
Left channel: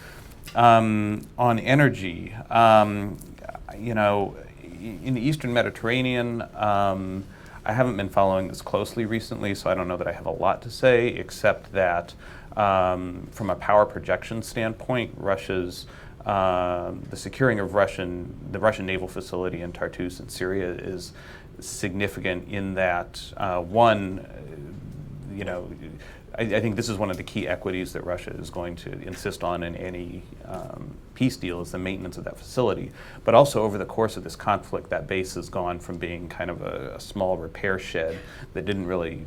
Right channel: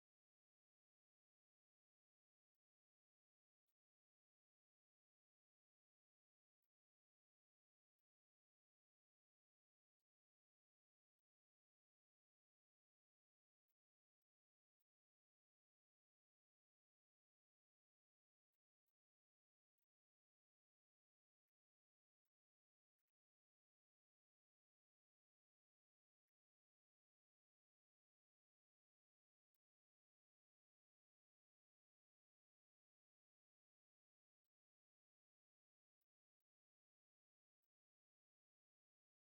On energy, in the Eastern Mediterranean, I haven't been following this closely recently, so I don't know that I have a lot to say, except that from a power projection standpoint, Russia's the securing of the Russian naval facility in Tartus in Syria is significant in that, I think this is one of the key equities that Russia is going to insist on in any peace deal, is the maintenance of that facility. But also over the course of this conflict, that base has gone from being kind of a small repair shed that didn't really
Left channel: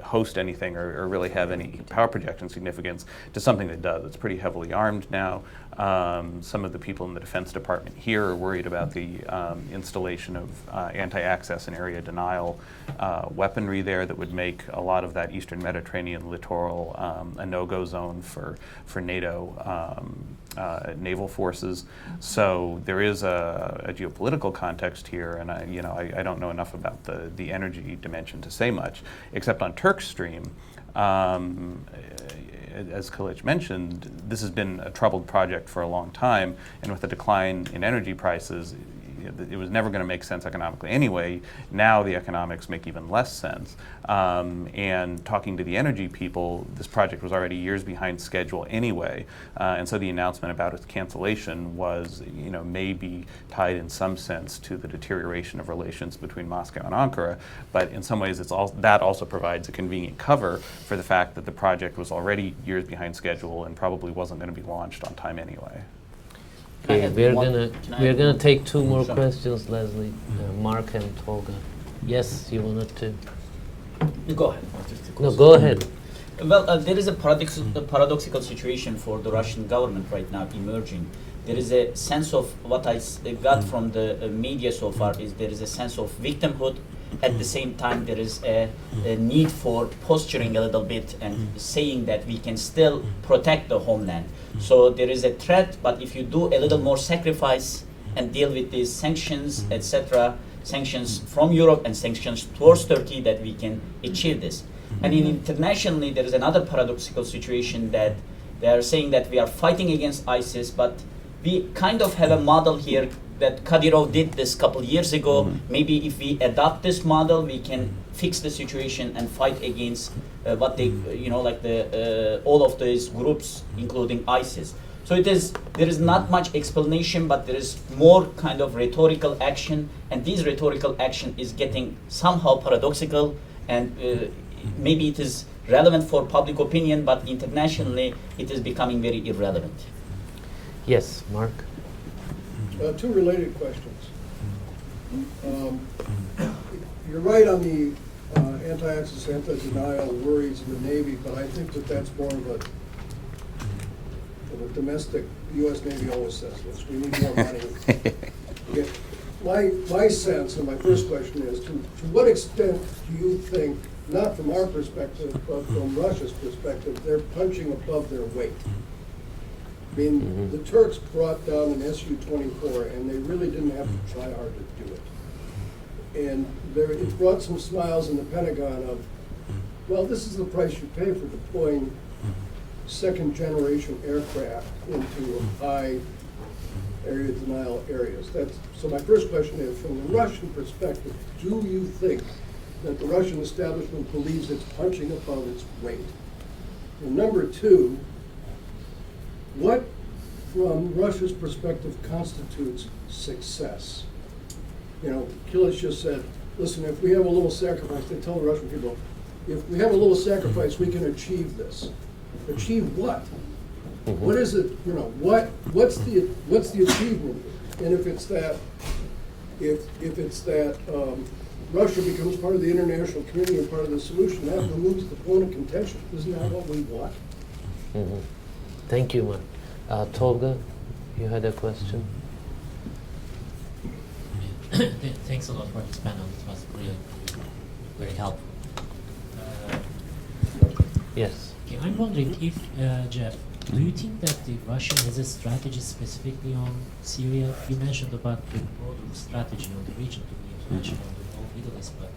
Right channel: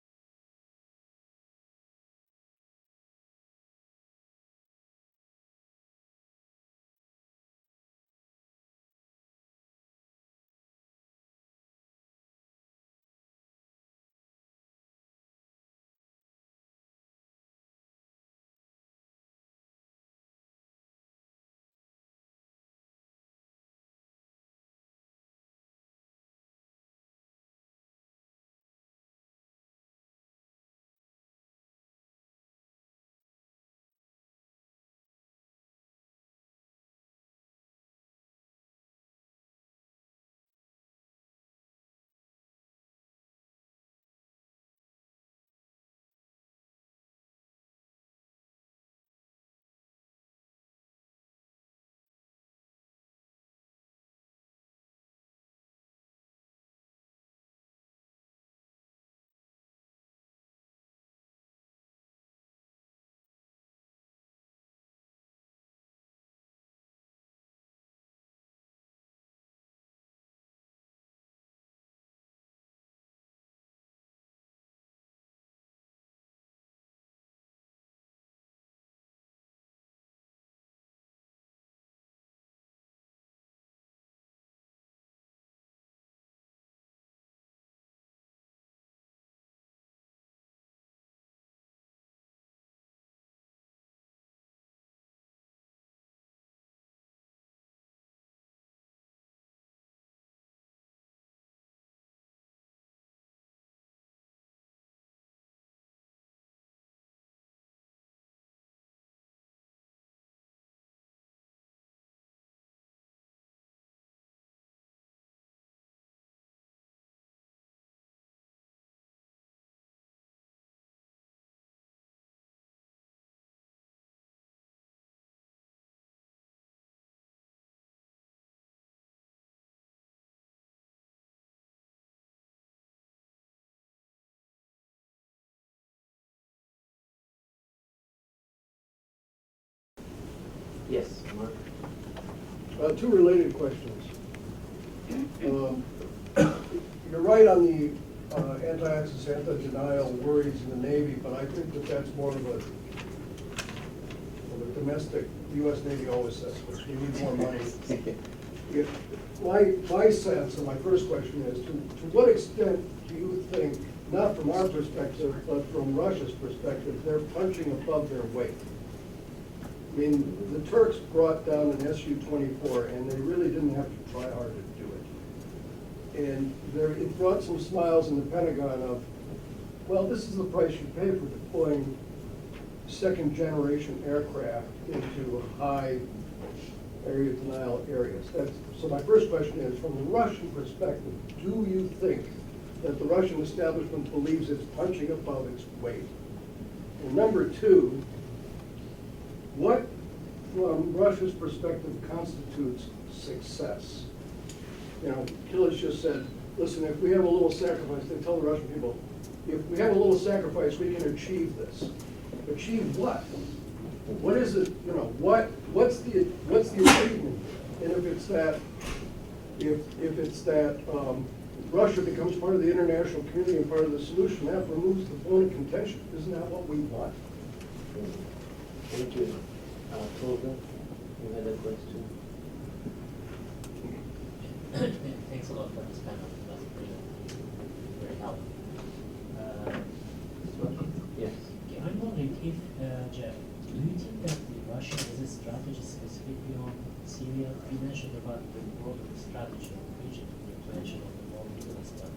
host anything or really have any power projection significance to something that does. It's pretty heavily armed now. Some of the people in the Defense Department here are worried about the installation of anti-access and area denial weaponry there that would make a lot of that Eastern Mediterranean littoral a no-go zone for NATO naval forces. So there is a geopolitical context here, and I don't know enough about the energy dimension to say much, except on Turk Stream. As Kılıç mentioned, this has been a troubled project for a long time, and with the decline in energy prices, it was never going to make sense economically anyway. Now the economics make even less sense. And talking to the energy people, this project was already years behind schedule anyway. And so the announcement about its cancellation was, maybe tied in some sense to the deterioration of relations between Moscow and Ankara. But in some ways, that also provides a convenient cover for the fact that the project was already years behind schedule and probably wasn't going to be launched on time anyway. Okay, we're gonna take two more questions, Leslie. Mark and Tolga. Yes, you wanted to. Go ahead. No, go ahead. Well, there is a paradoxical situation for the Russian government right now emerging. There is a sense of what I got from the media so far is there is a sense of victimhood. At the same time, there is a need for posturing a little bit and saying that we can still protect the homeland. So there is a threat, but if you do a little more sacrifice and deal with these sanctions, etc., sanctions from Europe and sanctions towards Turkey, that we can achieve this. And internationally, there is another paradoxical situation that they are saying that we are fighting against ISIS, but we kind of have a model here that Kadyrov did this a couple years ago. Maybe if we adopt this model, we can fix the situation and fight against what they, all of these groups, including ISIS. So there is not much explanation, but there is more kind of rhetorical action, and this rhetorical action is getting somehow paradoxical, and maybe it is relevant for public opinion, but internationally it is becoming very irrelevant. Yes, Mark. Two related questions. You're right on the anti-access, anti-denial worries in the Navy, but I think that that's more of a domestic, U.S. Navy always says this, we need more money. My sense, and my first question is, to what extent do you think, not from our perspective, but from Russia's perspective, they're punching above their weight? I mean, the Turks brought down an Su-24, and they really didn't have to try hard to do it. And it brought some smiles in the Pentagon of, well, this is the price you pay for deploying second-generation aircraft into high area denial areas. So my first question is, from the Russian perspective, do you think that the Russian establishment believes it's punching above its weight? And number two, what, from Russia's perspective, constitutes success? You know, Kilish just said, listen, if we have a little sacrifice, they tell the Russian people, if we have a little sacrifice, we can achieve this. Achieve what? What is it, you know, what's the achievement? And if it's that, Russia becomes part of the international community and part of the solution, that removes the point of contention. Isn't that what we want? Thank you, man. Tolga, you had a question? Thanks a lot for this panel. It was really very helpful. Yes. Okay, I'm wondering if, Jeff, do you think that the Russia has a strategy specifically on Syria? You mentioned about the broader strategy of the region, you mentioned on the whole Middle East, but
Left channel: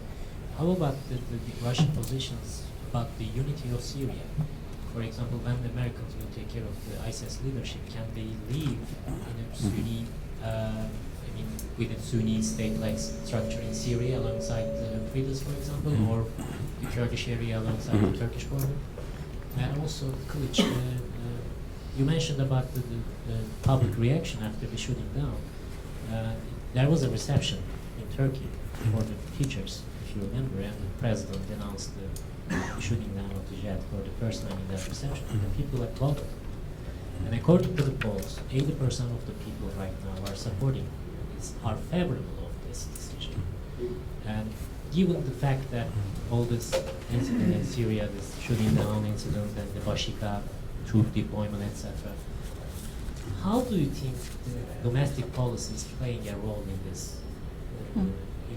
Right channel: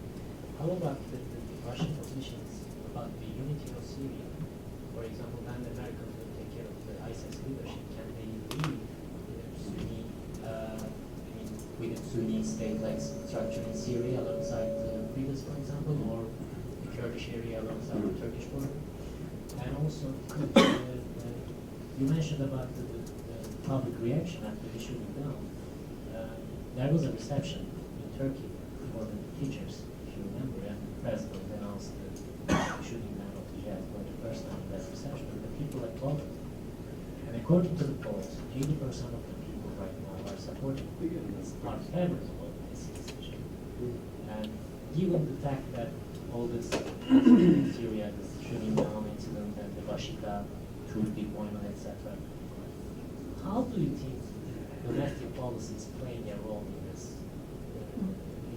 how about the Russian positions about the unity of Syria? For example, when the Americans will take care of the ISIS leadership, can they leave in a Sunni, with a Sunni state-like structure in Syria alongside the Kurds, for example, or the Kurdish area alongside the Turkish border? And also, Kılıç, you mentioned about the public reaction after the shooting down. There was a reception in Turkey for the teachers, if you remember, and the president announced the shooting down of the jet for the first time in that reception, and the people applauded. And according to the polls, 80% of the people right now are supporting, are favorable of this decision. And given the fact that all this incident in Syria, this shooting down incident and the Bashika troop deployment, etc., how do you think the domestic policy is playing a role in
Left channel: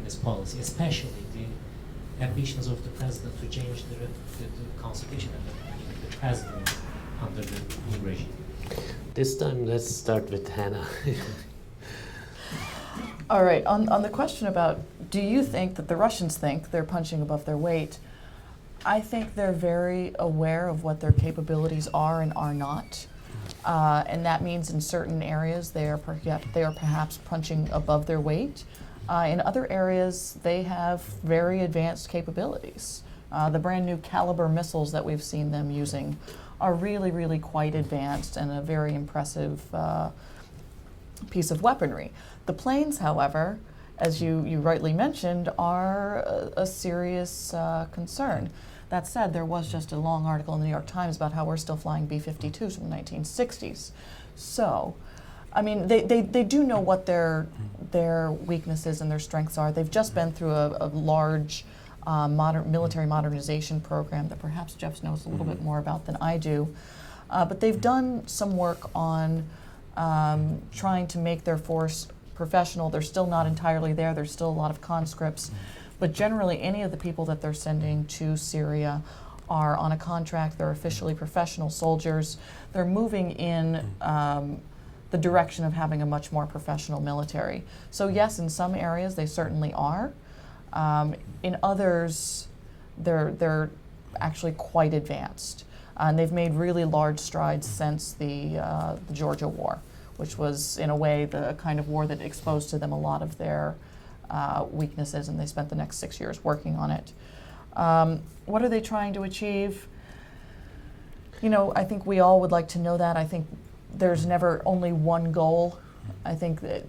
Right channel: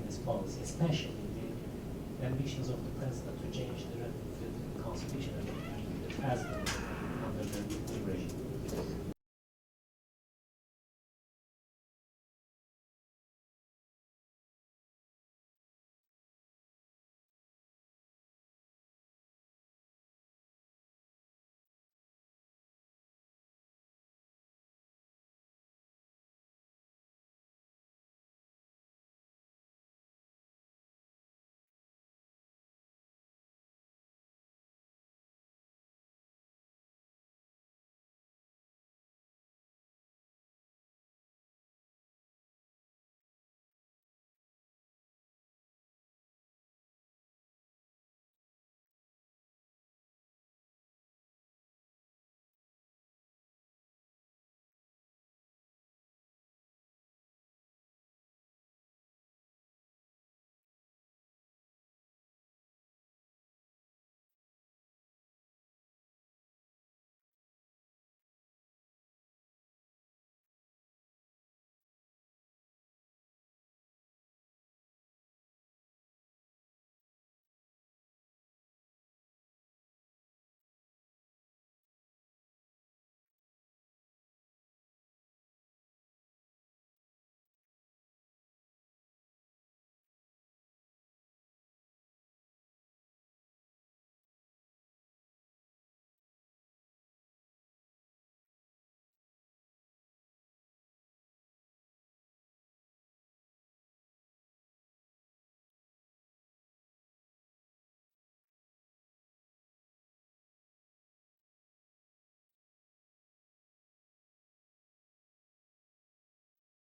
this policy, especially the ambitions of the president to change the constitution and the president under the new regime? This time, let's start with Hannah. All right, on the question about, do you think that the Russians think they're punching above their weight? I think they're very aware of what their capabilities are and are not. And that means in certain areas they are perhaps punching above their weight. In other areas, they have very advanced capabilities. The brand new Caliber missiles that we've seen them using are really, really quite advanced and a very impressive piece of weaponry. The planes, however, as you rightly mentioned, are a serious concern. That said, there was just a long article in the New York Times about how we're still flying B-52s from the 1960s. So, I mean, they do know what their weaknesses and their strengths are. They've just been through a large military modernization program that perhaps Jeff knows a little bit more about than I do. But they've done some work on trying to make their force professional. They're still not entirely there. There's still a lot of conscripts. But generally, any of the people that they're sending to Syria are on a contract. They're officially professional soldiers. They're moving in the direction of having a much more professional military. So yes, in some areas they certainly are. In others, they're actually quite advanced. And they've made really large strides since the Georgia War, which was, in a way, the kind of war that exposed to them a lot of their weaknesses, and they spent the next 6 years working on it. What are they trying to achieve? You know, I think we all would like to know that. I think there's never only one goal. I think that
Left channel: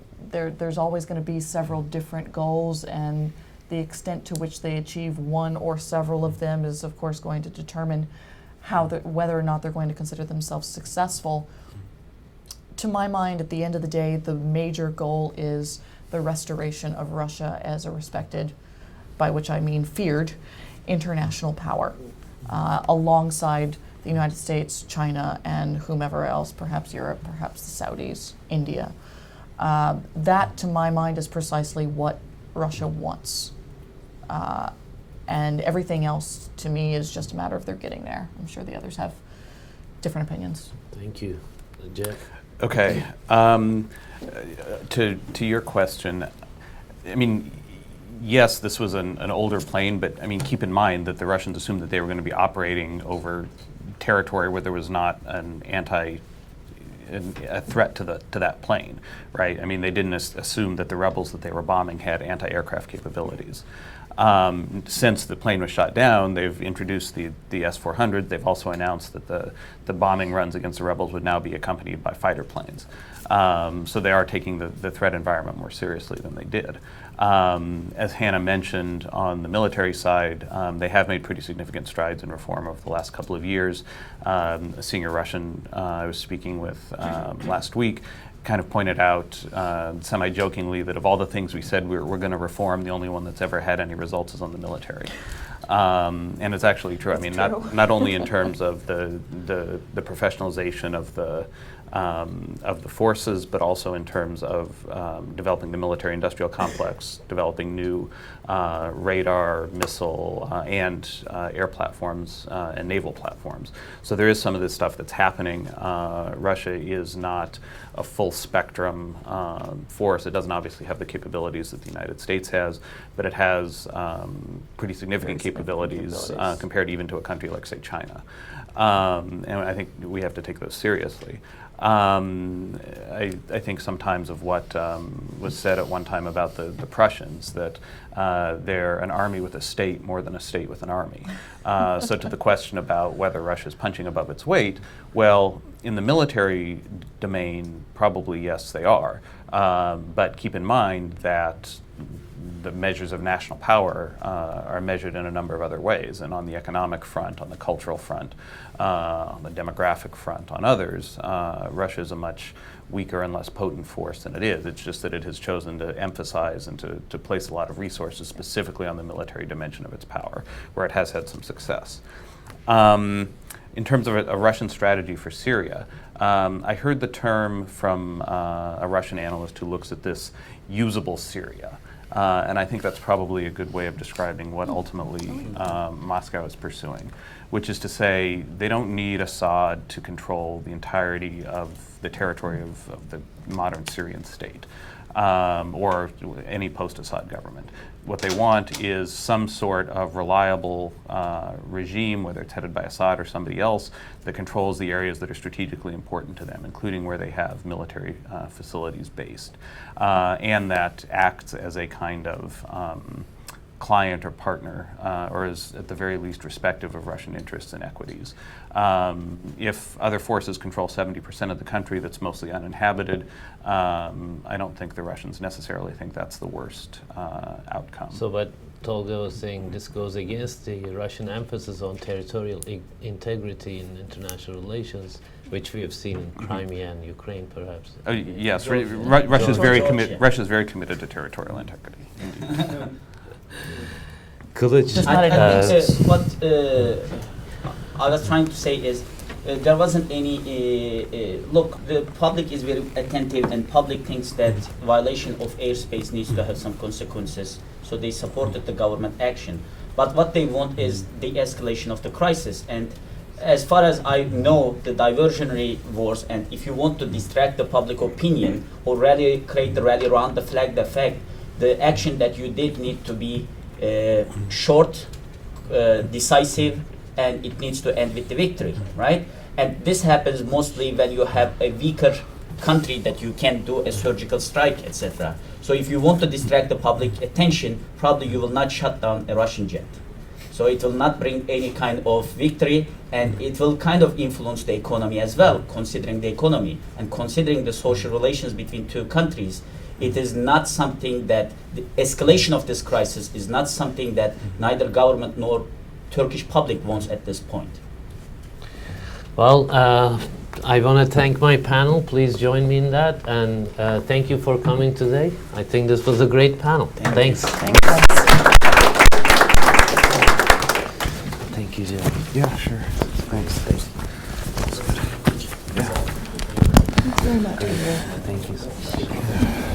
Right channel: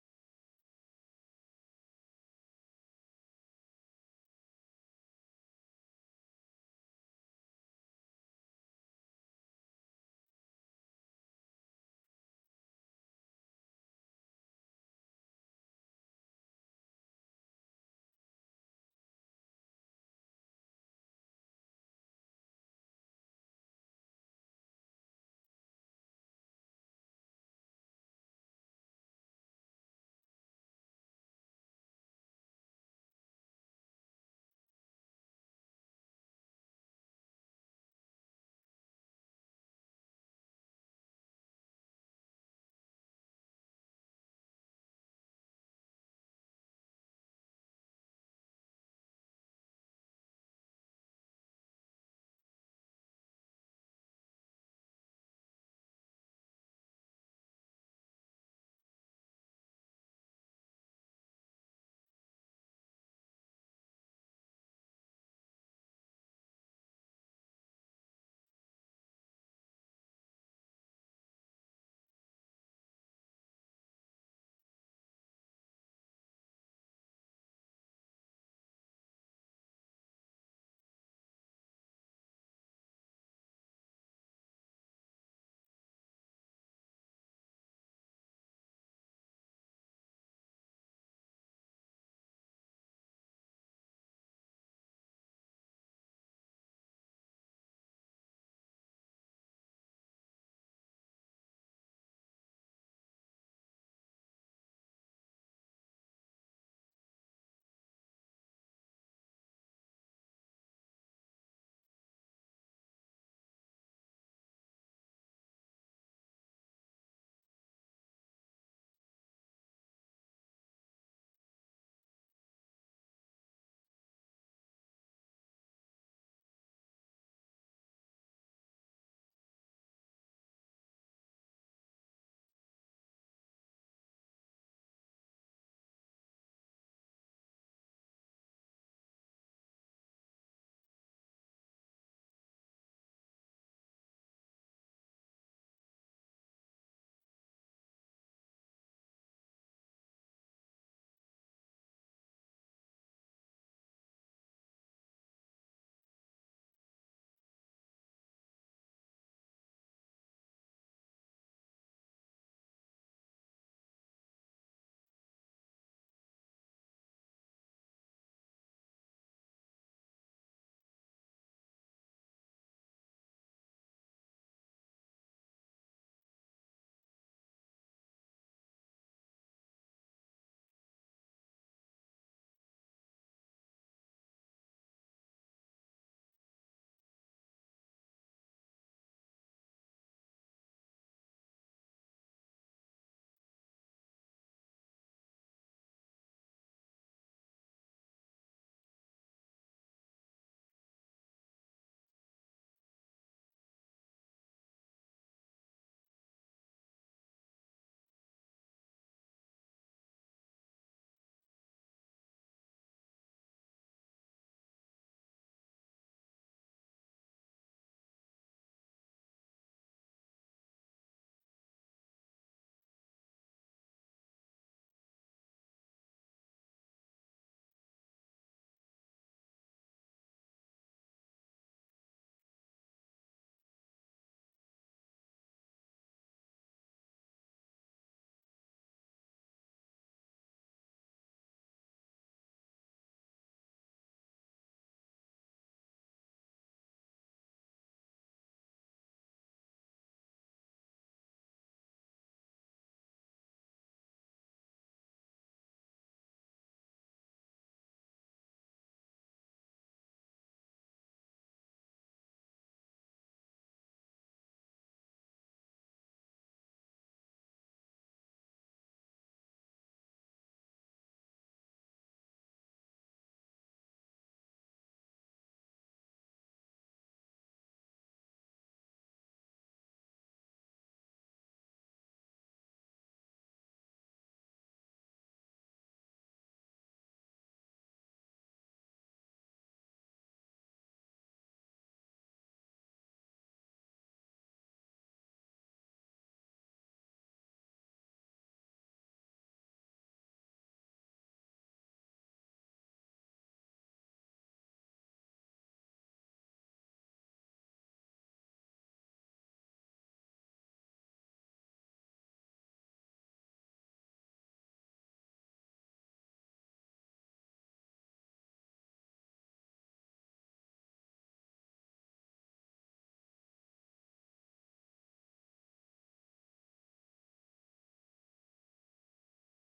there's always going to be several different goals, and the extent to which they achieve one or several of them is, of course, going to determine whether or not they're going to consider themselves successful. To my mind, at the end of the day, the major goal is the restoration of Russia as a respected, by which I mean feared, international power, alongside the United States, China, and whomever else, perhaps Europe, perhaps the Saudis, India. That, to my mind, is precisely what Russia wants. And everything else, to me, is just a matter of their getting there. I'm sure the others have different opinions. Thank you. Jeff? Okay. To your question, I mean, yes, this was an older plane, but I mean, keep in mind that the Russians assumed that they were going to be operating over territory where there was not a threat to that plane, right? I mean, they didn't assume that the rebels that they were bombing had anti-aircraft capabilities. Since the plane was shot down, they've introduced the S-400. They've also announced that the bombing runs against the rebels would now be accompanied by fighter planes. So they are taking the threat environment more seriously than they did. As Hannah mentioned, on the military side, they have made pretty significant strides in reform over the last couple of years. A senior Russian I was speaking with last week kind of pointed out semi-jokingly that of all the things we said we're going to reform, the only one that's ever had any results is on the military. And it's actually true. I mean, not only in terms of the professionalization of the forces, but also in terms of developing the military-industrial complex, developing new radar, missile, and air platforms and naval platforms. So there is some of this stuff that's happening. Russia is not a full-spectrum force. It doesn't obviously have the capabilities that the United States has, but it has pretty significant capabilities compared even to a country like, say, China. And I think we have to take those seriously. I think sometimes of what was said at one time about the Prussians, that they're an army with a state more than a state with an army. So to the question about whether Russia's punching above its weight, well, in the military domain, probably yes, they are. But keep in mind that the measures of national power are measured in a number of other ways, and on the economic front, on the cultural front, on the demographic front, on others, Russia is a much weaker and less potent force than it is. It's just that it has chosen to emphasize and to place a lot of resources specifically on the military dimension of its power, where it has had some success. In terms of a Russian strategy for Syria, I heard the term from a Russian analyst who looks at this usable Syria. And I think that's probably a good way of describing what ultimately Moscow is pursuing, which is to say they don't need Assad to control the entirety of the territory of the modern Syrian state or any post-Assad government. What they want is some sort of reliable regime, whether it's headed by Assad or somebody else, that controls the areas that are strategically important to them, including where they have military facilities based, and that acts as a kind of client or partner, or is at the very least respective of Russian interests and equities. If other forces control 70% of the country that's mostly uninhabited, I don't think the Russians necessarily think that's the worst outcome. So what Tolga was saying, this goes against the Russian emphasis on territorial integrity in international relations, which we have seen in Crimea and Ukraine, perhaps. Yes, Russia's very committed to territorial integrity. Kılıç. I think what I was trying to say is there wasn't any look, the public is very attentive and public thinks that violation of airspace needs to have some consequences, so they supported the government action. But what they want is the escalation of the crisis, and as far as I know, the diversionary wars, and if you want to distract the public opinion or rally, create the rally around the flag effect, the action that you did need to be short, decisive, and it needs to end with the victory, right? And this happens mostly when you have a weaker country that you can do a surgical strike, etc. So if you want to distract the public attention, probably you will not shut down a Russian jet. So it will not bring any kind of victory, and it will kind of influence the economy as well, considering the economy and considering the social relations between two countries. It is not something that the escalation of this crisis is not something that neither government nor Turkish public wants at this point. Well, I want to thank my panel. Please join me in that. And thank you for coming today. I think this was a great panel. Thanks. Thanks. Thank you, Jeff. Yeah, sure. Thanks. That's good. Yeah. Thanks very much. Thank you so much.